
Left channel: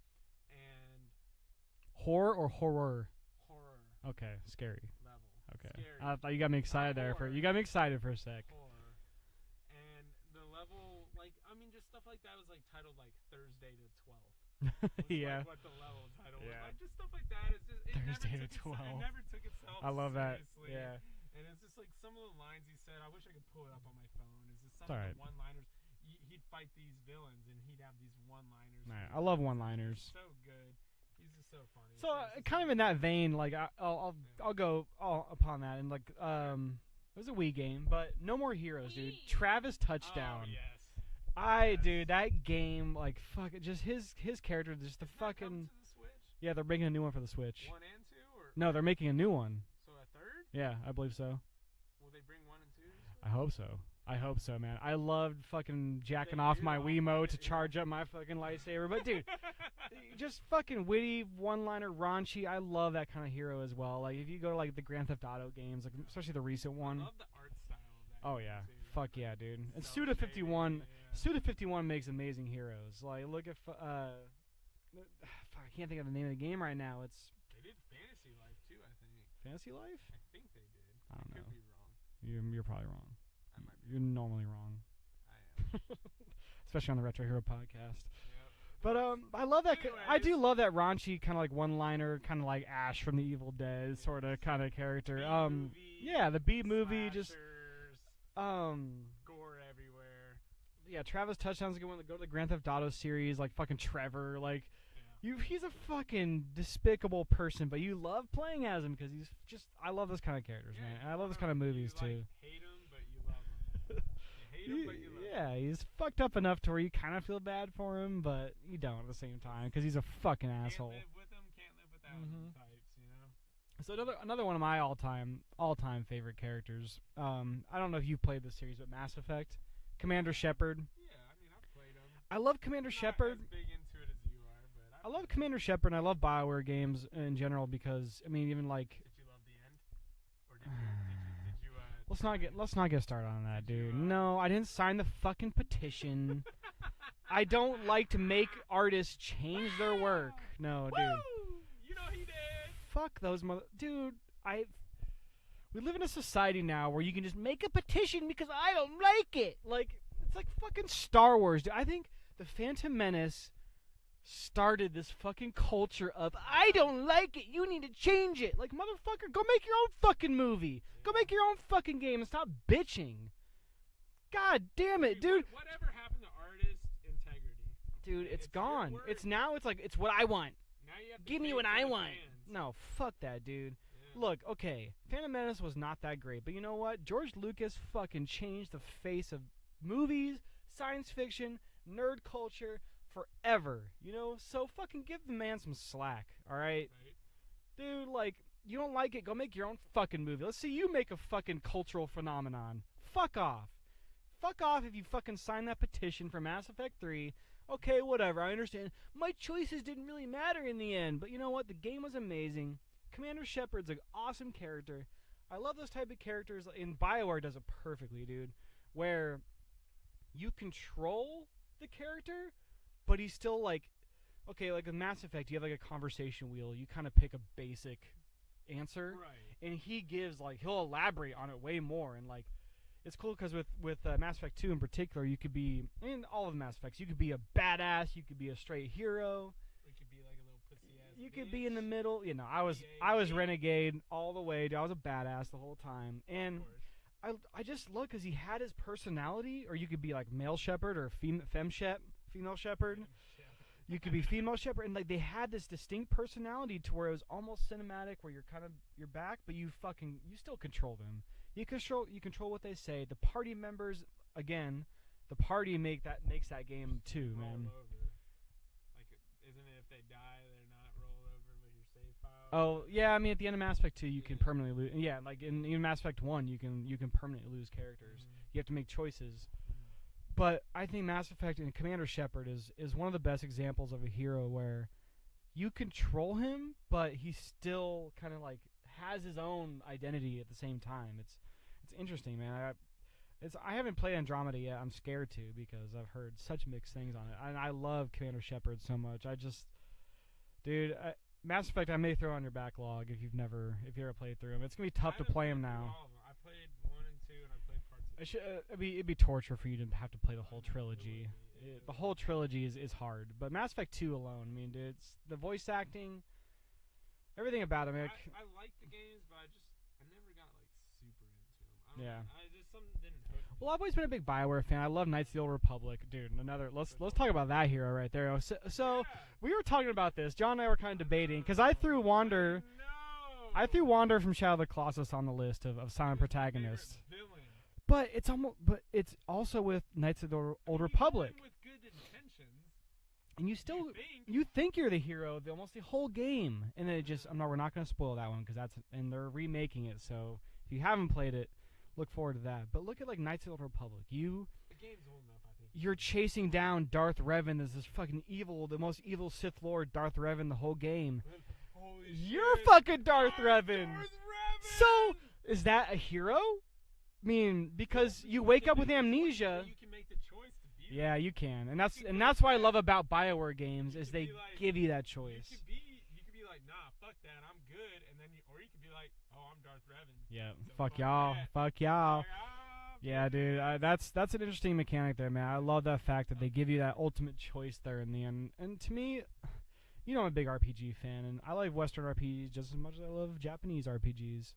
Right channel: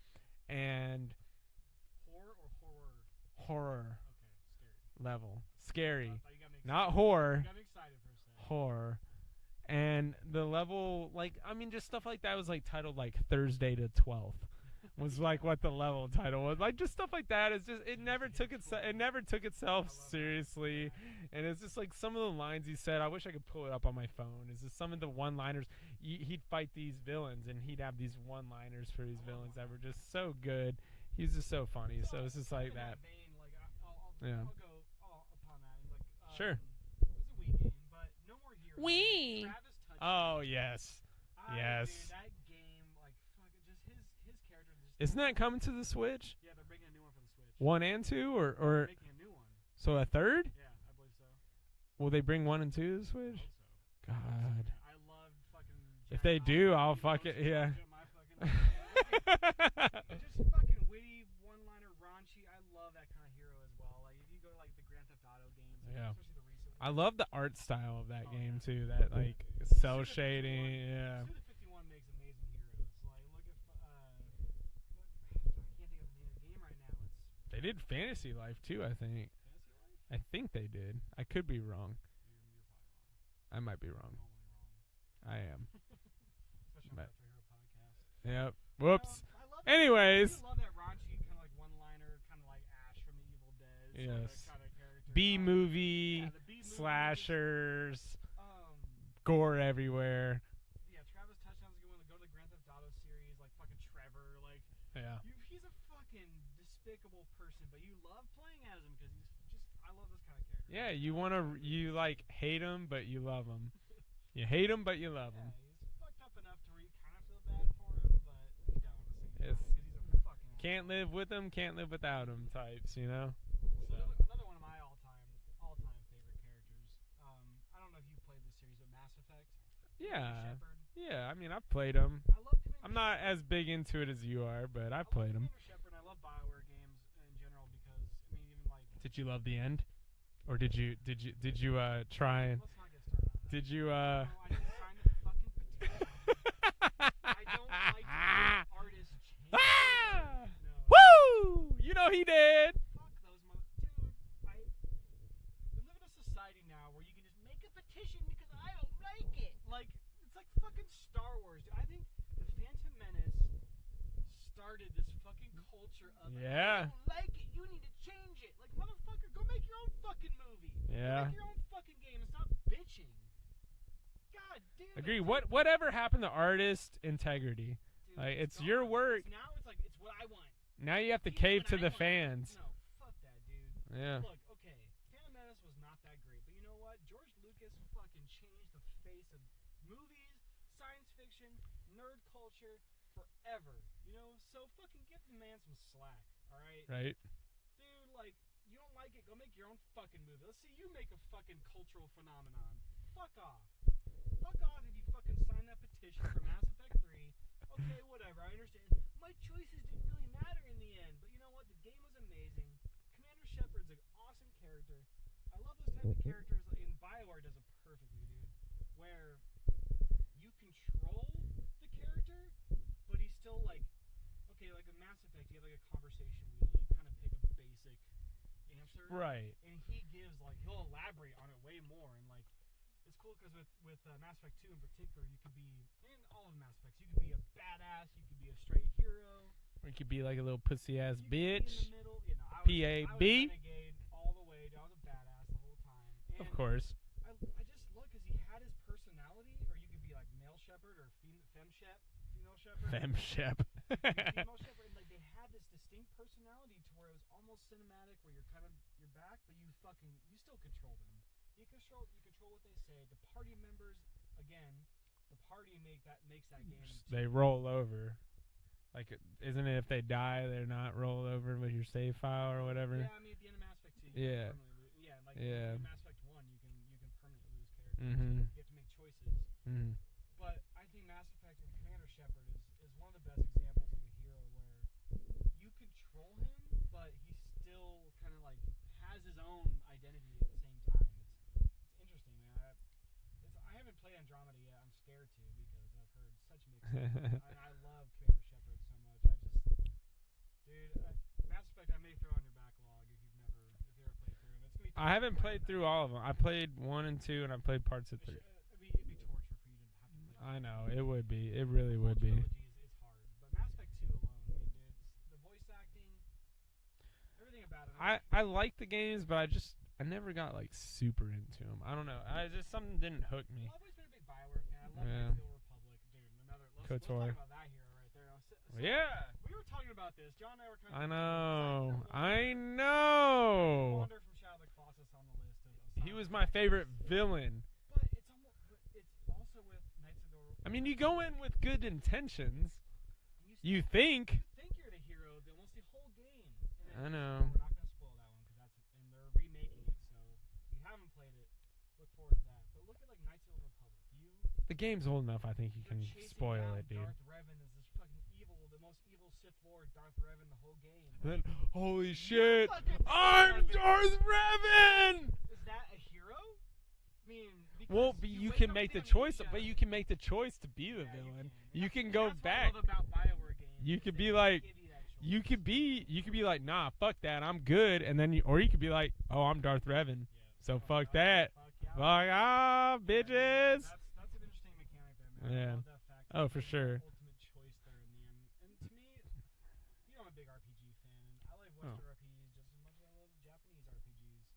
and horror or horror. Horror. Okay, scary level. Okay. Scary. I thought you got me excited. Not horror. You got me excited for a sec. Horror. And the level, just stuff like that was like titled like Thursday to 12th was like what the level title was. Like just stuff like that. It's just it never took itself seriously. Yeah. And it's just like some of the lines he said. I wish I could pull it up on my phone. It's just some of the one-liners. He'd fight these villains and he'd have these one-liners. I love one-liners. Just so good. He's just so funny. So kind of in that vein, like I'll go upon that and like sure. It was a Wii game, but No More Heroes. Wii. Dude. Travis Touchdown. Oh yes. Dude, that game, like, fuck it, just his character just. Isn't that coming to the Switch? Yeah, they're making a new one for the Switch. 1 and 2, or no, they're making a new one. So a third? Yeah, I believe so. Will they bring 1 and 2 to the Switch? I hope so. I hope so, man. I loved fucking If jacking they off do, my I'll Wiimote fucking- to charge up my fucking lightsaber. But dude, just fucking witty, one-liner, raunchy. I love that kind of hero as well. Like if you go to like the Grand Theft Auto games, like especially the recent one. I love the art style of that game too. That, Fuck like, yeah, dude. Cell Suda shading, 51. yeah. Suda 51 makes amazing heroes. Like look at I can't think of the name of the game right now. It's They did Fantasy Life too, I think. Fantasy Life? I think they did. I could be wrong. You're probably wrong. I might be You're wrong. normally wrong. I am. Especially on the Retro Hero podcast. Yep. But, Whoops. I love that. Anyways. I do love that raunchy kind of like one-liner, kind of like Ash from the Evil Dead sort of kind of character. B-movie. Yeah, the B-movie. Slashers. Just, gore everywhere. Yeah, Travis Touchdown's a good one to go to the Grand Theft Auto series, like fucking Trevor. Like, he's a fucking despicable person, but you love playing as him because he's just. I love those kind of characters. Yeah, man. you want to. You like hate him, but you love him. You hate him, but you love him. Yeah, he's fucked up enough to where you kind of feel bad for him, but you don't at the same time because he's a fucking asshole. Can't live with him, can't live without him types, you know? So another one of my all-time favorite characters. I don't know if you've played this series, but Mass Effect. Commander Shepard. Yeah, I mean, I've played him. I love Commander Shepard. I'm not as big into it as you are, but I love Commander Shepard, and I love BioWare games in general because, I mean, even like... Did you love the end? Or did you try? Let's not get started on that. Did dude. you? No, I didn't sign the fucking petition. I don't like to make artists change their work. No. Woo! Dude. You know he did. Fuck those dude. We live in a society now where you can just make a petition because I don't like it. Like it's like fucking Star Wars. Dude. I think the Phantom Menace started this fucking culture of I don't like it, you need to change it. Like motherfucker, go make your own fucking movie. Go make your own fucking game and stop bitching. God damn it, dude. Whatever happened to artist integrity? Dude, like, it's gone. Your word. It's like it's what I want. Now you have to cave to the fans. No, fuck that, dude. Yeah. Look, okay, Phantom Menace was not that great, but you know what? George Lucas fucking changed the face of movies, science fiction, nerd culture forever, you know? So fucking give the man some slack, alright? Right. Dude, like, you don't like it, go make your own fucking movie. Let's see you make a fucking cultural phenomenon. Fuck off. Fuck off if you fucking sign that petition for Mass Effect 3. Okay, whatever, I understand. My choices didn't really matter in the end, but you know what? The game was amazing. Commander Shepard's an awesome character. I love those type of characters, and BioWare does it perfectly, dude, where you control the character, but he's still like, okay, like with Mass Effect, you have like a conversation wheel. You kind of pick a basic answer, right? And he gives like he'll elaborate on it way more, and like it's cool because with Mass Effect 2 in particular, you could be in all of the Mass Effects. You could be a badass, you could be a straight hero, or you could be like a little pussy ass bitch. You could be in the middle. You know, I was renegade all the way. I was a badass the whole time, and of course. I just love because he had his personality, or you could be like male Shepard or female Shepard. You could be female Shepard, and like they had this distinct personality to where it was almost cinematic, where you're back, but you still control them. You control what they say. The party members, again, the party makes that game too. They roll over. Like, isn't it if they die, they're not rolled over with your save file or whatever? Yeah, I mean, at the end of Mass Effect 2, you can permanently lose. Yeah, like in Mass Effect 1, you can permanently lose characters. You have to make choices. But I think Mass Effect and Commander Shepard is one of the best examples of a hero where you control him, but he still kind of like has his own identity at the same time. It's interesting, man. I haven't played Andromeda yet. I'm scared to because I've heard such mixed things on it. And I love Commander Shepard so much. Dude, Mass Effect I may throw on your backlog if you ever played through them. It's gonna be tough to play them now. I haven't played through all of them. I played 1 and 2, and I played parts of 3. It'd be torture for you to have to play the whole trilogy. It would be. It really would be. The whole trilogy is hard. But Mass Effect 2 alone, I mean, dude, it's the voice acting, everything about it. I like the games, but I never got like super into them. I don't know. Something didn't hook me. Well, I've always been a big BioWare fan. I love Knights of the Old Republic, dude. Let's talk about that hero right there. So we were talking about this. John and I were kind of debating because I threw Wander. I threw Wander from Shadow of the Colossus on the list of silent protagonists. He was my favorite villain. But it's also with Knights of the Old you Republic. go in with good intentions. And you think you're the hero almost the whole game, and then no, we're not going to spoil that one because and they're remaking it. So if you haven't played it, look forward to that. But look at like Knights of the Old Republic. The game's old enough, I think. You're chasing down Darth Revan as this fucking the most evil Sith Lord, Darth Revan, the whole game. Then, holy shit! You're fucking Darth Revan. Darth Revan. So, is that a hero? I mean, because you wake up with amnesia. But you can make the choice to be. Yeah, you can, and that's what I love about BioWare games. You could they be like, give you that choice. You could be like, nah, fuck that, I'm good, and then you could be like, oh, I'm Darth Revan. Yeah. So fuck y'all. that. Fuck y'all. Fuck bitches. Yeah, dude. That's an interesting mechanic there, man. Yeah. I love that fact that they give you that sure. ultimate choice there in the end. And to me, I'm a big RPG fan, and I like Western RPGs just as much as I love Japanese RPGs.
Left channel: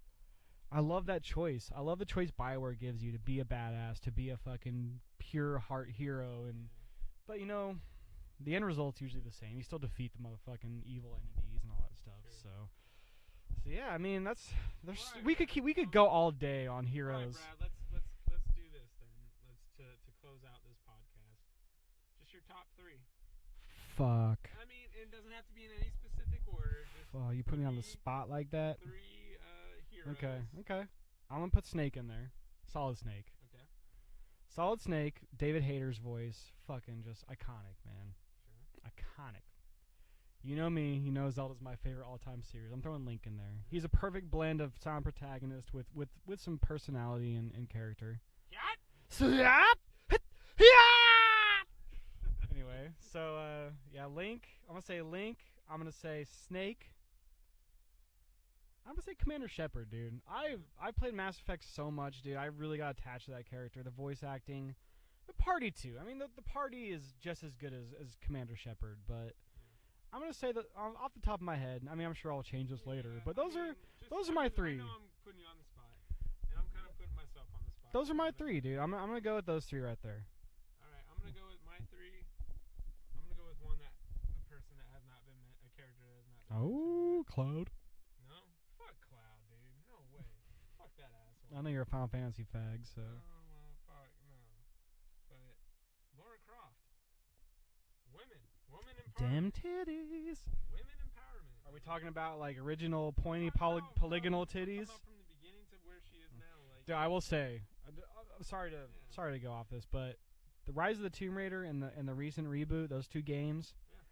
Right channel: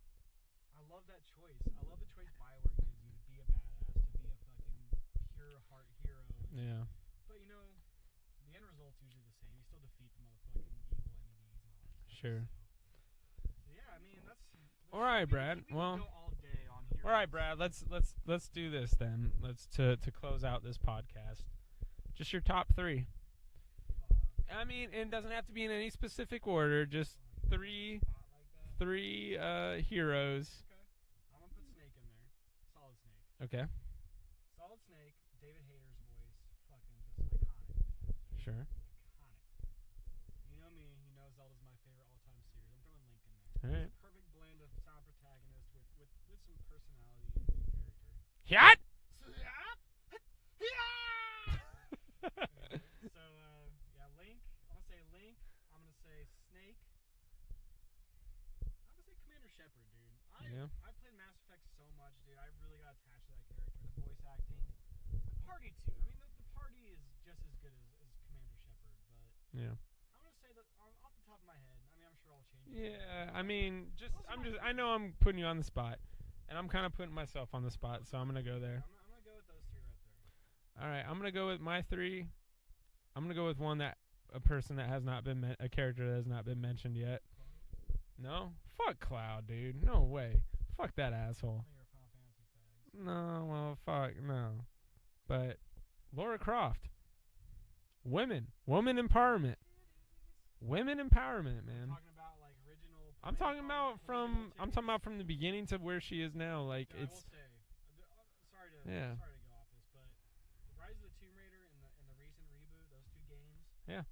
I love that choice. I love the choice BioWare gives you to be a badass, to be a fucking pure heart hero. And But, the end result's usually the same. You still defeat the motherfucking evil entities and all that stuff. Sure. So yeah, I mean, all right, we Brad. we could go all day on heroes. All right, Brad. Let's do this then. Let's to close out this podcast. Just your top 3. Fuck. I mean, it doesn't have to be in any specific order. Just you put me on the spot like that. 3 heroes. Okay. I'm gonna put Snake in there. Solid Snake. Okay. Solid Snake. David Hayter's voice. Fucking just iconic, man. Sure. Iconic. You know me. You know Zelda's my favorite all-time series. I'm throwing Link in there. All He's right. a perfect blend of sound protagonist with some personality and character. Yacht. Anyway, so Link. I'm gonna say Link. I'm gonna say Snake. I'm gonna say Commander Shepard, dude. I played Mass Effect so much, dude. I really got attached to that character. The voice acting, the party too. I mean, the party is just as good as Commander Shepard, but yeah. I'm gonna say that off the top of my head. I mean, I'm sure I'll change this later. But those are my 3. I know I'm putting you on the spot, and I'm kind of putting myself on the spot. Those so are my I'm 3, dude. I'm gonna go with those 3 right there. All right, I'm gonna go with my 3. I'm gonna go with a person that has not been a character that has not been mentioned yet. Cloud. No, fuck Cloud, dude. No way. Fuck that asshole. I know you're a Final Fantasy fag. So. No, well, fuck no. But Lara Croft. Women empowerment. Titties. Women empowerment, man. Are we talking about like original I'm pointy polygonal titties? I'm talking about from the beginning to where she is now. Like, I will say, I'm sorry to go off this, but the Rise of the Tomb Raider and the recent reboot, those 2 games. Yeah.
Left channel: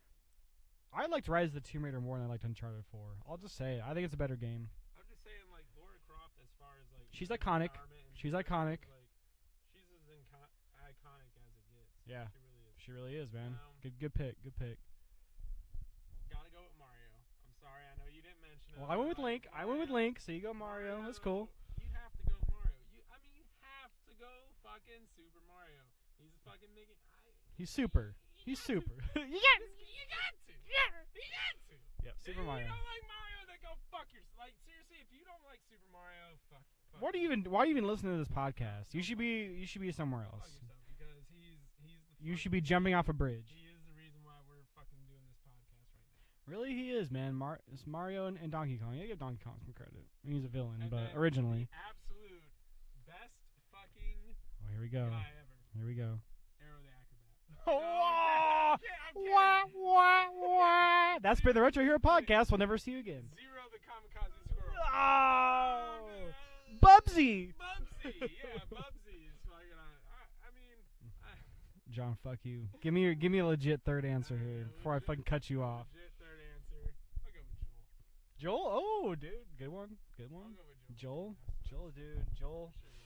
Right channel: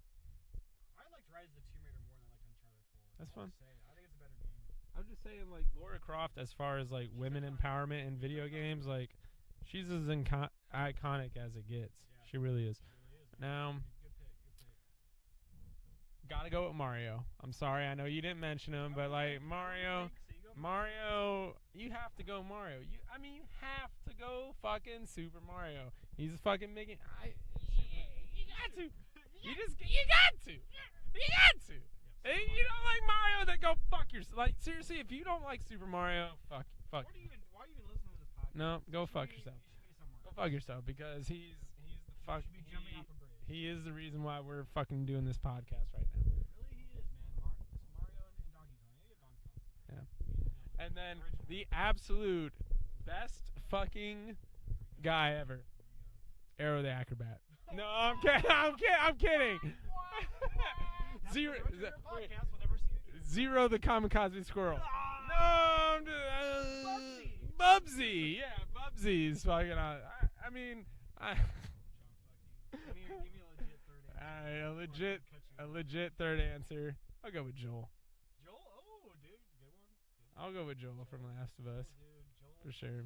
I liked Rise of the Tomb Raider more than I liked Uncharted 4. I'll just say it. I think it's a better game. I'm just saying, like, Lara Croft, as far as like she's women iconic. empowerment and She's video iconic. games, like, she's as iconic as it gets. Yeah, she really is. She really is, man. Good pick. Gotta go with Mario. I'm sorry, I know you didn't mention him. I went but with like Link. Mario, I went with Link, so you go Mario. That's cool. You have to go Mario. You have to go fucking Super Mario. He's fucking making. He's super. He's super. You got to. Yep, And you don't like Mario, then go fuck yourself. Like, seriously, if you don't like Super Mario, fuck. Why do you even listen to this podcast? No, you should be somewhere else. Fuck yourself, because he's the You should be jumping off a bridge. He is the reason why we're fucking doing this podcast right now. Really, he is, man. It's Mario and Donkey Kong. You give Donkey Kong some credit. Yeah. He's a villain, And but then originally. the absolute best fucking here we go. guy ever. Here we go. Arrow the Acrobat. No, I'm kidding. That's for the Retro Hero podcast. We'll never see you again. Zero the Kamikaze Squirrel. Oh, Bubsy. Yeah, Bubsy's fucking. John, fuck you. Give me a legit third answer here before I fucking cut you off. Legit third answer. I'll go with Joel. Joel? Oh, dude, good one. I'll go with Joel. Joel, from Last of Us. Joel, dude, Joel. For sure.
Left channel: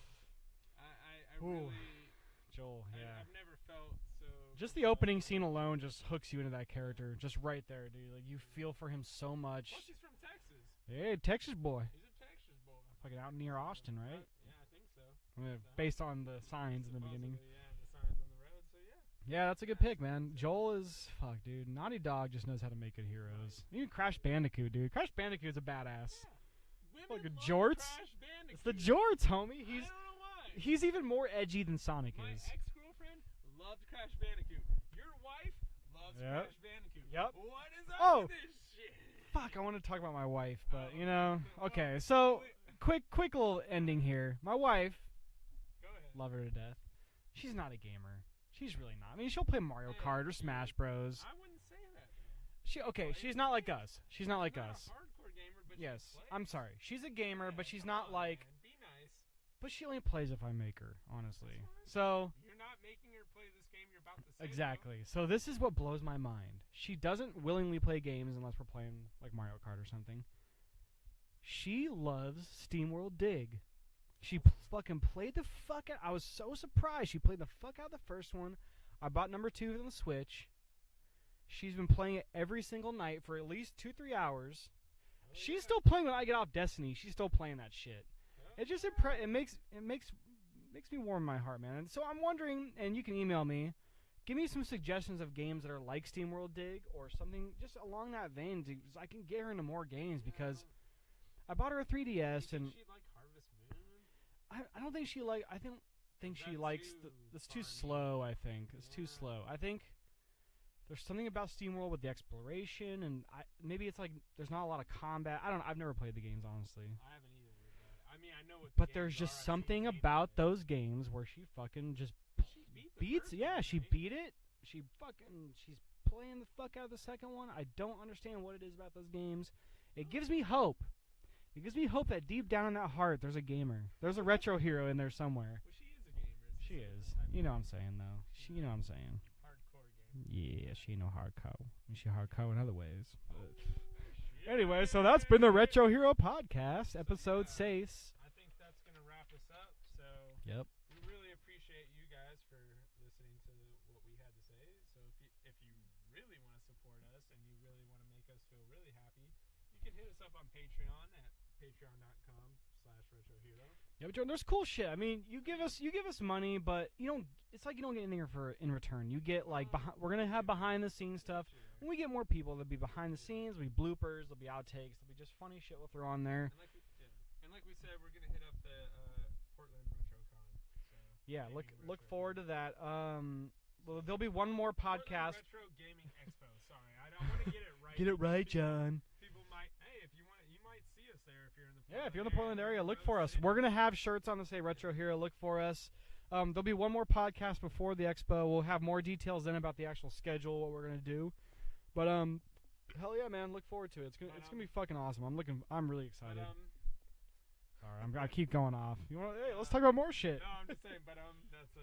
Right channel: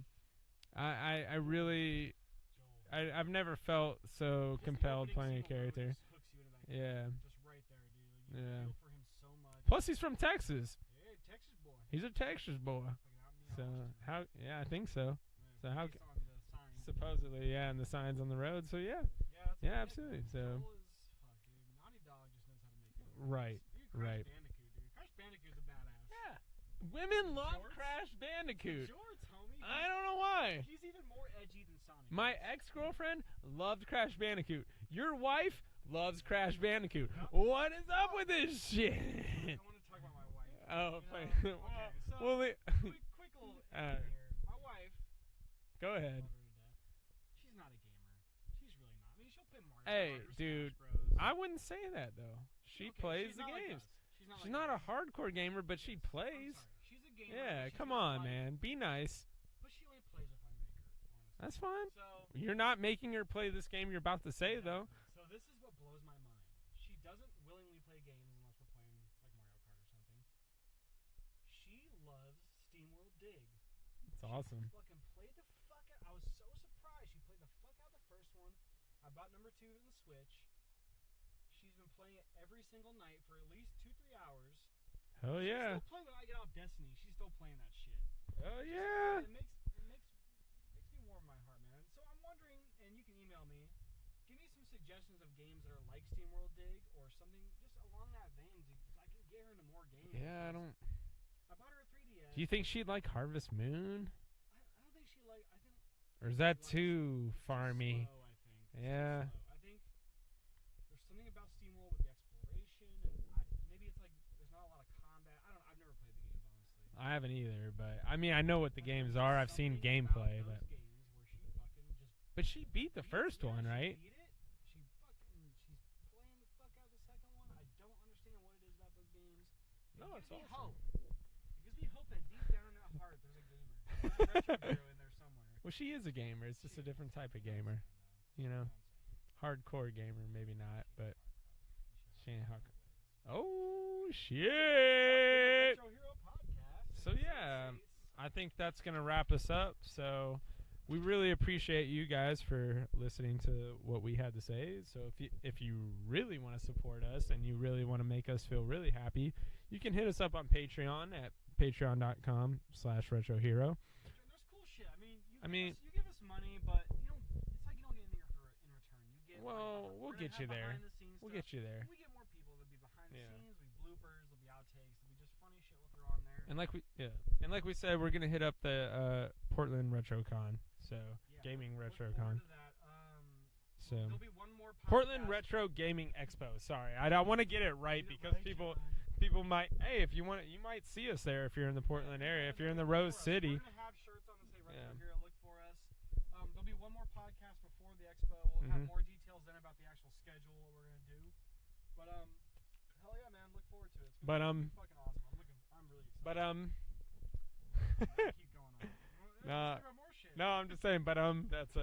I really. Joel. Yeah. I've never felt so. Just the opening scene alone just hooks you into that character. Yeah. Just right there, dude. Like you feel for him so much. Plus, he's from Texas. Hey, Texas boy. He's a Texas boy. Fucking out near Austin, right? Yeah, I think so. Based on the signs. Supposedly, and the signs on the road. So yeah. Yeah, that's a good pick, man. So. Joel is dude. Naughty Dog just knows how to make good heroes. Right. Even Crash Bandicoot, dude. Crash Bandicoot's a badass. Yeah. Women love jorts. Crash Bandicoot. The jorts, homie. I don't know why. He's even more edgy than Sonic. My ex-girlfriend loved Crash Bandicoot. Your wife loves Crash Bandicoot. Yep. What is up with this shit? Fuck, I want to talk about my wife. But, Oh, okay. So quick little ending here. My wife. Go ahead. Love her to death. She's not a gamer. She's really not. I mean, she'll play Mario Kart or dude, Smash Bros. I wouldn't say that though. She's not like us. She's not like us. She's not a hardcore gamer, but Yes, she plays. I'm sorry. She's a gamer, Yeah, but she's come not on, like. man. Be nice. But she only plays if I make her. Honestly, That's fine. So You're not making her play this game you're about to say, exactly. So this is what blows my mind. She doesn't willingly play games unless we're playing like Mario Kart or something. She loves SteamWorld Dig. That's She awesome. fucking played the fuck out. I was so surprised. She played the fuck out of the first one. I bought number 2 on the Switch. She's been playing it every single night for at least 2-3 hours. Hell She's yeah. still playing when I get off Destiny. She's still playing that shit. Hell It just yeah. it makes me warm my heart, man. And so I'm wondering, and you can email me. Give me some suggestions of games that are like SteamWorld Dig or something just along that vein, so I can get her into more games because I bought her a 3DS. Do you think she'd like Harvest Moon? I don't think she like. I think Or is she that likes too it's farmy? too slow. I think it's Yeah. too slow. I think there's something about SteamWorld with the exploration, and maybe it's like there's not a lot of combat. I've never played the games honestly. I haven't either, but I mean I know what the But games there's are. just I've seen something gameplay, about but- those games where she fucking just But she beat the beats. first Yeah, one, she right? beat it. She's playing the fuck out of the second one. I don't understand what it is about those games. It gives me hope. It gives me hope that deep down in that heart, there's a gamer. There's a retro hero in there somewhere. Well, she is a gamer. It's just She a different is. type of You know gamer. what I'm saying, though. You You know? know what I'm saying. Hardcore gamer. Maybe not, she know but- hardcore. She hardcore in other ways. Oh shit! Anyway, so that's been the Retro Hero Podcast, episode yeah. 6. I think that's gonna wrap us up. So Yep. we really appreciate you guys for listening to what we had to say. So if you really want to support us and you really want to make us feel really happy, you can hit us up on Patreon at patreon.com/retrohero. Yeah, but Jordan, there's cool shit. I mean, you give us money, but you don't. It's like you don't get anything in return. You get Well, we're we'll gonna get have you there. behind the scenes We'll stuff. get you there. When we get more people, there'll be behind the Yeah. scenes, there'll be bloopers, there'll be outtakes, there'll be just funny shit we'll throw on there. And like we said, we're gonna hit up the Portland RetroCon. So Yeah, gaming look RetroCon. forward to that. So- There'll be one more podcast. Portland Retro Gaming Expo. Sorry, I want to get it right. Get it because right, people, John. People might. Hey, if you want, you might see us there if you're in the Yeah, Portland if you're in the area. Portland if you're area, in the look Rose for us. City. We're gonna have shirts on that say Retro Yeah. Hero. Look for us. There'll be one more podcast before the expo. We'll have Mhm. more details then about the actual schedule, what we're gonna do. But hell yeah, man! Look forward to it. It's gonna be fucking awesome. I'm really excited. But I'm gonna keep going off. You want? Hey, No. let's talk about more shit. No, I'm just saying. But that's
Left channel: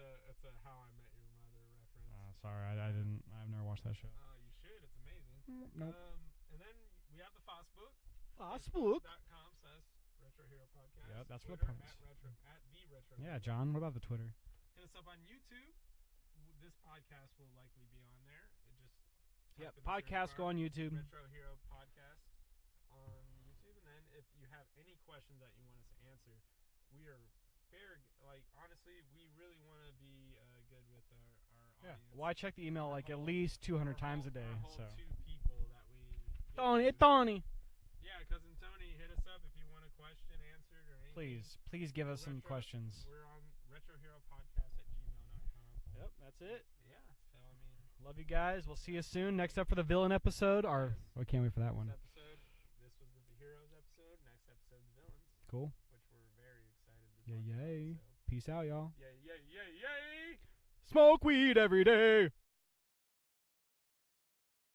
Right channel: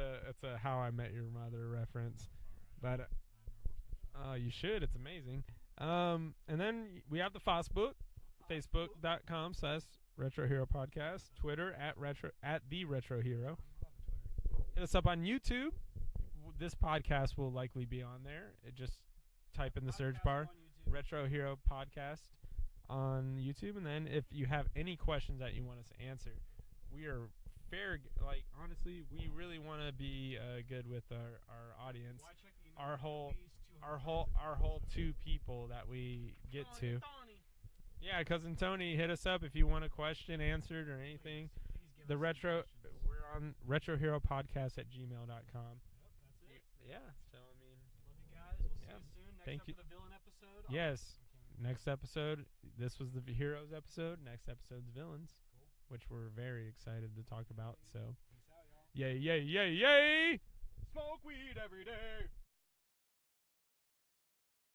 a How I Met Your Mother reference. Sorry, But, I've never watched that show. You should. It's amazing. And then we have the Facebook, Facebook. Facebook.com/Retro Hero Podcast. That's Twitter what at the Retro Yeah, Hero. John. What about the Twitter? Hit us up on YouTube. This podcast will likely be on there. Just type in the search Podcast bar go on YouTube. Retro Hero Podcast on YouTube, and then if you have any questions that you want us to answer, we are fair. Like honestly, we really want to be good with our audience. Well, I check the email Our like at whole- least 200 our times whole, a day. Our whole so. 2 people that we get Tony, to. Tony. Yeah, cousin Tony, hit us up if you want a question answered or anything. Please give The us some questions. We're on retroheropodcast@gmail.com. Yep, that's it. Yeah, so I mean, Love you guys. We'll see Yeah. you soon. Next Thank up you. for the villain episode. Yes. I can't wait for that next one. episode, this was the Heroes episode. Next episode's Villains, Cool. which we're very excited to talk about. Yay. So, Peace out, y'all. yay, yay, yay, yay! Smoke weed every day.